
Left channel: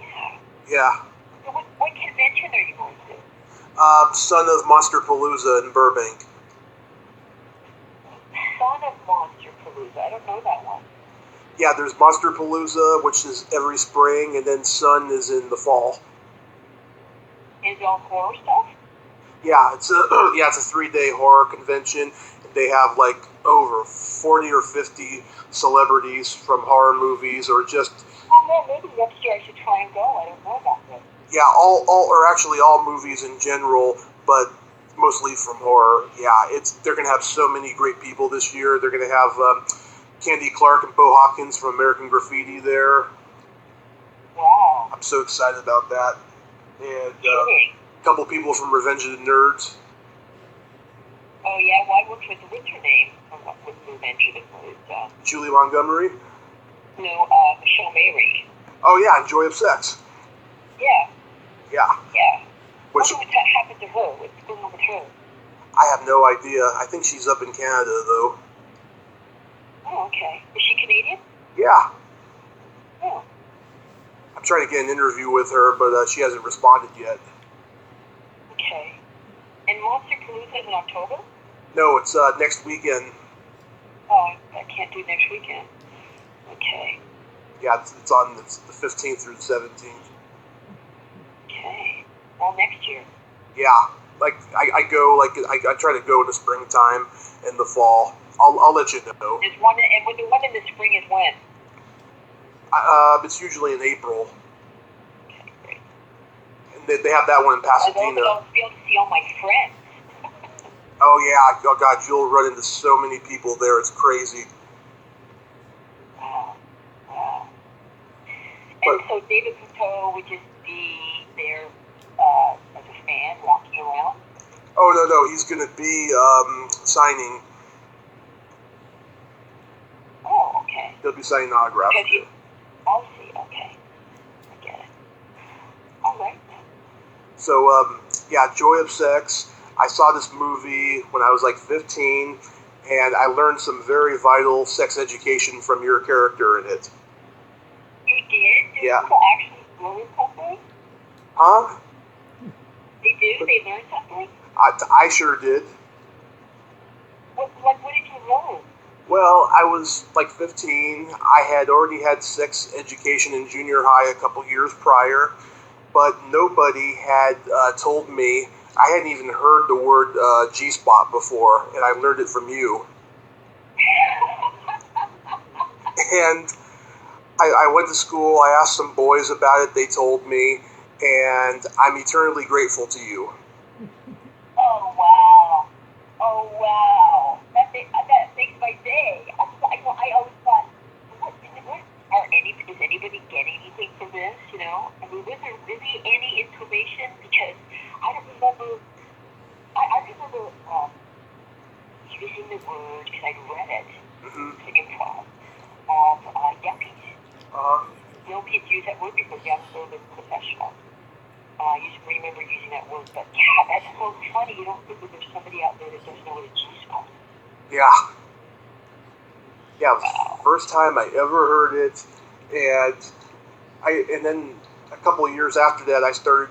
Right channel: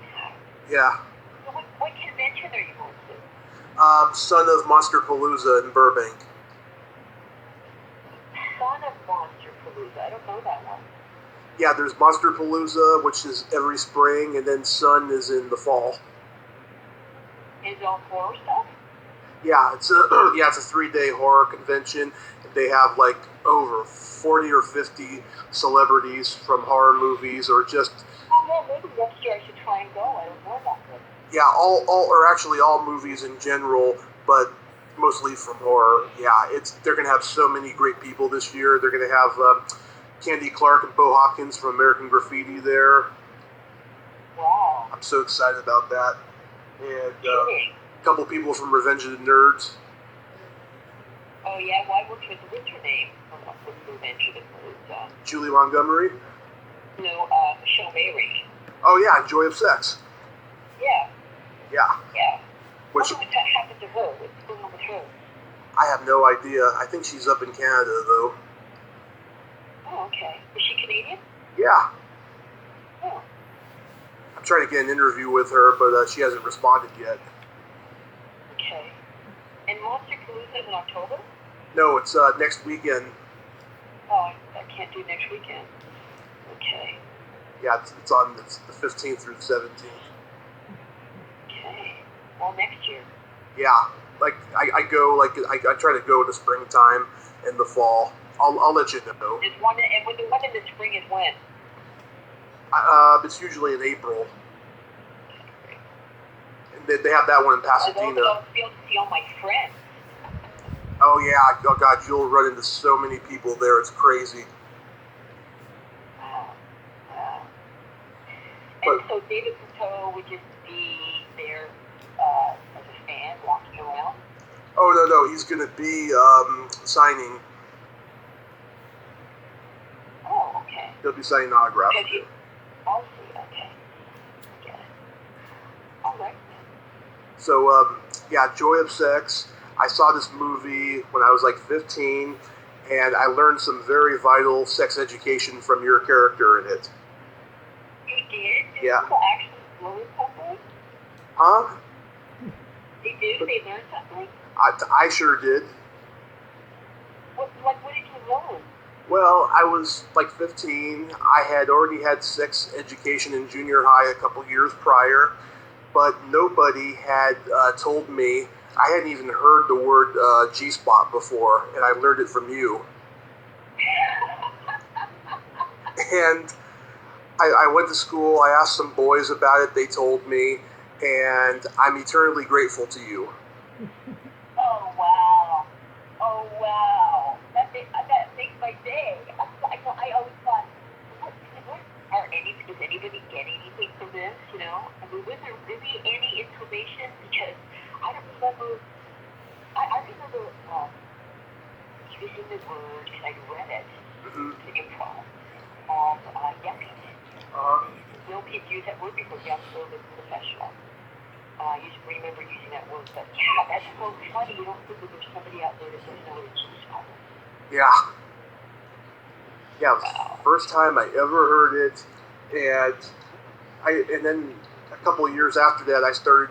Yeah. Yeah. So what convention are you going to? Son of Monsterpalooza in Burbank. Son of Monsterpalooza. I don't know that one. Yeah, there's Monsterpalooza, which is every spring, and then Sun is in the fall. Is it all horror stuff? Yeah, it's a 3-day horror convention. They have like over 40 or 50 celebrities from horror movies, or just... Oh, no, maybe next year I should try and go. I don't know about this. Yeah, all movies in general, but mostly from horror. Yeah, they're gonna have so many great people this year. They're gonna have Candy Clark and Bo Hopkins from American Graffiti there. Wow. I'm so excited about that. And a couple people from Revenge of the Nerds. Oh, yeah? Why what's her name? With Revenge of the Nerds? Julie Montgomery. No, Michelle Mary. Oh yeah, and Joy of Sex. Yeah. Yeah. Yeah. Which What happened to her? What's going on with her? I have no idea. I think she's up in Canada though. Oh, okay. Is she Canadian? Yeah. Oh. I'm trying to get an interview with her, but she hasn't responded yet. Okay. And Monsterpalooza is in October? No, it's next weekend. Oh, I can't do next weekend. Okay. Yeah, it's on the 15th through the 17th. Okay. Well, next year. Yeah, like I go, like I try to go in the springtime and the fall. I'll let you know. There's one, and when the one in the spring is when? It's usually in April. Okay, great. And they have that one in Pasadena. I'll be able to see all my friends. Oh yeah, oh god, you'll run into so many people there. It's crazy. Wow. Wow. And so David Cousteau would just be there as a fan walking around? Oh no, he's gonna be signing. Oh, okay. He'll be signing autographs. I'll see. Okay. I get it. All right. So yeah, Joy of Sex. I saw this movie when I was like 15, and I learned some very vital sex education from your character in it. You did? Yeah. People actually learn something? Huh? They do? They learn something? I sure did. What did you learn? Well, I was like 15. I had already had sex education in junior high a couple years prior, but nobody had told me. I hadn't even heard the word G-spot before, and I learned it from you. And I went to school, I asked some boys about it, they told me, and I'm eternally grateful to you. Oh, wow. Oh, wow. That makes my day. I always thought, does anybody get anything from this, you know? I mean, was there really any information? Because I don't remember, I remember using the word, because I read it, to improv, of yuppies. No kids use that word because young so they're professional. I used to remember using that word, but yeah, that's so funny. You don't think that there's somebody out there that doesn't know what a G-spot is. Yeah. Yeah, it was the first time I ever heard it, and then a couple of years after that, I started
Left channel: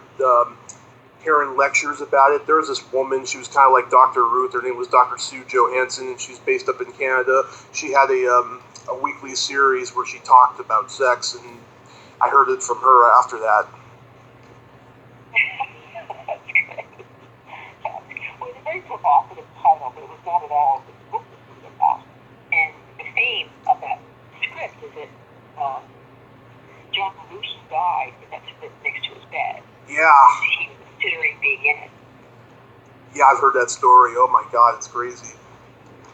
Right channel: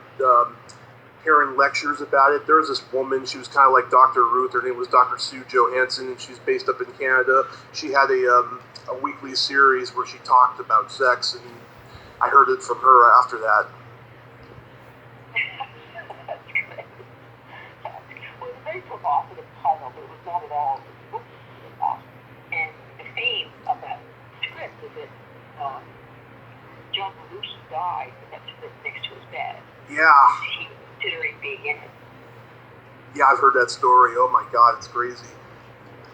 hearing lectures about it. There was this woman, she was kind of like Dr. Ruth, her name was Dr. Sue Johansson, and she was based up in Canada. She had a weekly series where she talked about sex, and I heard it from her after that. That's great. Well, it's a very provocative title, but it was not at all. The book was really awesome. And the fame of that script is that John Belushi died with that script next to his bed. Yeah. He was considering being in it. Yeah, I've heard that story. Oh my God, it's crazy.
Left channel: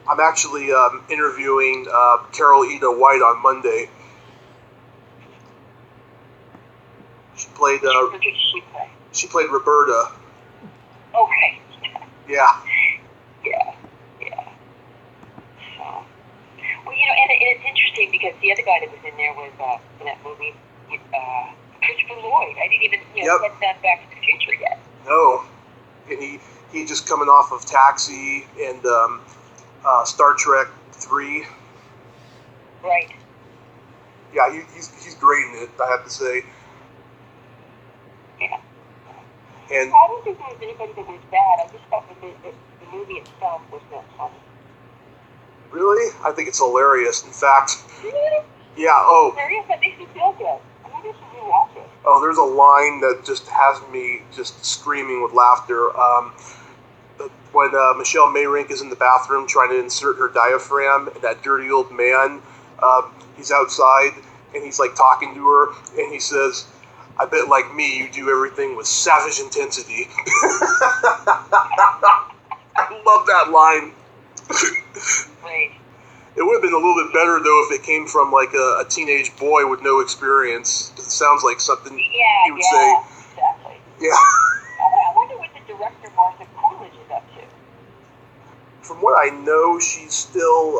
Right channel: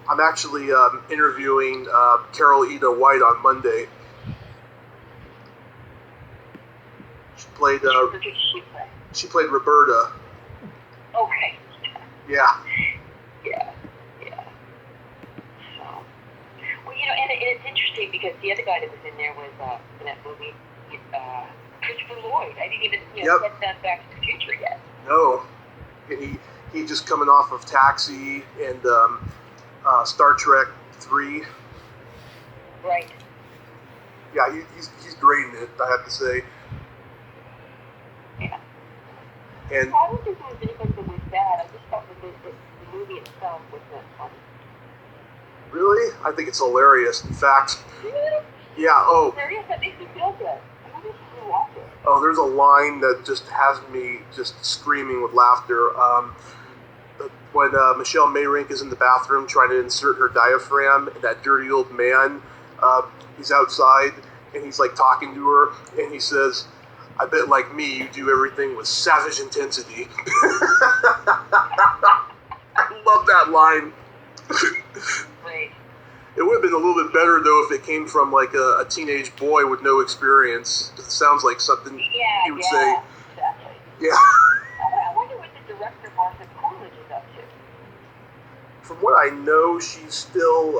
I'm actually interviewing Carol Eda White on Monday. She played Roberta. Okay. Yeah. Yeah. So, well, you know, and it's interesting because the other guy that was in there was in that movie, Christopher Lloyd. I didn't even get that Back to the Future yet. No, and he just coming off of Taxi and Star Trek 3. Right. Yeah, he's great in it, I have to say. Yeah. And I don't think there was anybody that was bad. I just thought the movie itself was not funny. Really? I think it's hilarious. In fact, Really? Yeah. Oh. Hilarious? That makes me feel good. I think I should rewatch it. Oh, there's a line that just has me just screaming with laughter. When Michelle Mayrink is in the bathroom trying to insert her diaphragm, and that dirty old man, he's outside and he's like talking to her, and he says, "I bet like me, you do everything with savage intensity." I love that line. Right. It would have been a little bit better though if it came from like a teenage boy with no experience, because it sounds like something he would say. Exactly. Yeah. I wonder what the director Martha Coolidge is up to. From what I know, she's still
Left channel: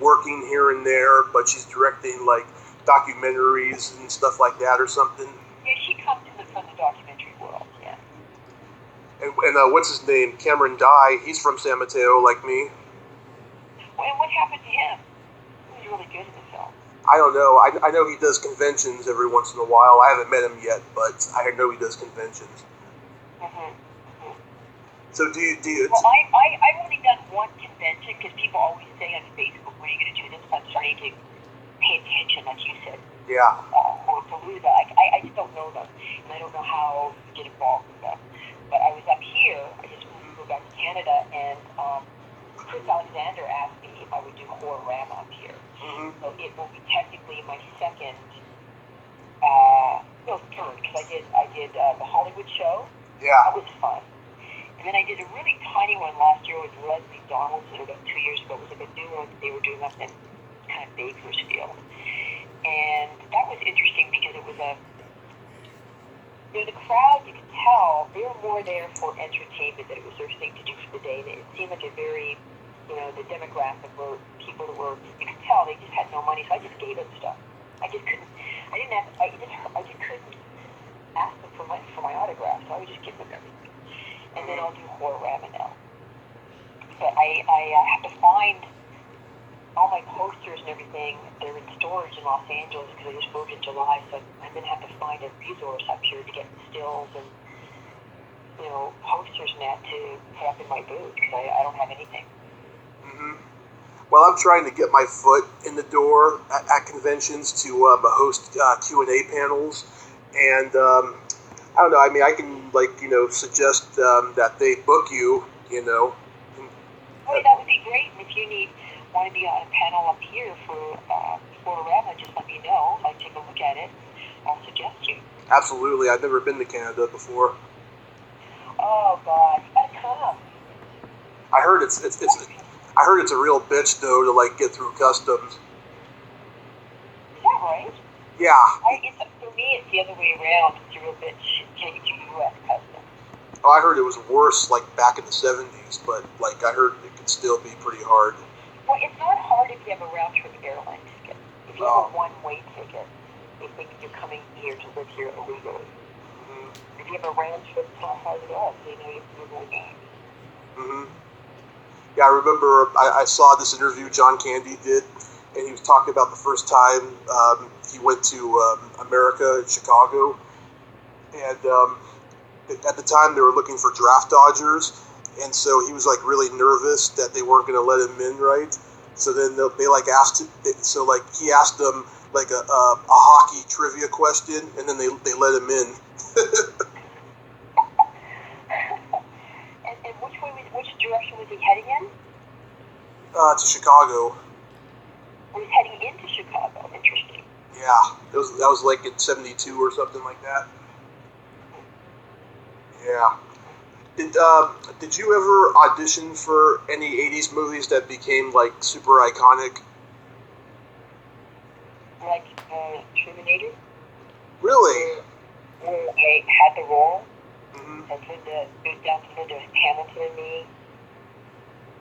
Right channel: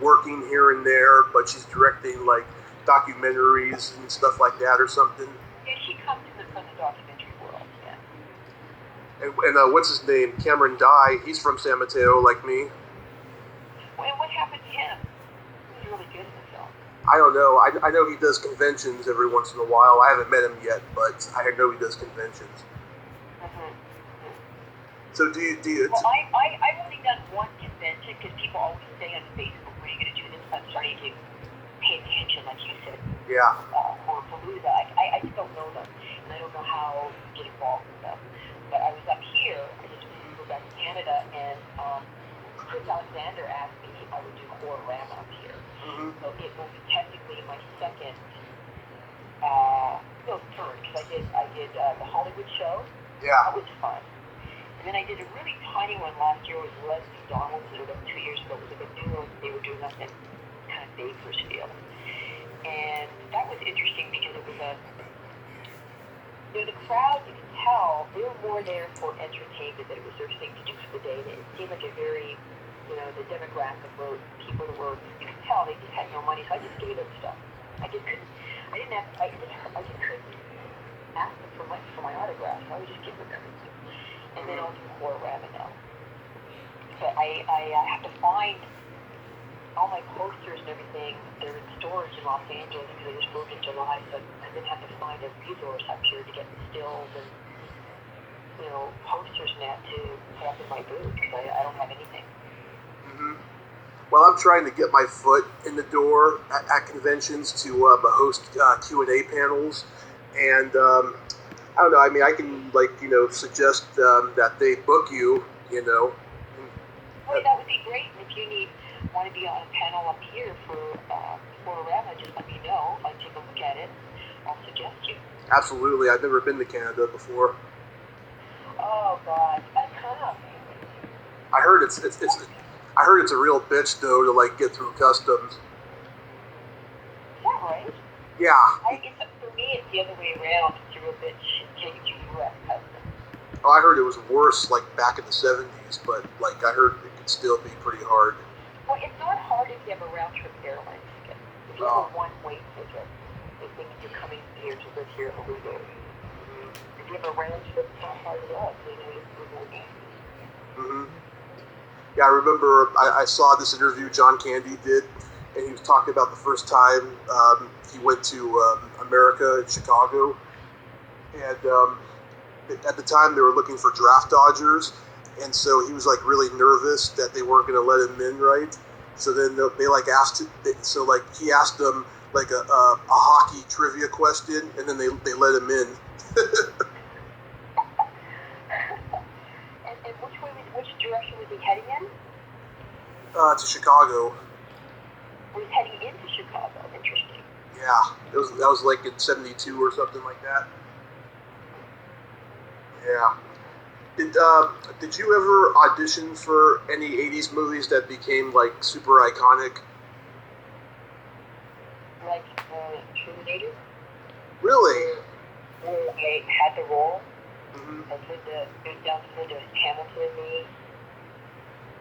working here and there, but she's directing like documentaries and stuff like that or something. Yeah, she comes from the documentary world, yeah. And what's his name? Cameron Dye. He's from San Mateo, like me. Well, and what happened to him? He was really good in the film. I don't know. I know he does conventions every once in a while. I haven't met him yet, but I know he does conventions. So do you? Well, I've only done one convention because people always say on Facebook, "When are you going to do this?" I'm starting to pay attention, like you said. Yeah. Or Palooza. I just don't know them, and I don't know how to get involved with them. But I was up here. I just moved back to Canada, and Chris Alexander asked me if I would do Horrorama up here. Mm-hmm. So it will be technically my second, third, because I did the Hollywood show. Yeah. That was fun. And then I did a really tiny one last year with Leslie Donaldson, about 2 years ago. It was like a new one that they were doing up in kind of Bakersfield. And that was interesting because it was the crowd, you could tell, they were more there for entertainment, that it was their thing to do for the day. And it seemed like a very, the demographic were people that were, you could tell they just had no money. So I just gave them stuff. I just couldn't ask them for my autograph. So I would just give them everything. And then I'll do Horrorama now. But I have to find all my posters and everything. They're in storage in Los Angeles because I just moved in July, so I'm going to have to find a resource up here to get the stills and, posters and that to put up in my booth because I don't have anything. Mm-hmm. Well, I'm trying to get my foot in the door at conventions to host Q&A panels, and I don't know. I mean, I can suggest that they book you. Oh, that would be great. And if you want to be on a panel up here for Florida, just let me know. I'll take a look at it. I'll suggest you. Absolutely. I've never been to Canada before. Oh God, you gotta come. I heard it's a real bitch though to get through customs. Is that right? Yeah. For me, it's the other way around. It's a real bitch getting through U.S. customs. Oh, I heard it was worse back in the 70s, but I heard it could still be pretty hard. Well, it's not hard if you have a round-trip airline ticket. If you have a one-way ticket, they think you're coming here to live here illegally. Mm-hmm. If you have a round-trip, it's not hard at all. They know you're going back. Mm-hmm. Yeah, I remember I saw this interview John Candy did, and he was talking about the first time he went to America in Chicago, and at the time they were looking for draft dodgers, and so he was really nervous that they weren't going to let him in, right? So then they asked him, he asked them a hockey trivia question, and then they let him in. And which direction was he heading in? To Chicago. He was heading into Chicago. Interesting. Yeah, that was in '72 or something like that. Yeah. Did you ever audition for any '80s movies that became super iconic? Like Terminator? Really? Where I had the role. Mm-hmm. As Linda, down to Linda Hamilton and me.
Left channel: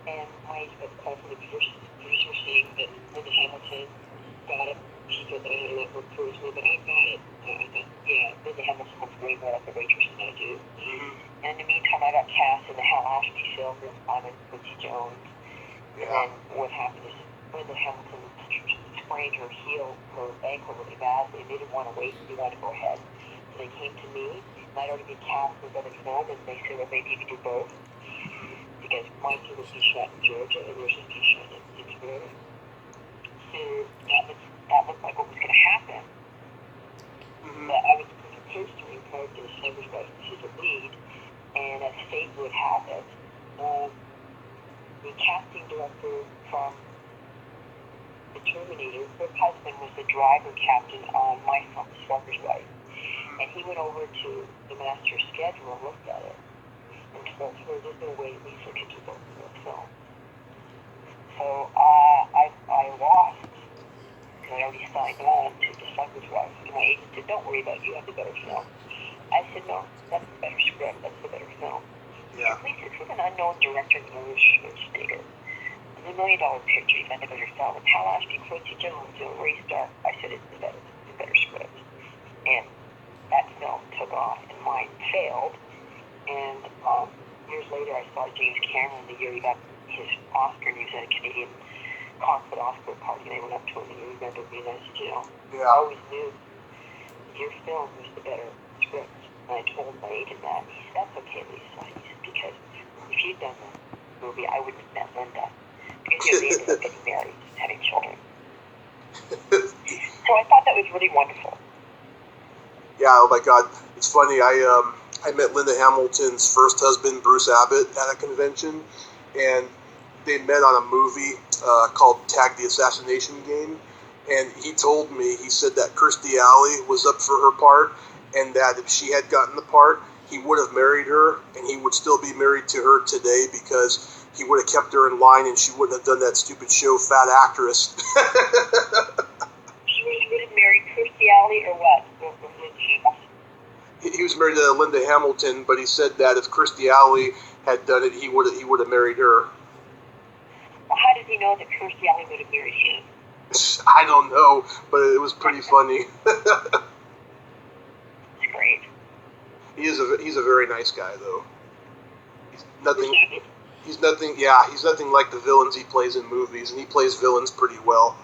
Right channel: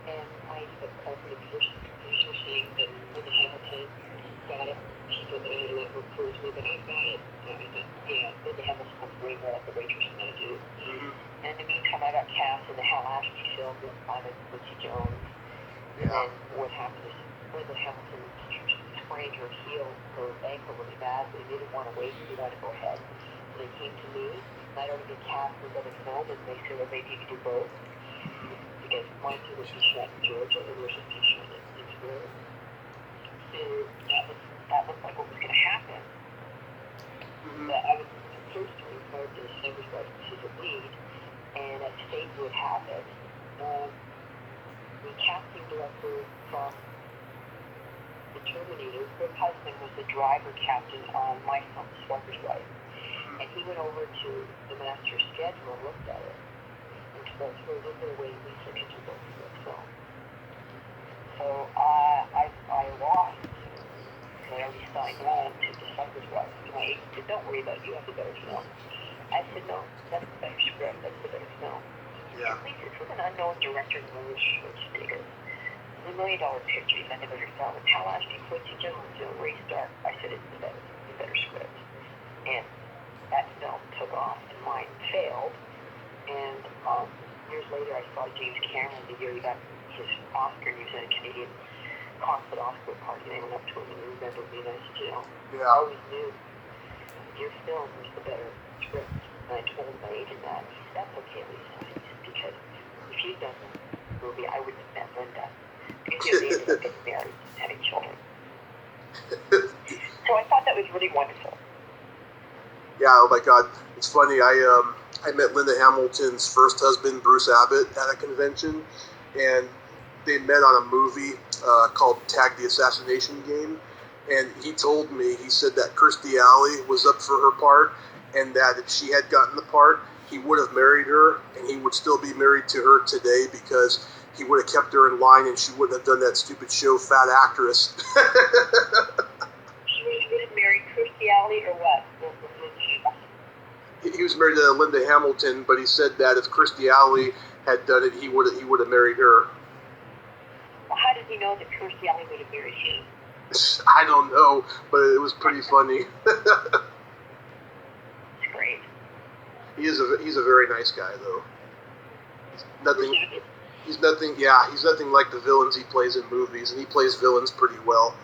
And my call from the producer saying that Linda Hamilton got it. She said that I had to let her prove me, but I got it. So I thought, yeah, Linda Hamilton looks way more like a waitress than I do. Mm-hmm. And in the meantime, I got cast in the Hal Ashby film with Simon Quincy Jones. And then what happened is Linda Hamilton sprained her ankle really badly. They didn't want to wait. They wanted to go ahead. So they came to me. And I'd already been cast in another film, and they said, well, maybe you could do both. Because my film was being shot in Georgia, and yours was being shot in Florida. So that looked like what was going to happen. Mm-hmm. But I was supposed to record this Summer's Wife as a lead, and as fate would have it, the casting director from The Terminator, her husband was the driver captain on my film, Smuggler's Wife. And he went over to the master schedule and looked at it and told her there's no way Lisa could do both of those films. So I lost because I already signed on to The Smuggler's Wife. And my agent said, don't worry about it, you have the better film. I said, no, that's the better script, that's the better film. Yeah. Lisa, this was an unknown director, Louis Schwarzenegger. It's $1 million picture, you had the better film. And Hal Ashby, Quincy Jones, Ray Stark. I said, it's the better script. And that film took off and mine failed. And years later, I saw James Cameron the year he got his Oscar, and he was at a Canadian consulate Oscar party, and I went up to him and he remembered me, and I said, I always knew your film was the better script. And I told my agent that, and he said, that's okay, Lisa. He said, because if you'd done the movie, I wouldn't have met Linda. Because they ended up getting married and having children. So I thought that was really wonderful. Yeah, oh my God. It's funny, I met Linda Hamilton's first husband, Bruce Abbott, at a convention, and they met on a movie called Tag the Assassination Game, and he told me, he said that Kirstie Alley was up for her part, and that if she had gotten the part, he would have married her, and he would still be married to her today because he would have kept her in line and she wouldn't have done that stupid show, Fat Actress. She would have married Kirstie Alley or what? He was married to Linda Hamilton, but he said that if Kirstie Alley had done it, he would have married her. Well, how did he know that Kirstie Alley would have married him? I don't know, but it was pretty funny. It's great. He's a very nice guy, though. He's nothing like the villains he plays in movies, and he plays villains pretty well.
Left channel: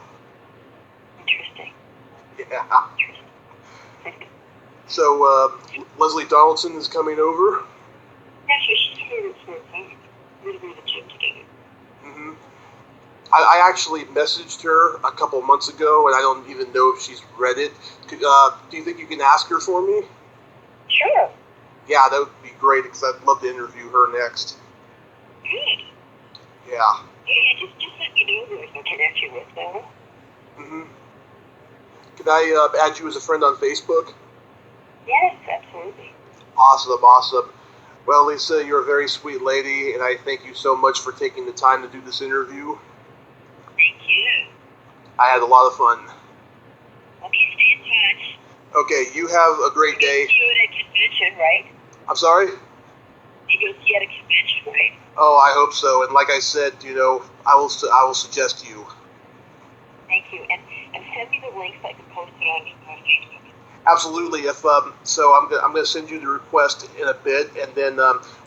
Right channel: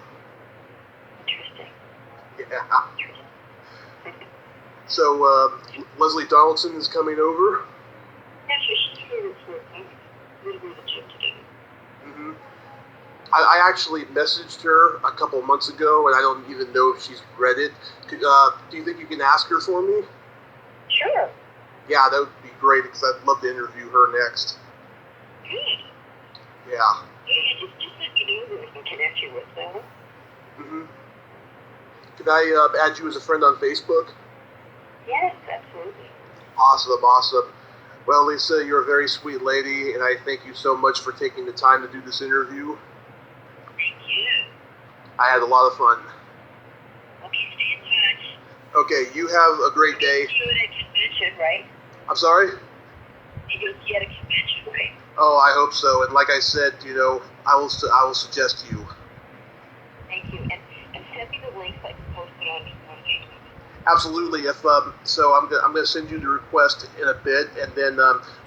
Interesting. Yeah. So, Leslie Donaldson is coming over? Yeah, she's here for a time. We're going to go to the gym together. Mm-hmm. I actually messaged her a couple months ago, and I don't even know if she's read it. Do you think you can ask her for me? Sure. Yeah, that would be great, because I'd love to interview her next. Good. Yeah. Yeah, just let me know who I can connect you with, though. Mm-hmm. Can I add you as a friend on Facebook? Yes, absolutely. Awesome. Well, Lisa, you're a very sweet lady, and I thank you so much for taking the time to do this interview. Thank you. I had a lot of fun. Okay, stay in touch. Okay, you have a great day. See you at a convention, right? I'm sorry? You're going to see at a convention, right? Oh, I hope so. And like I said, I will suggest you. Thank you. And send me the links so I can post it on Facebook. Absolutely. If so, I'm gonna send you the request in a bit, and then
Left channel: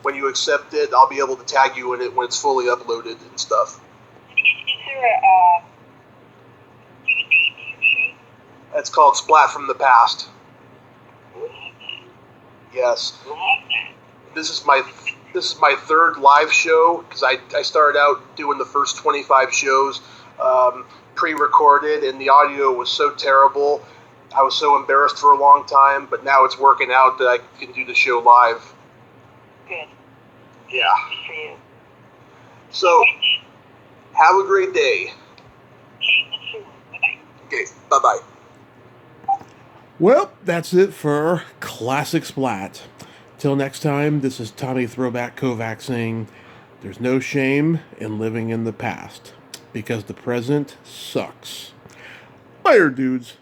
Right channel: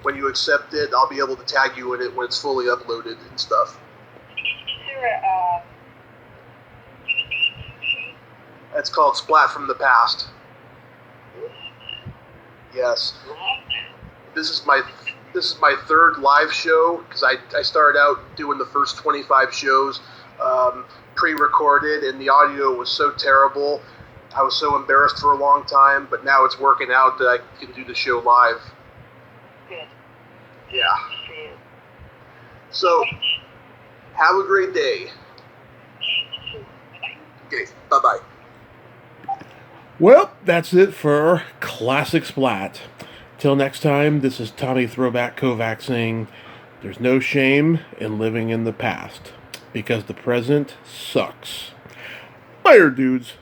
when you accept it, I'll be able to tag you in it when it's fully uploaded and stuff. Is there a name? It's called Splat from the Past. Yes. This is my third live show, because I started out doing the first 25 shows pre-recorded, and the audio was so terrible. I was so embarrassed for a long time, but now it's working out that I can do the show live. Good. Yeah. Good for you. So, have a great day. Bye-bye. Okay, bye-bye. Well, that's it for Classic Splat. Till next time, this is Tommy Throwback Kovac saying, there's no shame in living in the past, because the present sucks. Later, dudes.